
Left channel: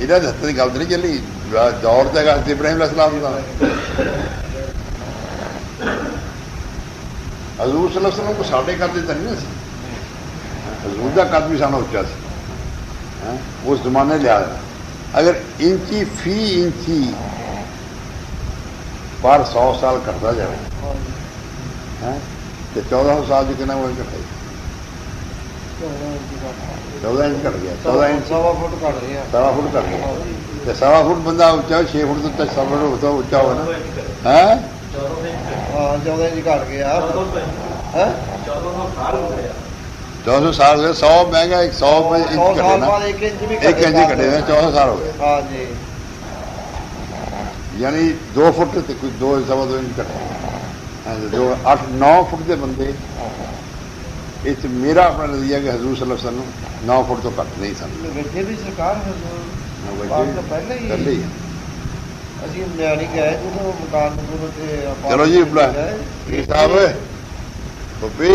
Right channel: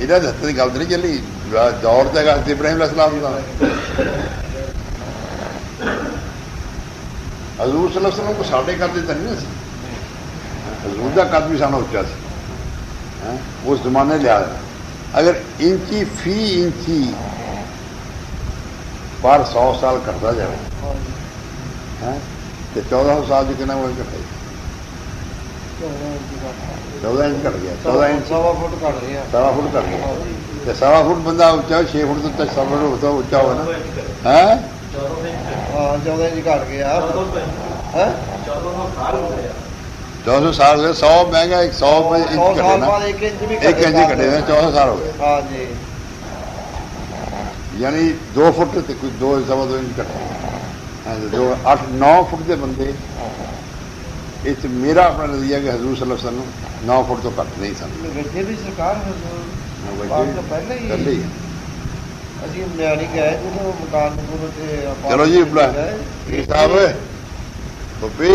ਇਹਨਾਂ ਦੇ ਹੱਥ ਦੀ ਗੱਲ ਤਾਂ ਨਹੀਂ ਚੱਲੀ, ਦੌਰ ਤਾਂ ਹੈਗਾ ਇਬਰਾਹੀਮ ਅਲੈਹਿਸਸਲਾਮ ਦਾ। ਹਜ਼ੂਰ ਸੱਲੱਲਾਹੁ ਅਲੈਹਿ ਵਸੱਲਮ ਕੋ ਸਾਡੇ ਕੱਦ ਤਾਂ ਨਹੀਂ ਸੀ, ਹਜ਼ੂਰ ਦਾ ਕੱਦ ਵੀ ਸਾਨੂੰ ਉੱਚਾ ਸੀ ਉਸ ਜ਼ਮਾਨੇ ਲਿਆ। ਅਗਰ ਇੰਚੀ ਫੀ ਇੰਚੀ ਪਰ 100 ਸਾਲ ਕਰਦਾ ਜਾਵੇ ਤੇ 1400 ਸਾਲ ਚ ਕਿੰਨਾ ਹੋਇਆ? 14 ਇੰਚ ਘਟ ਗਿਆ। 14 ਇੰਚ, ਸਵਾ ਫੁੱਟ ਘਟ ਗਿਆ। ਸਵਾ ਫੁੱਟ ਘਟ ਗਿਆ। ਤੇ ਸਵਾ ਫੁੱਟ ਬੰਦਾ ਉੱਚਾ, 6 ਫੁੱਟ ਤੋਂ ਉੱਤੇ, ਸਵਾ ਫੁੱਟ ਉੱਚਾ ਹੋਵੇ ਨਾ। ਹੈ 14 ਇੰਚ ਘਟ ਗਿਆ। 1400 ਸਾਲ ਹੋ ਗਏ। 100 ਮਹਿੰਗਾ 100 ਇੰਚ ਘਟੇ ਨਾ, 1 ਇੰਚ ਵੀ 1 ਇੰਚ ਘਟੇ ਨੇ, 1400 ਸਾਲ ਹੋ ਗਏ। ਹਾਂ ਜੀ, ਯਾਨੀ 2 ਫੁੱਟ ਤੇ ਕੁਝ 2.25 ਇੰਚ ਘਟੇ। ਜੋ 8-9 ਫੁੱਟ ਦੇ ਬੰਦੇ, ਇਹ 'ਚ ਮੇਰਾ ਆਪਣਾ ਨਜ਼ਰੀਆ ਕਿ ਹਜ਼ੂਰ ਸੱਲੱਲਾਹੁ ਅਲੈਹਿ ਵਸੱਲਮ 9 ਫੁੱਟ ਤੋਂ ਘੱਟ ਨਹੀਂ ਸਨ। ਵੈਸੇ ਵੀ ਸਰਕਾਰ ਪਹਿਲਾਂ ਹੀ ਅਸੀਂ ਨਿਆਣੀ ਗਏ ਜਦੋਂ ਮਕਾਨ ਨੂੰ ਤੇ। ਚਲੋ ਜੀ ਇਹ ਸਾਹਿਬ ਬੱਬੀ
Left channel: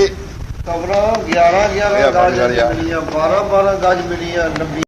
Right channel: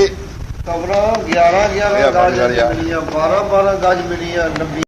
ਕਬਰਾਂ 11 ਗਜ ਮਿਲੀਆਂ, 12 ਗਜ ਮਿਲੀਆਂ, 90